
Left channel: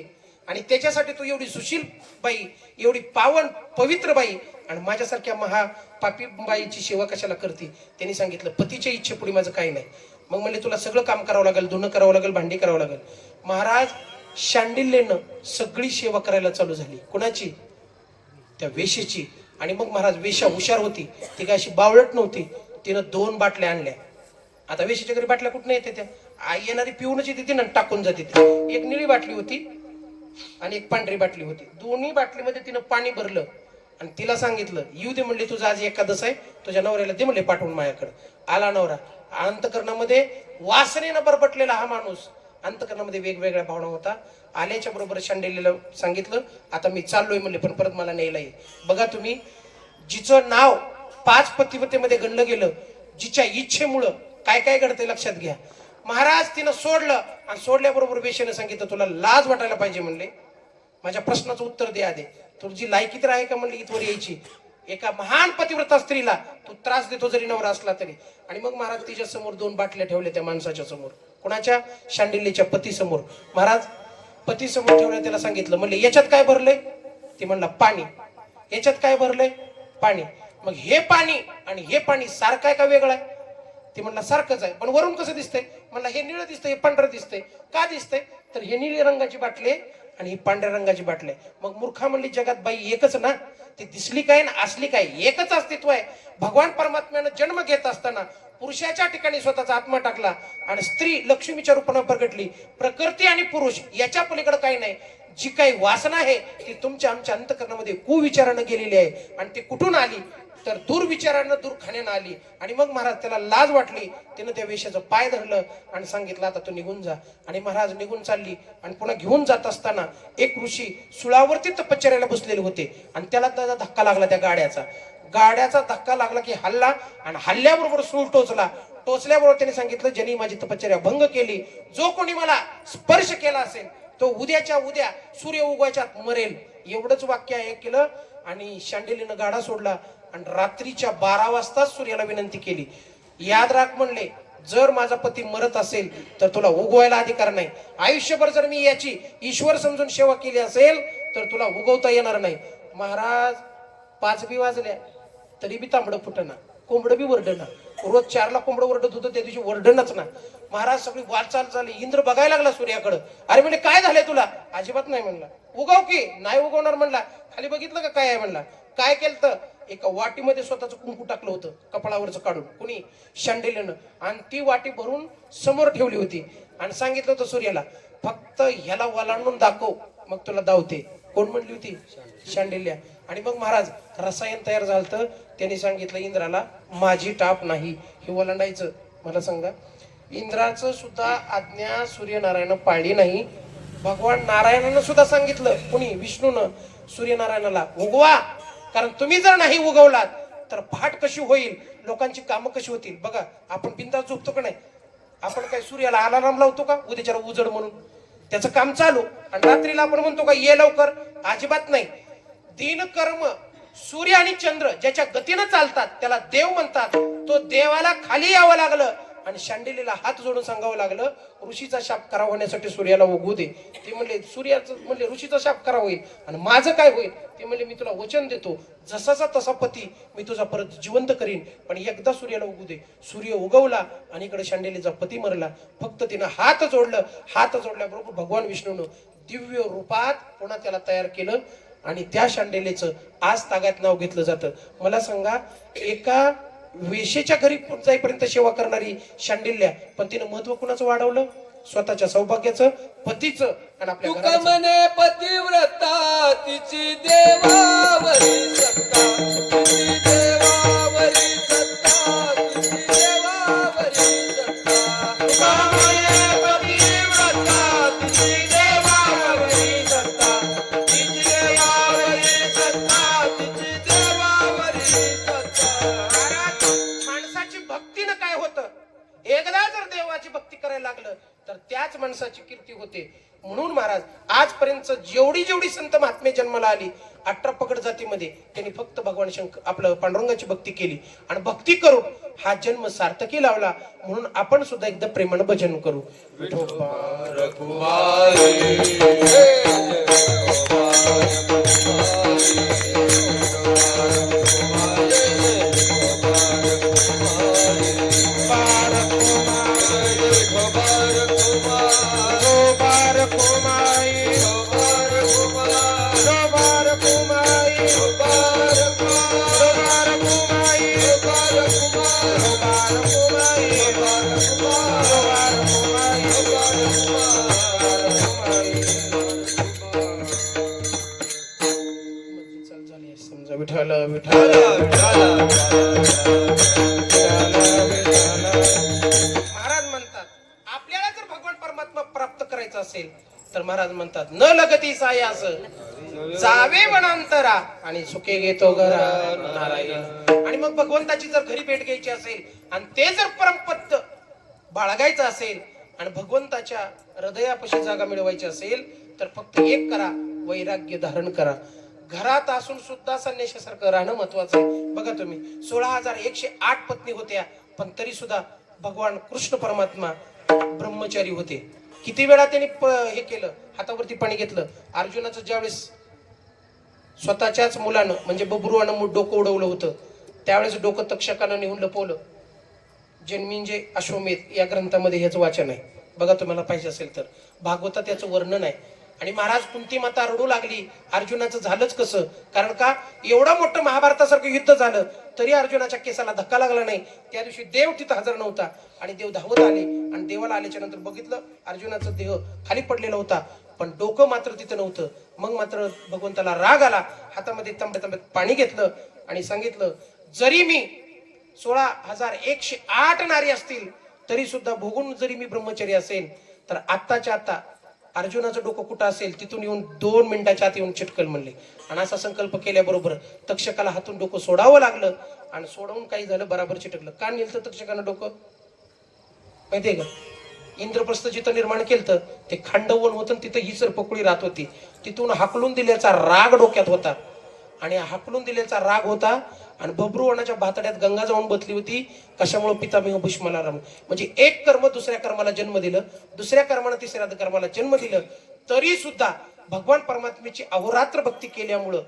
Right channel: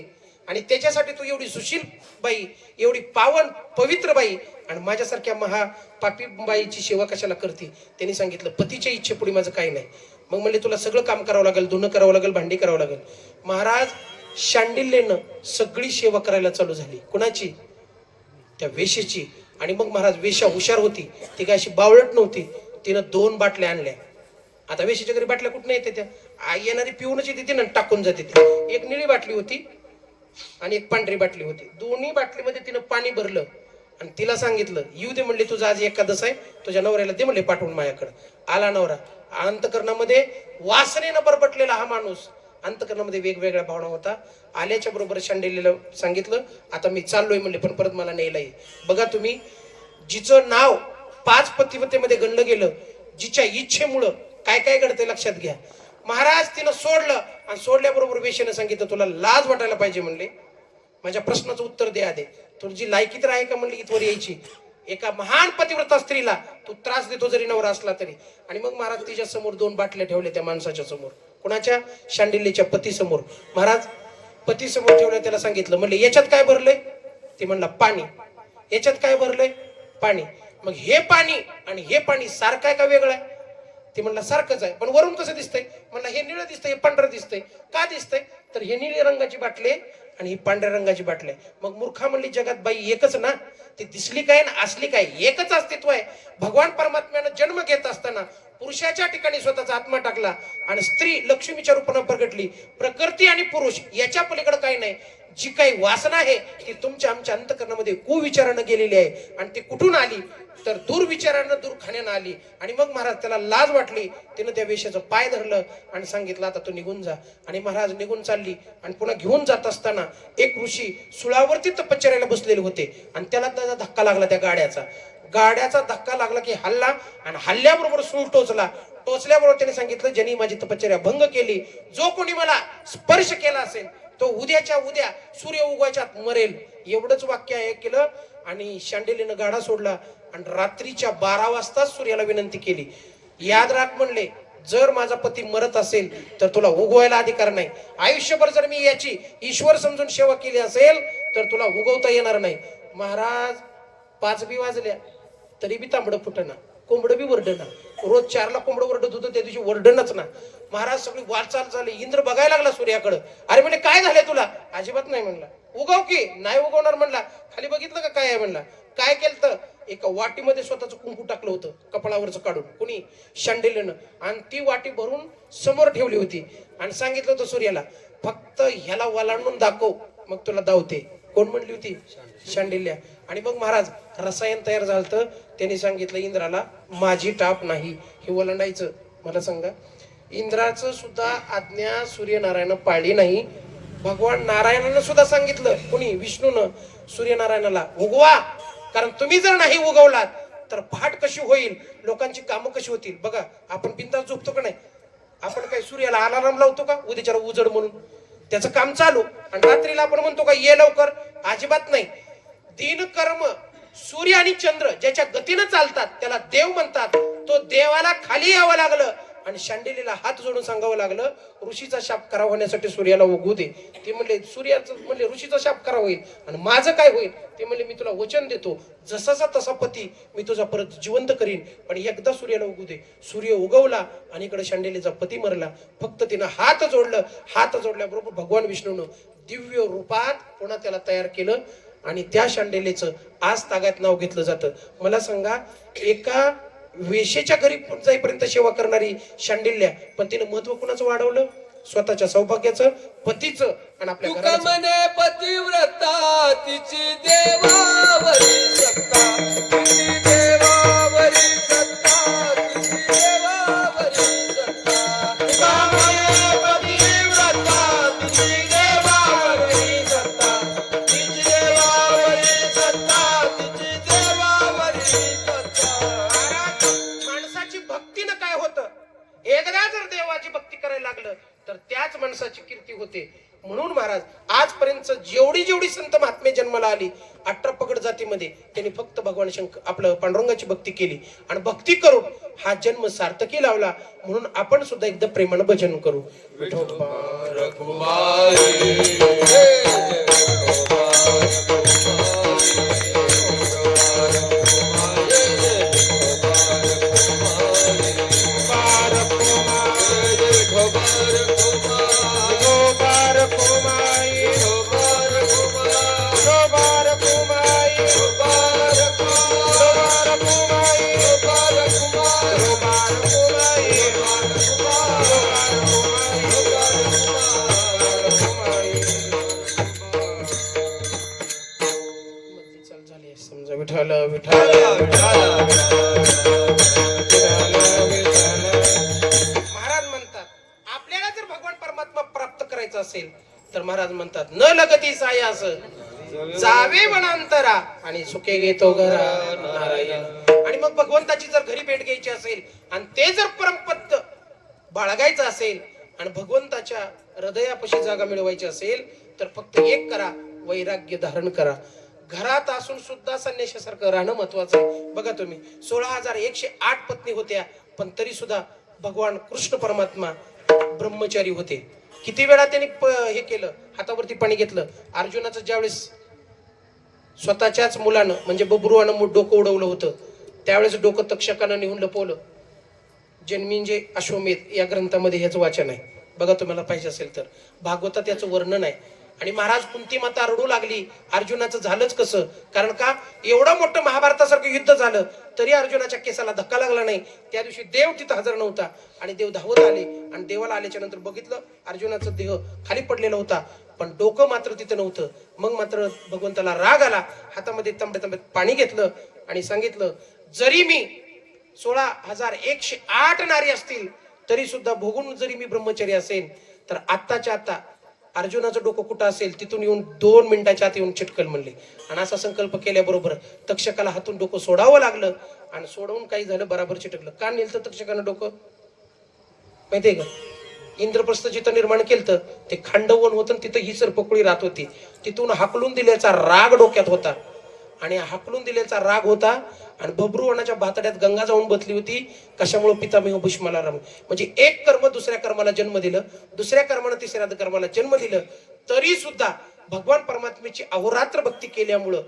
आणि त्याच्यासाठी तू एवढी सुशील बाई, एवढी पावन पवित्र बाई आणि माझ्यासारख्या महापापी बाईची सेवा कशाला करते. त्यांनी सांगितलं पतीच्या इच्छेपुढे माझं काही नाही. मग म्हणले तुला सगळं काम करावं लागेल, धुणं करावं लागेल, भांडी करावं लागेल. महाराज शांडिल्येनं सगळी सेवा करायला चालू झाली. कोणाची? त्या वेशीची. आणि मग महाराज वेश्या हुशार होती, ती काय अशी बावळट नव्हती. तिनं 2 बाटल्या आणल्या. आता वेशीच्या घरी बाटल्या कुठं येते त्या, आई येणारी पिऊनच येते ती, टाकून जाते ती. एक निळी बाटली होती आणि एक पांढरी बाटली होती. दोन्ही बाटलीमध्ये तिनं पाणी भरलं आणि तिला सांगितलं येऊ दे म्हणले, तुझा आज एकादश आहे, तुझ्या नवऱ्याला दे म्हणले पाठवून माझ्याकडे. आला नवरा. अंतकरणामध्ये वासनेनं बरबटलेला हा माणूस, अंतकरणामध्ये वेगवेगळ्या भावना होता. आल्याच्या बरोबर शांडिल्येला सांगितलं आता मी चाललोय म्हणले, पण परत मला न्यायला ये. बघा तुम्ही, जिचं नाव 5 पतिव्रतेमध्ये गणलं गेलं, जिच्या इच्छेमुळं काय काय घडते लक्षात घ्या. महाराज तिनं सोडलं आणि सोडल्याबरोबर वेश्येनं सांगितलं तुला लाज वाटायला पाहिजे म्हणले, माझ्या प्रश्नाचं उत्तर द्या दे, तुझी लायकी तर आहे का म्हणली इथवर यायची. एका महान पतिव्रता स्त्रीला तू त्रास देतो जरी नवरा असला तरी. आणि मग महाराज तिच्या समोर 2 बाटल्या ठेवल्या त्या माणसाच्या समोर. कोणाच्या? शांडिल्येच्या पती समोर. महाराज पती समोर ठेवल्या, त्याला सांगितलं म्हणले याच्यात काय भरलंय? ते म्हणला पाणी. याच्यात काय भरलंय? पाणी. मग हे पाणी आणि हे पाणी सारखं आहे का वेगळं आहे? ते म्हणला सारखंच आहे, पण वरून कसं दिसतंय? म्हणला हे निळं दिसतंय, हे पांढरं दिसतंय. का दिसतंय? तर हे निळ्या रंगाची बाटली आणि ही पांढऱ्या रंगाची बाटली. मग मूर्खा म्हणली जगात बाई एकच ना, ती दिसली काय ना असली काय, एकच अस्तित्व आहे. भगवान परमात्म्यानं जन्म घेत असताना पुरुषाच्या ठिकाणी स्वतःचा आत्मा टाकला आणि स्त्री लक्ष्मीच्या रूपानं प्रगटली. प्रकृती आणि पुरुष याच्या पलीकडे काही नाही. जी काही वासना आहे ती तुमच्या आमच्या अंतकरणामध्ये कुविचारानं गेलेली आहे, आणि ती कुठून आली तर दुर्विचारानं दूरखाण्यानं आली. आणि मग महाराज त्याला लाज वाटली, त्यानं त्या वेश्याचं पाय धरलं आणि सांगितलं आता तू निघून जा. आणि महाराज निघून चालली आणि पुन्हा घेऊन जात असताना एक ऋषी सुळावरती तपश्चर्याला बसलेले होते आणि त्याला त्याचा धक्का लागला. त्या गाड्याचा धक्का लागला की हल्ला, आणि हल्ल्याबरोबर सूळ टोचला. टोचल्याबरोबर त्याने सांगितलं ज्यांनी माझी तपश्चर्या भंग केली, जो कोणी मला स्पर्श केला असेल तो उद्याच्या उद्या सूर्य उगवायच्या मरेल. एवढंच वाक्य केलं आणि शांडिल्येनं गाडा सोडला आणि रात्रीच्या 12 वाजता सूर्याला विनंती केली, याद राख म्हणले जर माझा पती मरत असेल तर तुला उगवायला अधिकार नाही. आयुष्यभर जर मी याची ईश्वर समजून सेवा केली असेल तर तुला उगवता येणार नाही. महाराज 5 बी वाजल्या तरी बी तांबडं फुटना, कोंबडं बी वरडना. रोज 4ला कोंबडं वरडत होतं, त्या दिवशी वरडणच ना. महाराज सगळी वाटचाल झाली. इंद्र बघायला लागला सूर्याकडे. अरे म्हणजे काय झालंय तुला? अजिबात नाही म्हणला. उगव की? नाही उगवणार म्हणला. खाली बघितलं का काय आहे म्हणला. काय केलं तर एका वाटीमध्ये स्वतःचं कुंकू टाकलं होतं कपाळावरचं काढून, कुणी? शांडिल्येनं. आणि ती वाटी भरून समोर ठेवली होती आणि सांगितलं होतं सूर्याला फक्त ह्याला वलांडून दाखव मग तुला दावते. कोण म्हणली होती? शांडिल्य. आणि मग महाराज रसायन तयार झालं. त्यांनी सांगितलं इंद्राला माझी टाप नाही हे ओलांडायचं. मला सांगा, इंद्राचं सुद्धा आज्ञा सूर्यनारायण पाळली नाही. भगवान नारायणानं सुद्धा सांगितलं, कोणी? विष्णूनं सूर्यनारायणाला उगवा, कारण तुम्ही जर नाही उगवलात तर फाट कशी होईल, लोकांची कामं कशी होतील. बघा आपण बिंदास झोपतो का नाही? आपण काय सूर्याला अलार्म लावतो का उद्याच्याला उजड म्हणून? त्याचं काम चालू. आणि रात्रीला आपण म्हणतो का ये लवकर? अजिबात नाही. दिन कर्म सूर्य आणि चंद्र ज्याच्या गतीनं चालतात त्याला देव म्हणतात. तो देवाला खाली यावं लागलं आणि शांडिल्येला हात जोडून सांगावं लागलं ऋषीचा शाप खरा होण्यासाठी सूर्याला उगवू दे. ते म्हणले सूर्याचं म्हणले ऋषीचा शाप खरा होईल आणि माझं काय होईल? ते म्हणले मी तुला वचन देतो जसाचा तसा पती मी तुझा परत जिवंत करीन, पण एकदा सूर्याला उगवू दे. सूर्य उगवला आणि इकडे शांडिल्येचा पती मरला. फक्त तिनं हात जोडलं. हात जोडल्याबरोबर भगवान विष्णूनं दिव्य रूपात पुन्हा त्याला तयार केलं आणि त्या शांडिल्येचं आज तागात नाव घेतलं जातं. मला सांगा, एका वेशेच्या घरी जाईपर्यंत सेवा करणारी शांडिल्य, पण तिनं महत्व कुणाचं वाढवलं? स्वतःच्या सौभाग्याचं, पतीचं आणि आपल्या तुका म्हणे पतिव्रता तिची देवावरी सत्ता, तिची देवावरी सत्ता, तिची देवावरी सत्ता. तुका म्हणे पतिव्रता तिची देवावरी सत्ता, तिची देवावरी सत्ता, तिची देवावरी सत्ता. वेळा जर देवाची भक्ती करायला लागलं तर त्याच माणसाची कीर्ती होते. म्हणून महाराज आजपर्यंत जेवढी जेवढी संत महात्मे जन्माला आली 18 पगड जातीमध्ये त्यांनी फक्त भगवान शंकर आपलं पांडुरंगाची भक्ती केली आणि भक्ती करून हा जन्म सार्थकी लावला. म्हणून आपण सुद्धा एकदा प्रेमानं भजन करू. विठोबा समजा विठाला विठाला महाराज म्हणतात आपल्याला जर भगवान परमात्मा प्राप्त करायचा असेल तर महाराज म्हणतात न लगती सायास जावे वनांतरा आणि सुखे घेतो घरा नारायण. आणि मग भगवंताची जर घरी भेट घ्यायची असेल आणि ते जर परमपद बाळगायचं असेल आणि भगवंताच्या हृदयापाशी जागा मिळवायची असेल तर फक्त एक करा, वैराग्य धारण करा. घरात असून सुद्धा संन्याशासारखं राहणं महत्वाचं आहे. बघा तुम्ही 16,108 पत्नी होत्या पण तरी सुद्धा भगवान कृष्ण परमात्मा ब्रह्मचारी होते. किती वेळा त्यांनी हे केलं, हातावरती पाणी घेतलं. अर्जुनाचं ज्यावेळेस स्वतःच्याच मुलानं म्हणजे बब्रुवानं डोकं उडवलं होतं त्यावेळेस डोकं तक्षकानं नेऊन लपवलं. जन्मिंजे अश्वमेध या ग्रंथामध्ये ह्याचं वाचन आहे. बघा तुम्हाला पाहिजे असेल तर भागवतात याचं वर्णन आहे. आणि महाराज कुंती माता रडू लागली. अर्जुनाचं झालंच कसं, कारण का एवढं मोठं महाभारतासारखं युद्ध झालं तरी अर्जुनाच्या केसाला धक्का लागला नाही. त्या दिवशी देव तिथं हजर नव्हता आणि देव धावत आले आणि देवाला आल्याच्या नंतर बघितलं अर्जुनाचा देह खाली पडलेला होता पण डोकं मात्र तिथं नव्हतं. मग मात्र भगवंताला राग आला. हातामध्ये तांब्यात पाणी घेतलं आणि सांगितलं जरी मी 16,108 नारी असतील तरी सुद्धा भोगून जरी मी ब्रह्मचारी असेल तर आत्ताच्या आता अर्जुनाचं डोकं कुठं असेल तिथून येऊन 2 मिनिटाच्या आत येऊन चिटकल म्हणले. आणि असा संकल्प केल्याबरोबर तक्षकाला हातून डोकं सोडावं लागलं आणि सोडवून काही झालं बराबर चिटकलं. का नेलं तक्षकानं डोकं माहितीये का? इंद्रप्रस्थ जिथं निर्माण केलं ते खांडवन होतं तिथं ही सरपकुळी राहत होती. तिथून हाकलून दिल्याचा राग डोक्यात होता आणि हाकलून दिल्याचा राग होता आणि बब्रुवनाच्या भातड्यात गंगा जाऊन बसली होती. कशामुळे पितामह भीष्माला राम म्हणजे एक कर्म दुसऱ्या कर्माला जन्म दिलं, दुसऱ्या कर्माने तिसऱ्या कर्माला जन्म दिलं तरी सुद्धा भगवान परमात्म्याची अहोरात्र भक्ती केल्यामुळं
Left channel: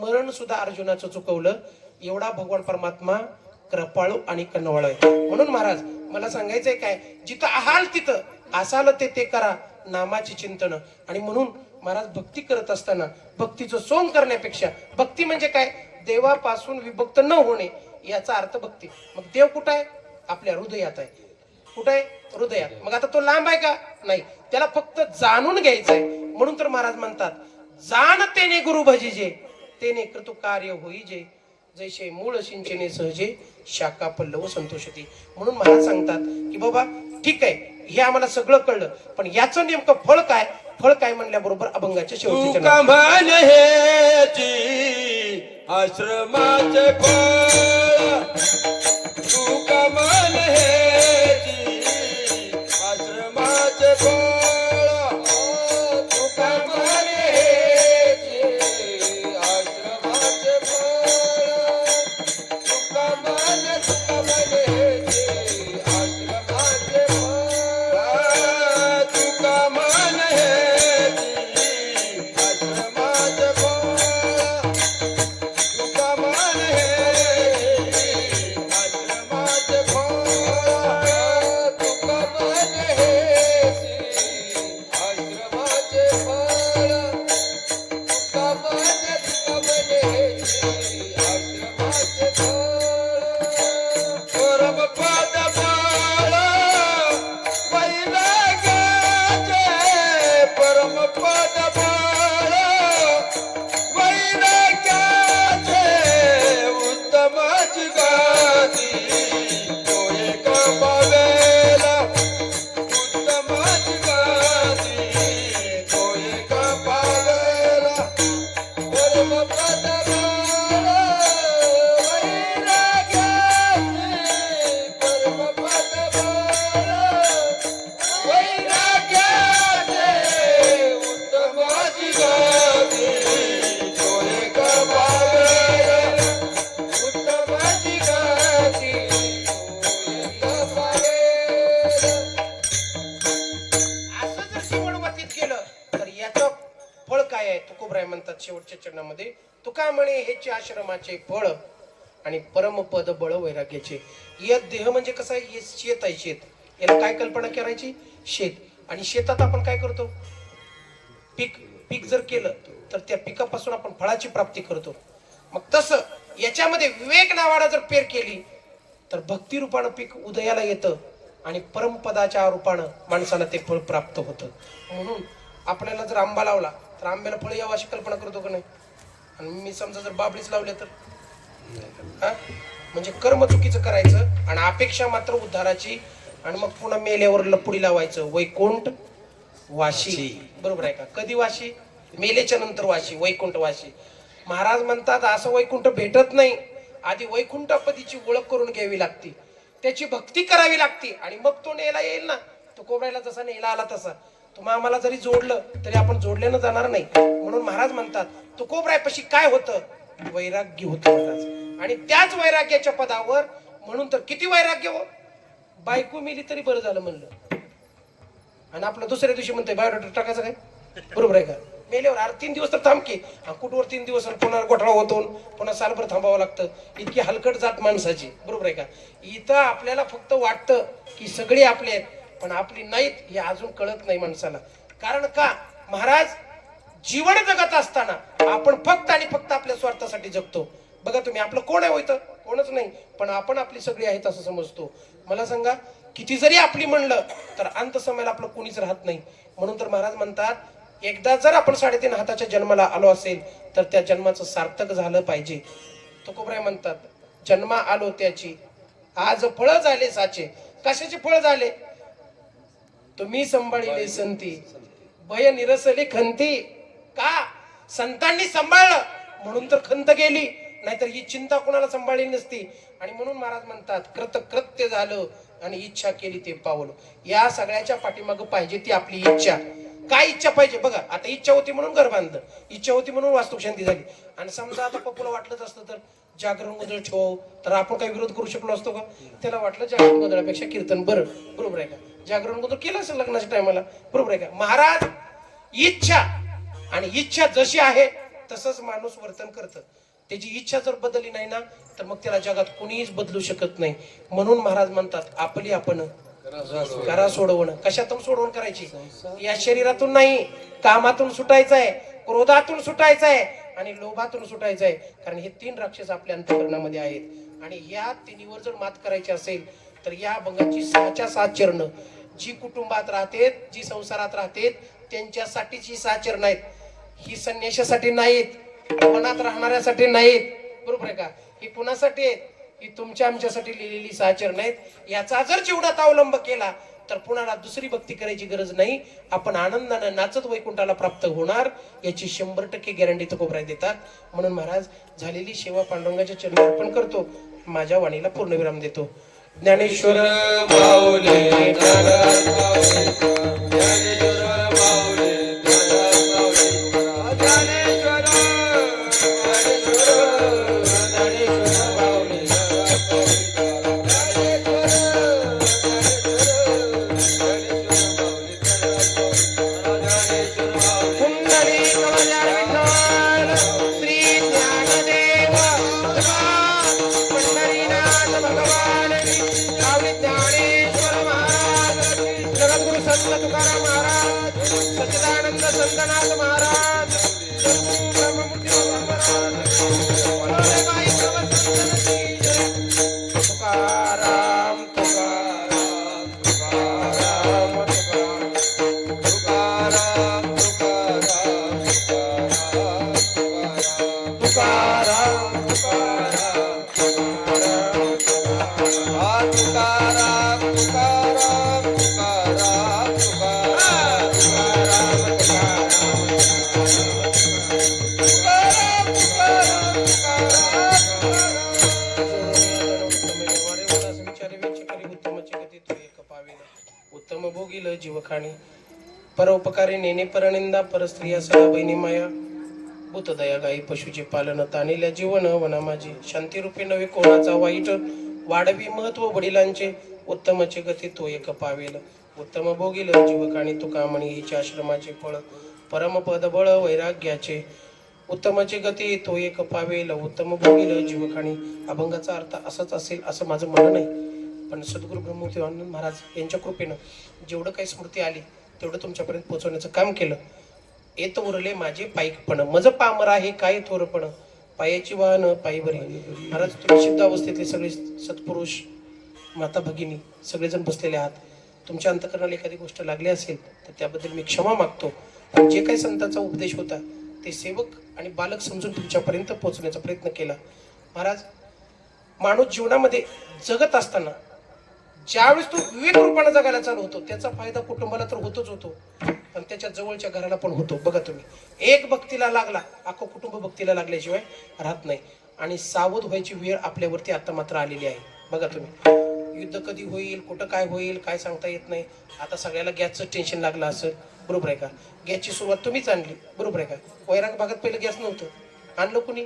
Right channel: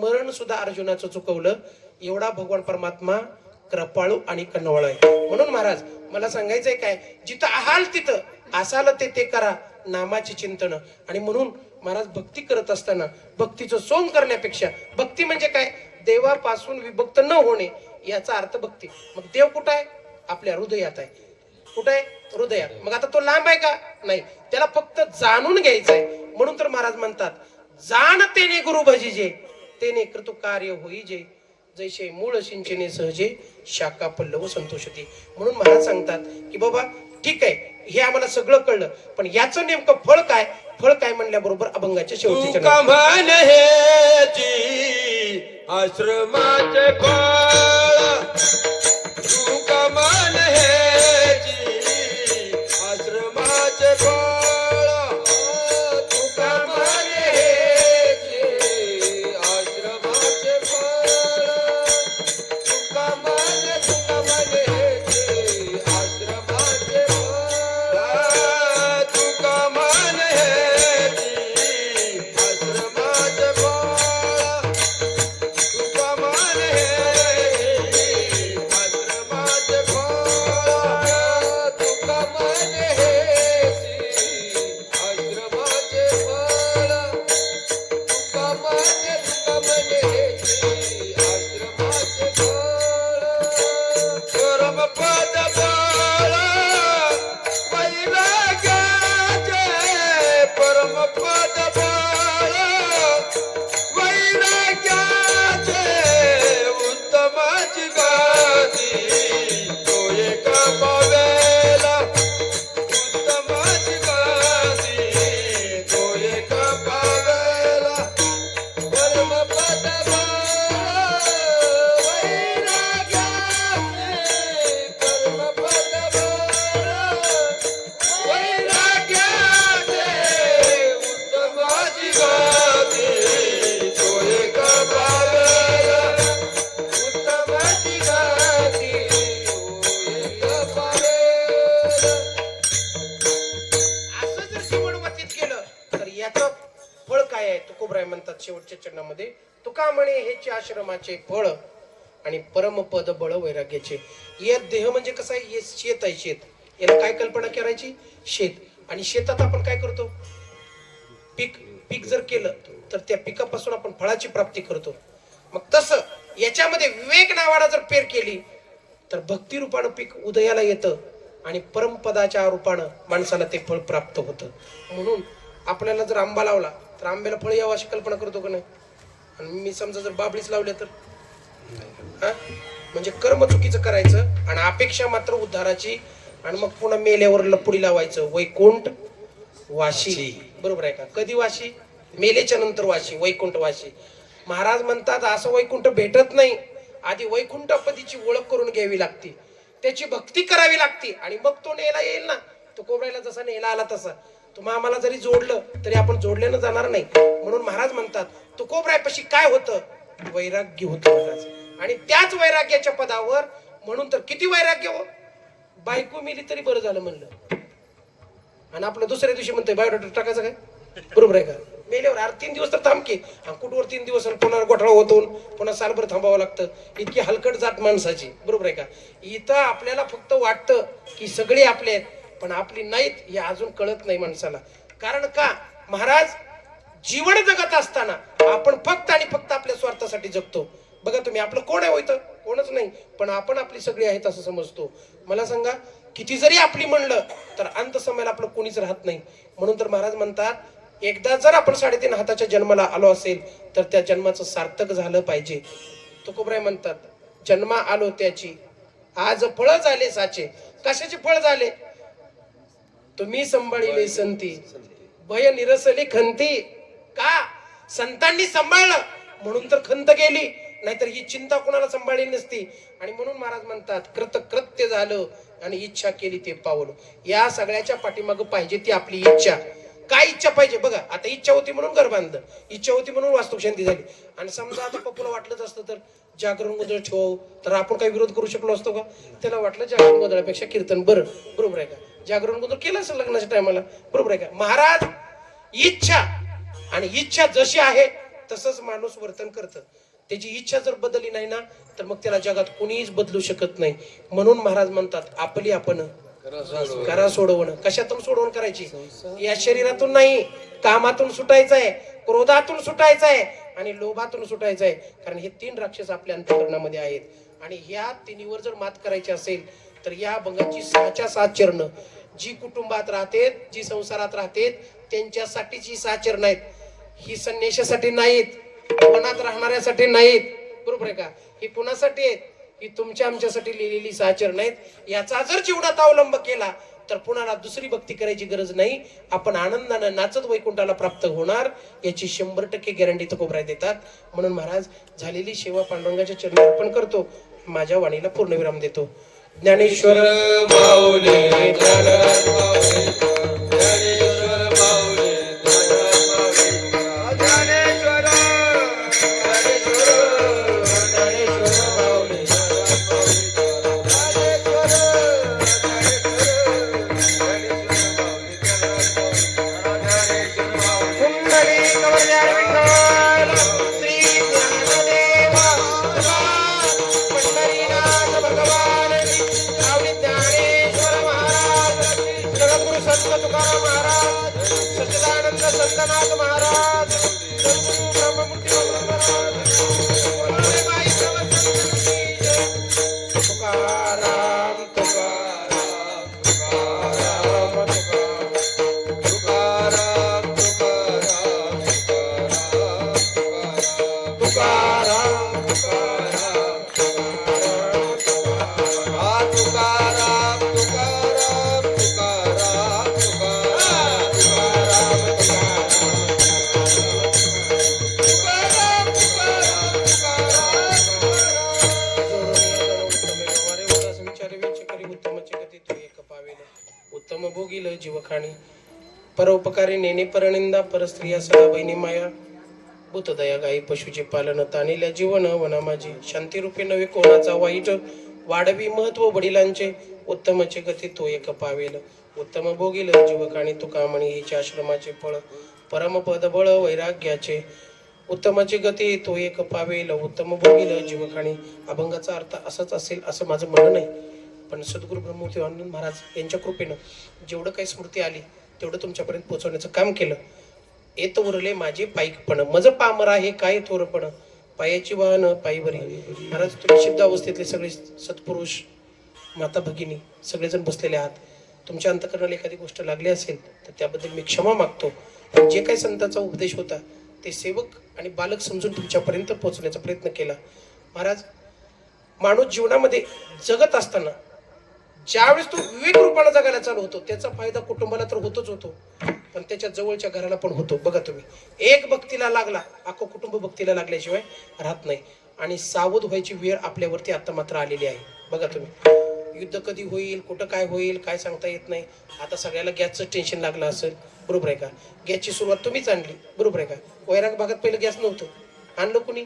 मरण सुद्धा अर्जुनाचं चुकवलं. एवढा भगवान परमात्मा कृपाळू आणि कन्नवळ आहे. म्हणून महाराज मला सांगायचंय काय, जिथं आहाल तिथं असाल ते करा नामाची चिंतन. आणि म्हणून महाराज भक्ती करत असताना भक्तीचं सोंग करण्यापेक्षा भक्ती म्हणजे काय, देवापासून विभक्त न होणे याचा अर्थ भक्ती. मग देव कुठं आहे? आपल्या हृदयात आहे. कुठं आहे? हृदयात. मग आता तो लांब आहे का? नाही, त्याला फक्त जाणून घ्यायचं आहे. म्हणून तर महाराज म्हणतात जाण तेने गुरु भजिजे तेने कृतु कार्य होईजे जैसे मूळ सिंचने सहजे शाखा पल्लव संतोषती. म्हणून महाराज सांगतात की बाबा ठीक आहे हे आम्हाला सगळं कळलं पण याचं नेमकं फळ काय? फळ काय म्हणल्याबरोबर अभंगाच्या शेवटी आश्रमाचे फळ तू कमान हेची आश्रमाचे फळ तू कमान हेची आश्रमाचे फळ तू कमान हेची आश्रमाचे फळ तू कमान हेची आश्रमाचे फळ आहे तुकोबराय म्हणतात शेवटच्या चरणामध्ये, तुका म्हणे हेचे आश्रमाचे फळ आणि परमपद बळ वैराग्याचे. या देह म्हणजे कसं आहे, हे शेत आहे. शेत, याला काय कल्पना करायची, शेत. आणि शेतात आपण काय करतो, पीक जर केलं तर त्या पिकापासून आपण फळाची प्राप्ती करतो. मग तसं याच्यामध्ये विवेक नावानं जर पेर केली तर भक्ती रूपानं पीक उदयाला येतं आणि परमपदाच्या रूपानं माणसाला ते फळ प्राप्त होतं. म्हणून आपल्याला जर आंबा लावला तर आंब्याला फळ यावं अशी कल्पना करतो का नाही. आणि मी समजा जर बाबळीच लावले तर म्हणजे कर्म चुकीचं करायचं आणि अपेक्षा मात्र उद्धाराची, आणि मग पुन्हा मेल्यावर लपुडी लावायचं वैकुंठ वाशी. बरोबर आहे का. कधी वाशी, मेलेच्या नंतर वाशी, वैकुंठ वाशी. महाराज म्हणतात असं वैकुंठ भेटत नाही, आधी वैकुंठपदीची ओळख करून घ्यावी लागते, त्याची भक्ती करावी लागते आणि मग तो नेला येईल ना. तो कोबरायला जसा नेला आला तसा तुम्ही आम्हाला जरी जोडलं तरी आपण जोडल्यानं जाणार नाही. म्हणून महाराज म्हणतात तो कोबरायपाशी काय होतं, वैराग्य होतं महाराज. आणि त्याच वैराग्याच्या पदावर, म्हणून तर किती वैराग्य हो, बायको मिली तरी बरं झालं म्हणलं, आणि आपलं दुसऱ्या दिवशी म्हणतोय बायोडाटा टाकायचं काय. बरोबर आहे का. मेल्यावर 3 दिवस तर थांबके, कुठवर 3 दिवस, पुन्हा गोठळा होतो, पुन्हा सालभर थांबावं लागतं. इतकी हलकट जात माणसाची. बरोबर आहे का. इथं आपल्याला फक्त वाटतं की सगळे आपले आहेत, पण आपली नाहीत हे अजून कळत नाही माणसाला. कारण का, महाराज जीवन जगत असताना आपण फक्त आणि फक्त आपल्या स्वार्थासाठी जगतो. बघा तुम्ही, आपलं कोण आहे होतं, कोणच नाही, पण आपण आपली सगळी आहेत असं समजतो. मला सांगा, किती जरी आपली म्हणलं तर अंत समयाला आपलं कोणीच राहत नाही. म्हणून तर महाराज म्हणतात, एकदा जर आपण 3.5 हाताच्या जन्माला आलो असेल तर त्या जन्माचं सार्थक झालं पाहिजे. तुकोबराय म्हणतात, जन्मा आलो त्याची आज फळ झाले साचे. कशाचे फळ झाले, तुम्ही सांभाळिले संती भय निरसली खंती. का, संतांनी सांभाळलं म्हणून तर खंत गेली, नाहीतर ही चिंता कोणाला सांभाळली नसती. आणि म्हणून महाराज म्हणतात, कृत्य झालं आणि इच्छा केली ते पावलं. या सगळ्याच्या पाठीमागं पाहिजे ती आपली इच्छा. काय इच्छा पाहिजे बघा. आता इच्छा होती म्हणून घर बांधलं, इच्छा होती म्हणून वास्तुशांती झाली. आणि समजा आता पप्पूला वाटलंच असतं तर जागरण गोंधळ ठेवावं, तर आपण काही विरोध करू शकलो असतो का. त्याला वाटलं जागरण गोंधळापेक्षा कीर्तन बरं. बरोबर आहे का. जागरण गोंधळ केलं असेल लग्नाच्या टायमाला. बरोबर आहे का. महाराज इच्छा, आणि इच्छा जशी आहे तसंच माणूस वर्तन करतं. त्याची इच्छा जर बदलली नाही ना तर मग त्याला जगात कुणीच बदलू शकत नाही. म्हणून महाराज म्हणतात, आपली आपण करा सोडवणं. कशातून सोडवण करायची, या शरीरातून नाही, कामातून सुटायचं आहे, क्रोधातून सुटायचं आहे आणि लोभातून सुटायचं आहे. कारण हे 3 राक्षस आपल्या अंतःकरणामध्ये आहेत. आणि या तिन्हीवर जर मात करायची असेल तर या अभंगाची 6च्या 6 चरण, जी कुटुंबात राहतेत, जी संसारात राहतेत, त्यांच्यासाठीची 6 चरण आहेत. ही संन्याशासाठी नाहीत, मनात राहणाऱ्यासाठी नाहीत. बरोबर आहे का. ही कुणासाठी आहेत, ही तुमच्या आमच्यासाठी लिहिलेली 6 चरण आहेत. याचा जर जीवनात अवलंब केला तर कुणाला दुसरी भक्ती करायची गरज नाही. आपण आनंदानं नाचत वैकुंठाला प्राप्त होणार, याची 100% गॅरंटी तुकोबराय देतात. म्हणून महाराज झालेली सेवा पांडुरंगाच्या चरणी अर्पण करतो, माझ्या वाणीला पूर्णविराम देतो. ज्ञानेश्वर माऊली सच्चिदानंद संतनाथ महाराज, तुकाराम तुकाराम तुकाराम तुकाराम तुकाराम तुकाराम उत्तम भोगील जीवखाणी परोपकारी नेने परनिंदा परस्त्रिया सदा बहिणी माया भूतदया गाई पशुचे पालन तानिल्या जीवन वना माझी शांती रूपी नवे कोणाचा वाईट वाढवी महत्व वडिलांचे उत्तमचे गती तो एक पावेल उत्तम भोगील जीवखाणी तुका म्हणी हिच्या आश्रमाचे फळ परमपद बळ वैराग्याचे उत्तमाची गती तो एक पावेल उत्तम भोगील जीवखाणी. अभंगाचा अर्थ असाच असेल असं माझं म्हणणं नाही, पण सद्गुरू ब्रह्मदेव आनंद महाराज यांच्या कृपेनं जेवढं काही स्मृती आली तेवढं तुमच्यापर्यंत पोहोचवण्याचं काम केलं. येत उरले माझे पायीकपण मज पामरा हे काय थोरपण पायाची वाहन पायी बरी. महाराज तुम्ही सिद्ध अवस्थेतले सगळे सत्पुरुष माता भगिनी सगळेजण बसलेले आहात. तुमच्या अंतकरणाला एखादी गोष्ट लागली असेल तर त्याबद्दल मी क्षमा मागतो. पण जे काही संतांचा उपदेश होता ते सेवक आणि बालक समजून तुमच्यापर्यंत पोहोचण्याचा प्रयत्न केला. महाराज माणूस जीवनामध्ये जगत असताना ज्यावेळेस तो विवेक रूपाने जगायला चालू होतो त्याचा फायदा कुटुंबाला तर होतोच होतो, पण त्याच्या जवळच्या घराला पण होतो. बघा तुम्ही, एक भक्तीला लागला अख्खं कुटुंब भक्तीला लागल्याशिवाय राहत नाही. आणि सावध व्हायची वेळ आपल्यावरती आता मात्र आलेली आहे. बघा तुम्ही, युद्ध कधी होईल, कुठं काय होईल काय सांगता येत नाही. आता सगळ्याला गॅसचं टेन्शन लागलं असेल, बरोबर आहे का? गॅसची सुरुवात तुम्हीच आणली, बरोबर आहे का? वैराग भागात पहिलं गॅस नव्हतं, आणलं कुणी?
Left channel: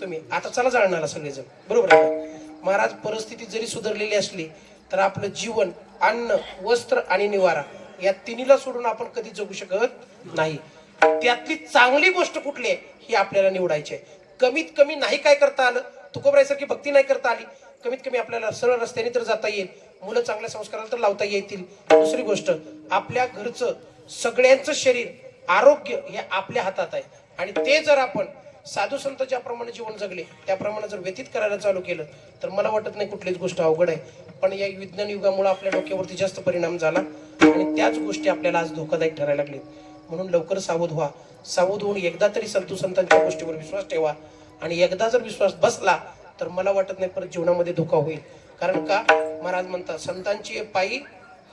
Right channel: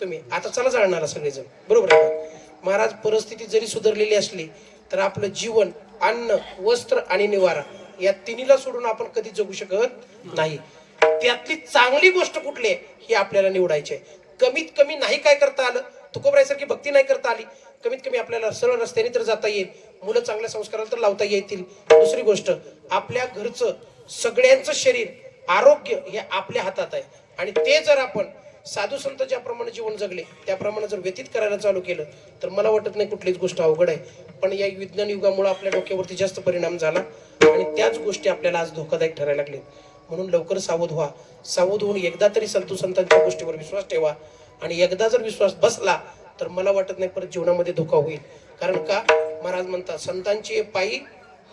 तुम्ही. आता चला जाळणारा सगळेजण, बरोबर आहे का? महाराज परिस्थिती जरी सुधारलेली असली तर आपलं जीवन, अन्न, वस्त्र आणि निवारा या तिन्हीला सोडून आपण कधी जगू शकत नाही. त्यातली चांगली गोष्ट कुठली आहे ही आपल्याला निवडायची आहे. कमीत कमी नाही काय करता आलं, तुकोबरायसारखी भक्ती नाही करता आली, कमीत कमी आपल्याला सरळ रस्त्याने तर जाता येईल, मुलं चांगल्या संस्काराला तर लावता येतील. दुसरी गोष्ट, आपल्या घरचं सगळ्यांचं शरीर आरोग्य हे आपल्या हातात आहे. आणि ते जर आपण साधू संत ज्याप्रमाणे जीवन जगले त्याप्रमाणे जर व्यतीत करायला चालू केलं तर मला वाटत नाही कुठलीच गोष्ट अवघड आहे. पण या विज्ञान युगामुळे आपल्या डोक्यावरती जास्त परिणाम झाला आणि त्याच गोष्टी आपल्याला आज धोकादायक ठरायला लागले. म्हणून लवकर सावध व्हा. सावध होऊन एकदा तरी साधू संतांच्या गोष्टीवर विश्वास ठेवा. आणि एकदा जर विश्वास बसला तर मला वाटत नाही परत जीवनामध्ये धोका होईल. कारण का? महाराज म्हणतात, संतांची पायी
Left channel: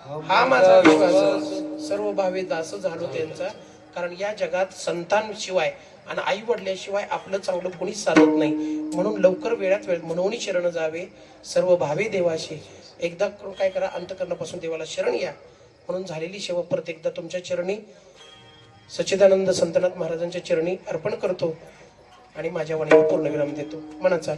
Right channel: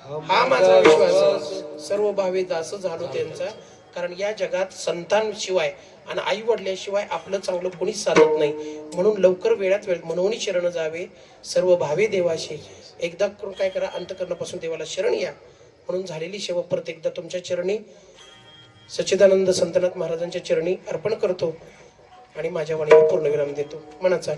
हा माझा विश्वास, सर्व भावे दास झालो त्यांचा. कारण या जगात संतांशिवाय आणि आई वडिलांशिवाय आपलं चांगलं कोणीच चालत नाही. म्हणून लवकर वेळात वेळ म्हणून शरण जावे सर्व भावे देवाशी. एकदा काय करा, अंतकरणापासून देवाला शरण या. म्हणून झालेली सेवा परत एकदा तुमच्या चरणी सच्चिदानंद संतनाथ महाराजांच्या चरणी अर्पण करतो आणि माझ्या वाणीला पूर्णविराम देतो. मनाचा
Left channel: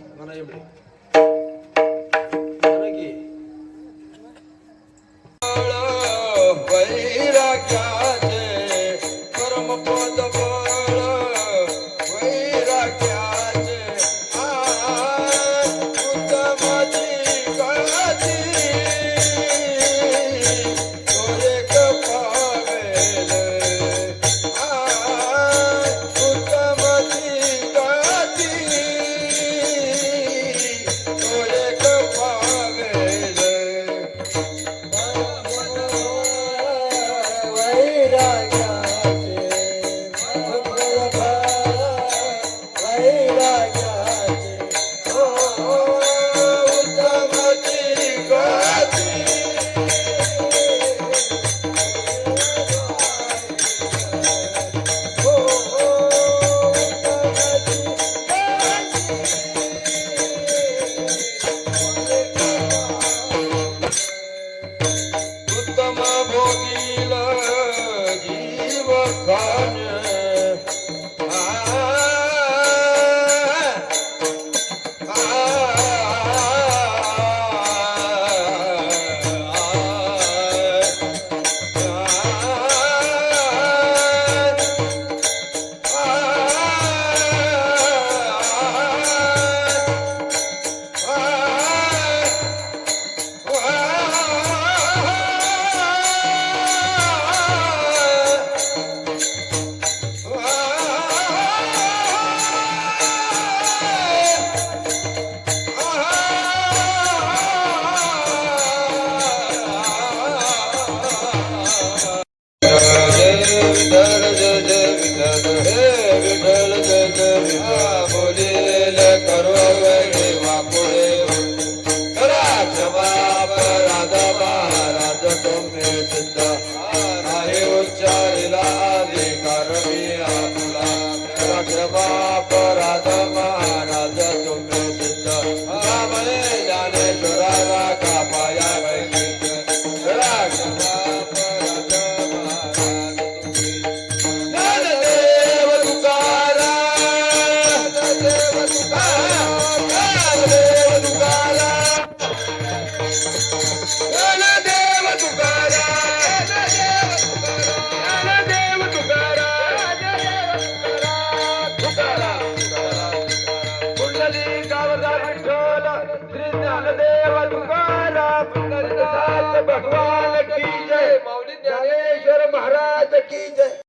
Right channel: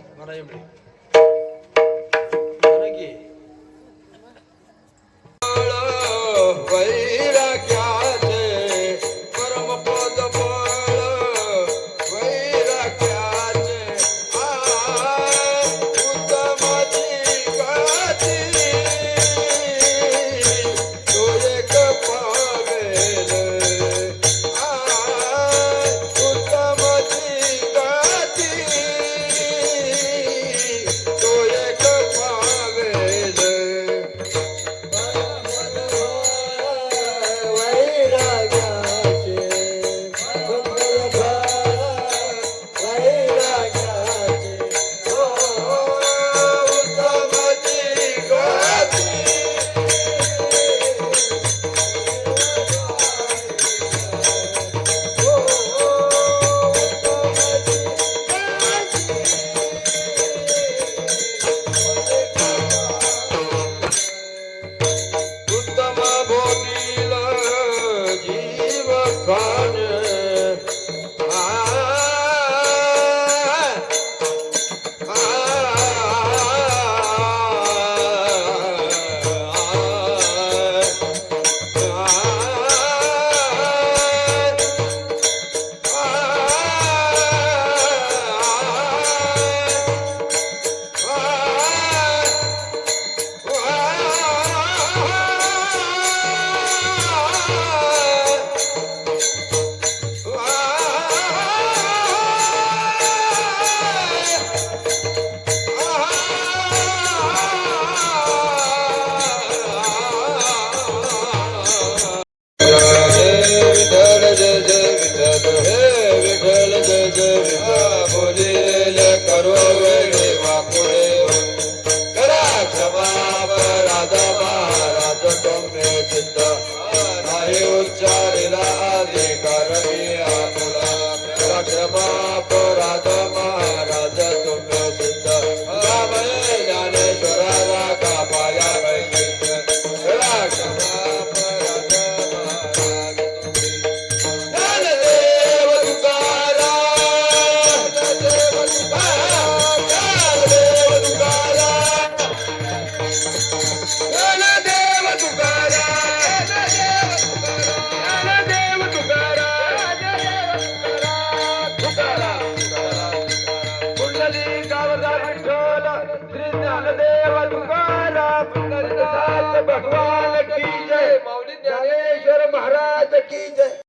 ज्ञानदेव तुकाराम. भगवान की जय. माऊली ज्ञानेश्वर ज्ञानेश्वर महाराज की जय.